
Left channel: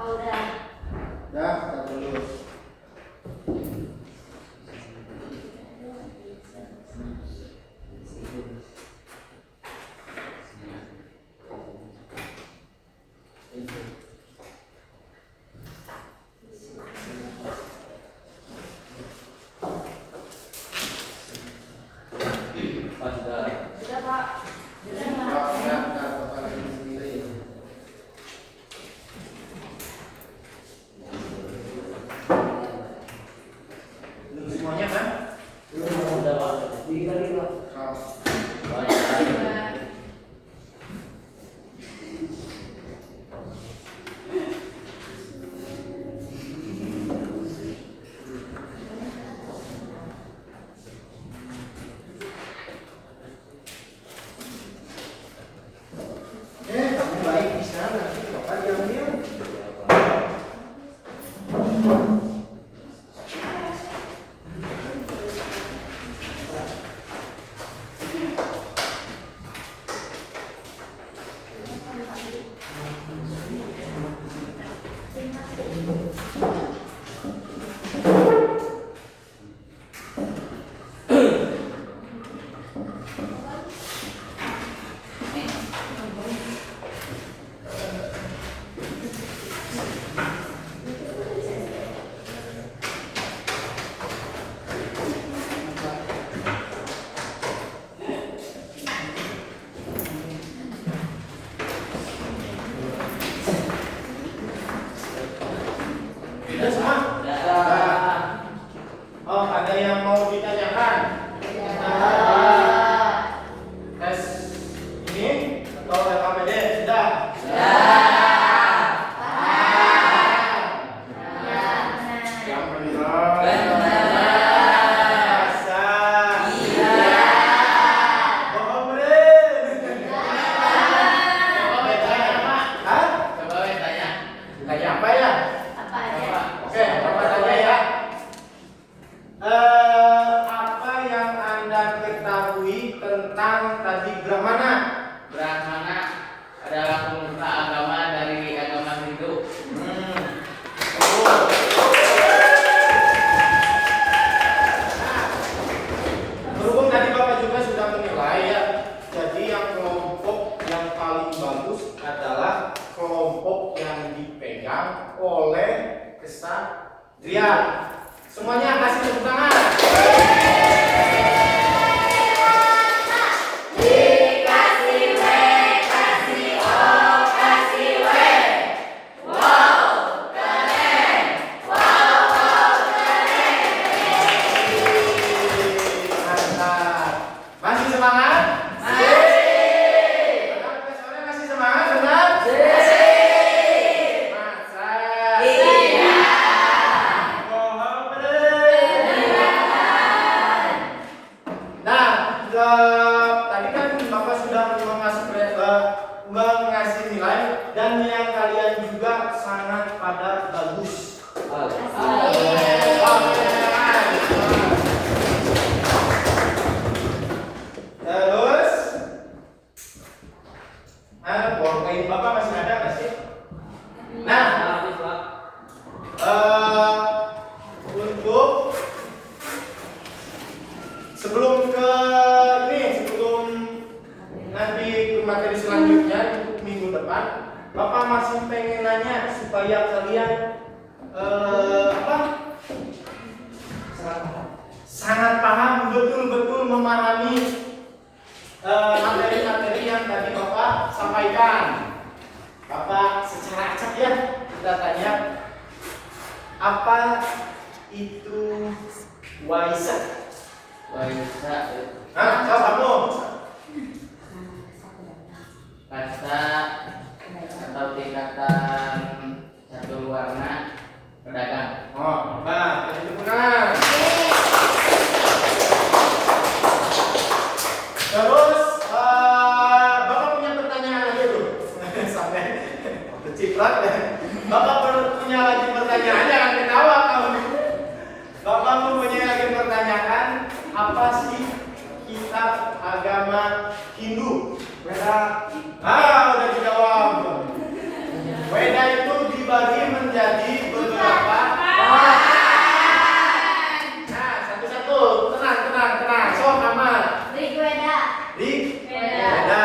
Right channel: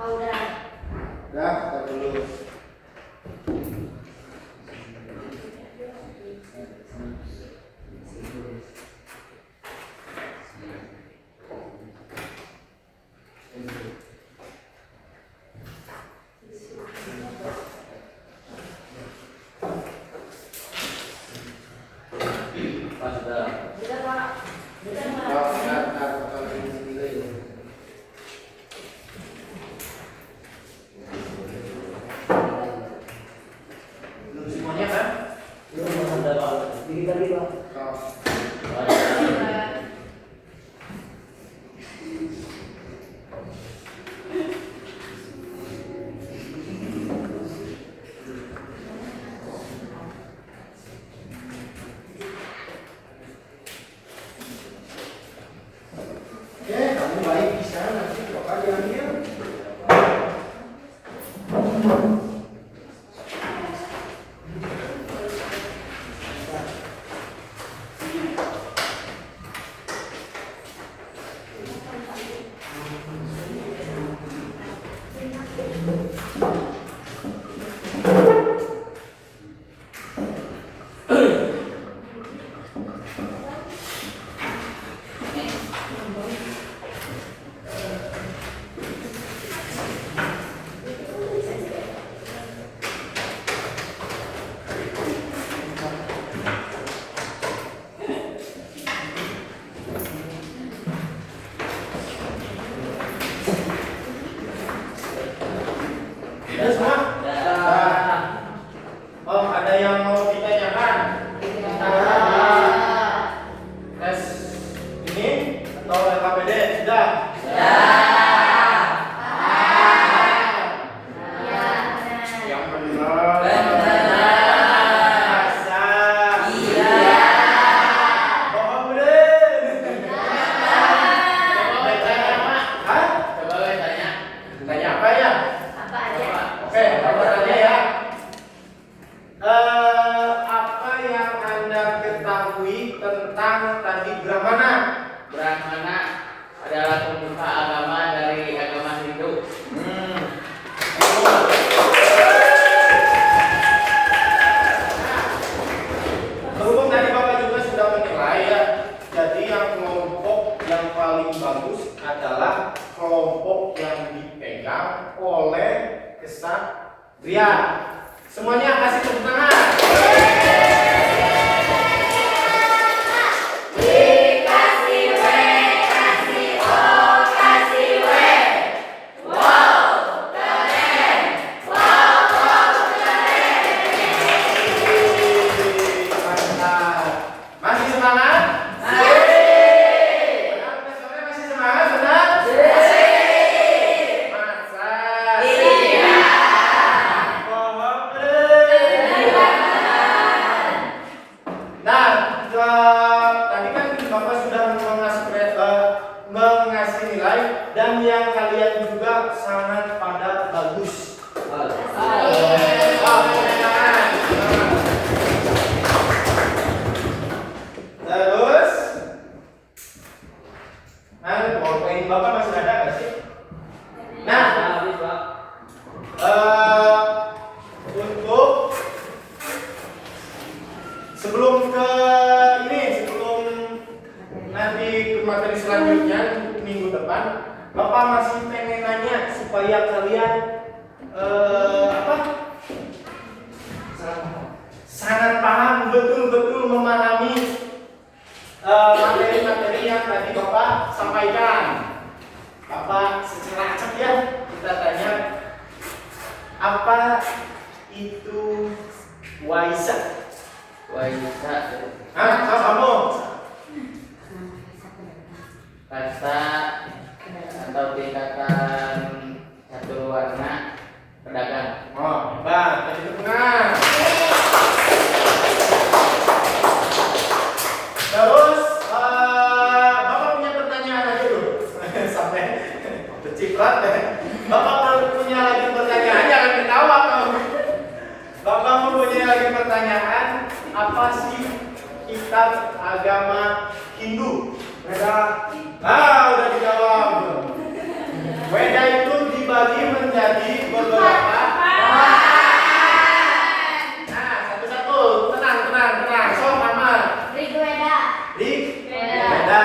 Oh, udah. Dah, tar dulu. Udah, Pak. Belum semuanya kan? Kamu baik bisa nanti Bapak diambil. Anda ketahui tentang tadi Brahmana? Brahmana adalah pemuka agama dari agama Hindu. Berhubung tadi Bapak juga sudah menilai ya, jadi yang kelompok yang paling bagus adalah kelompok yang dipegang oleh kesatria. Semuanya kasih tepuk tangan. Masih semangat? Masih. Masih semangat, benar? Masa? Iya. Nah, tadi kan Bapak sudah mengasih nilai dan yang kalian juga sangat pada bagus. Terus, poin Bapak masih ada nggak sih? Nah, untuk sebelum nanti ke materi selanjutnya minggu depan, Bapak masih pengen nanya supaya kalian sangat paham, betul-betul memahami materi-materi yang tadi Bapak sampaikan. Bapak secara acak ya, kita tanya, apa itu Waisak? Waisak Tahu kamu? kata atau tingkatan catur warna pedagang. Oh, Bang, jadi benar. Terus, Bapak punya pertanyaan lagi dulu. Sampai berciprat deh. Bapak perlu punya lagi pertanyaan, jangan ketawa kamu. Bapak punya lagi pertanyaan, apa sih kitab agama Hindu? Udah dijawab. Weda itu dibagi menjadi beberapa. Nah, satu-satu, tenang. So, nama Rigveda. Rigveda.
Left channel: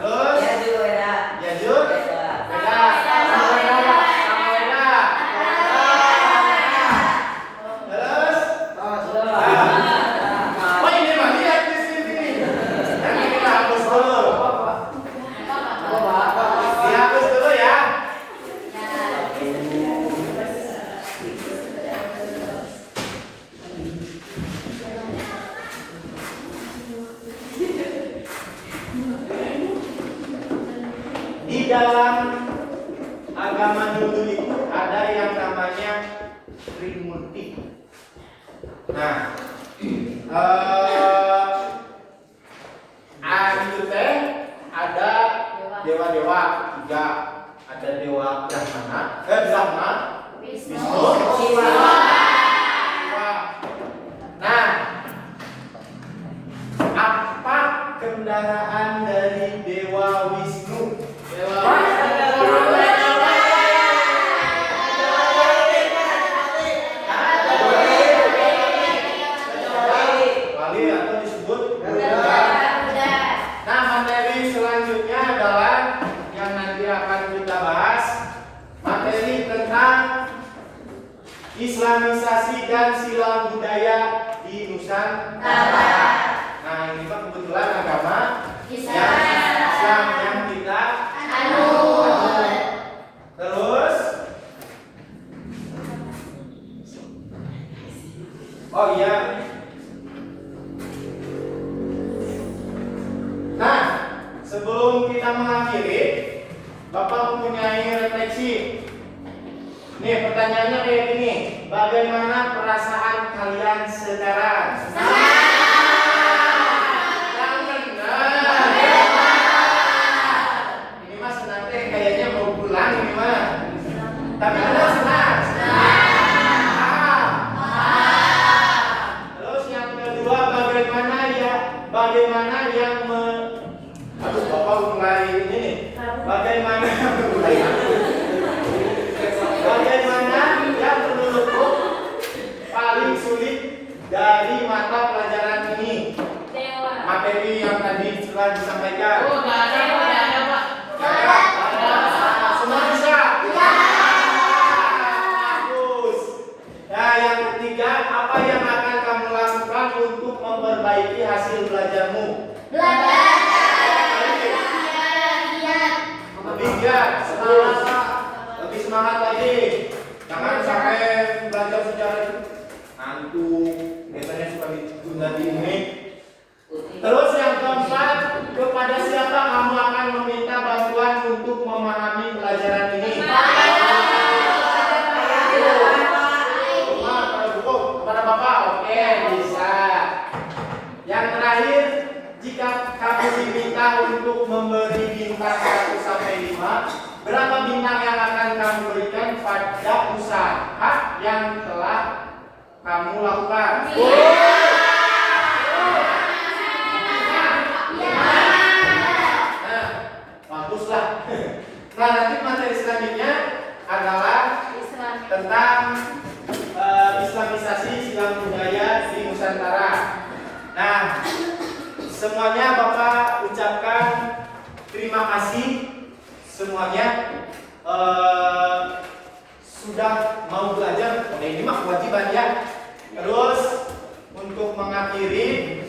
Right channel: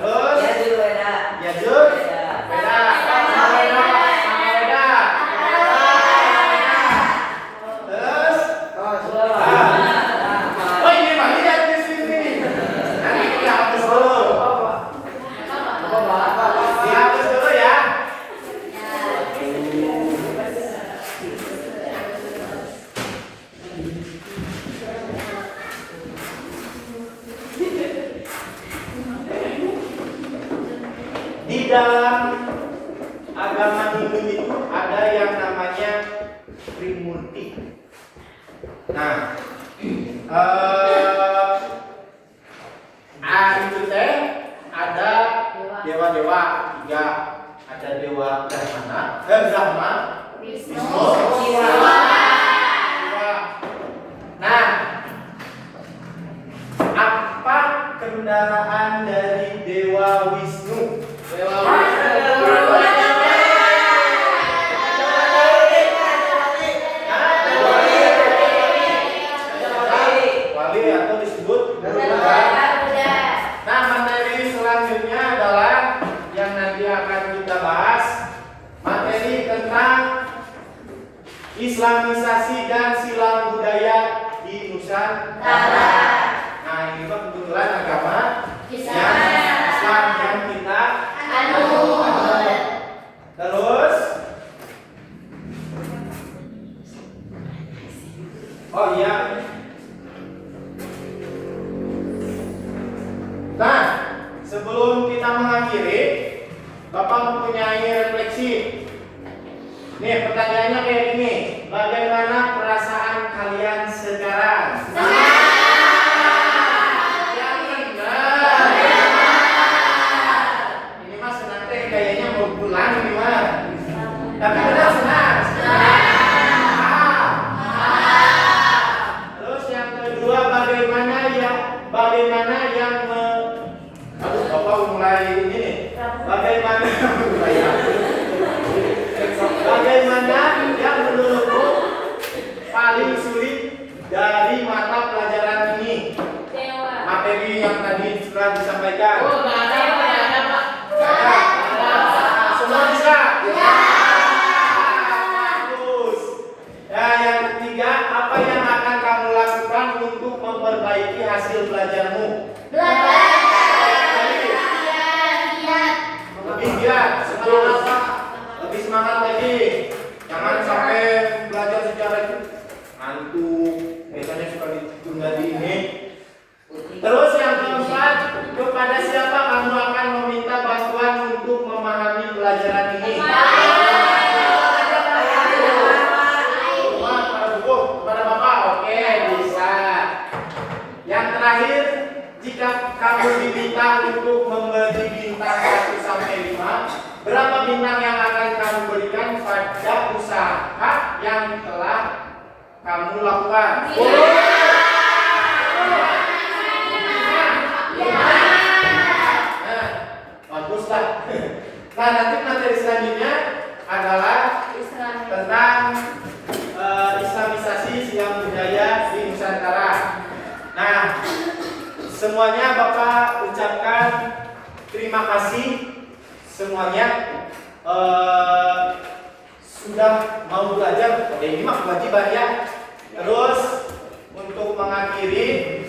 Terus Yajur Weda. Yajur Weda. Sama Weda. Terus oh ini mah lihat di sini. Nanti kita hapus dulu. Dihapus dulu ya. Di dalam agama Hindu itu ada yang namanya Trimurti. Nah, itu teh ada dewa-dewa tiga, ada dewa Brahma, Wisnu, Siwa. Nah, apa kendaraan dari dewa Wisnu? Wali atau disebut Garuda. Nah, materi selanjutnya adalah yang nanti akan kita bahas, materi tentang Islamisasi dan silang budaya di Nusantara. Nah, ini Pak kebetulan agama Islam yang kita anut. Terus, oh iya. Nah, sebelum kita mengakhiri, Bapak mempunyai refleksi. Nih, pertanyaannya kayak gini. Bagaimana perasaan kalian sekarang? Yang benar. Ini mas nanti kayaknya mau pulang ini mas. Tapi benar senang. Terus yang kedua, bagaimana materi yang tadi sudah disampaikan? Oh, nggak ada Pak. Nggak ada. Semua bisa? Bagus. Nah, yang ketiga, apa yang akan kamu lakukan untuk memperbaiki hasil belajarmu? Lebih giat, semangat, lebih semangat lagi. Jangan sampai belajar sejarah itu ngantuk, biasanya suka ditunda di ini. Terus yang keempat, kepada siapa kamu akan meminta bantuan untuk memahami pelajaran ini? Kepada Bapak, oke, bisa. Yang terakhir, jika kamu diminta untuk memberi bintang 1 sampai 5, berapa bintang yang akan kamu berikan pada usaha yang telah kamu lakukan? Nah, baguslah. Nah, nanti materi selanjutnya adalah tentang Islamisasi Islam budaya di Nusantara. Nah, semuanya Bapak ucapkan terima kasih semuanya sudah mau belajar. Ini mah kewajiban ya. Terus untuk mengakhiri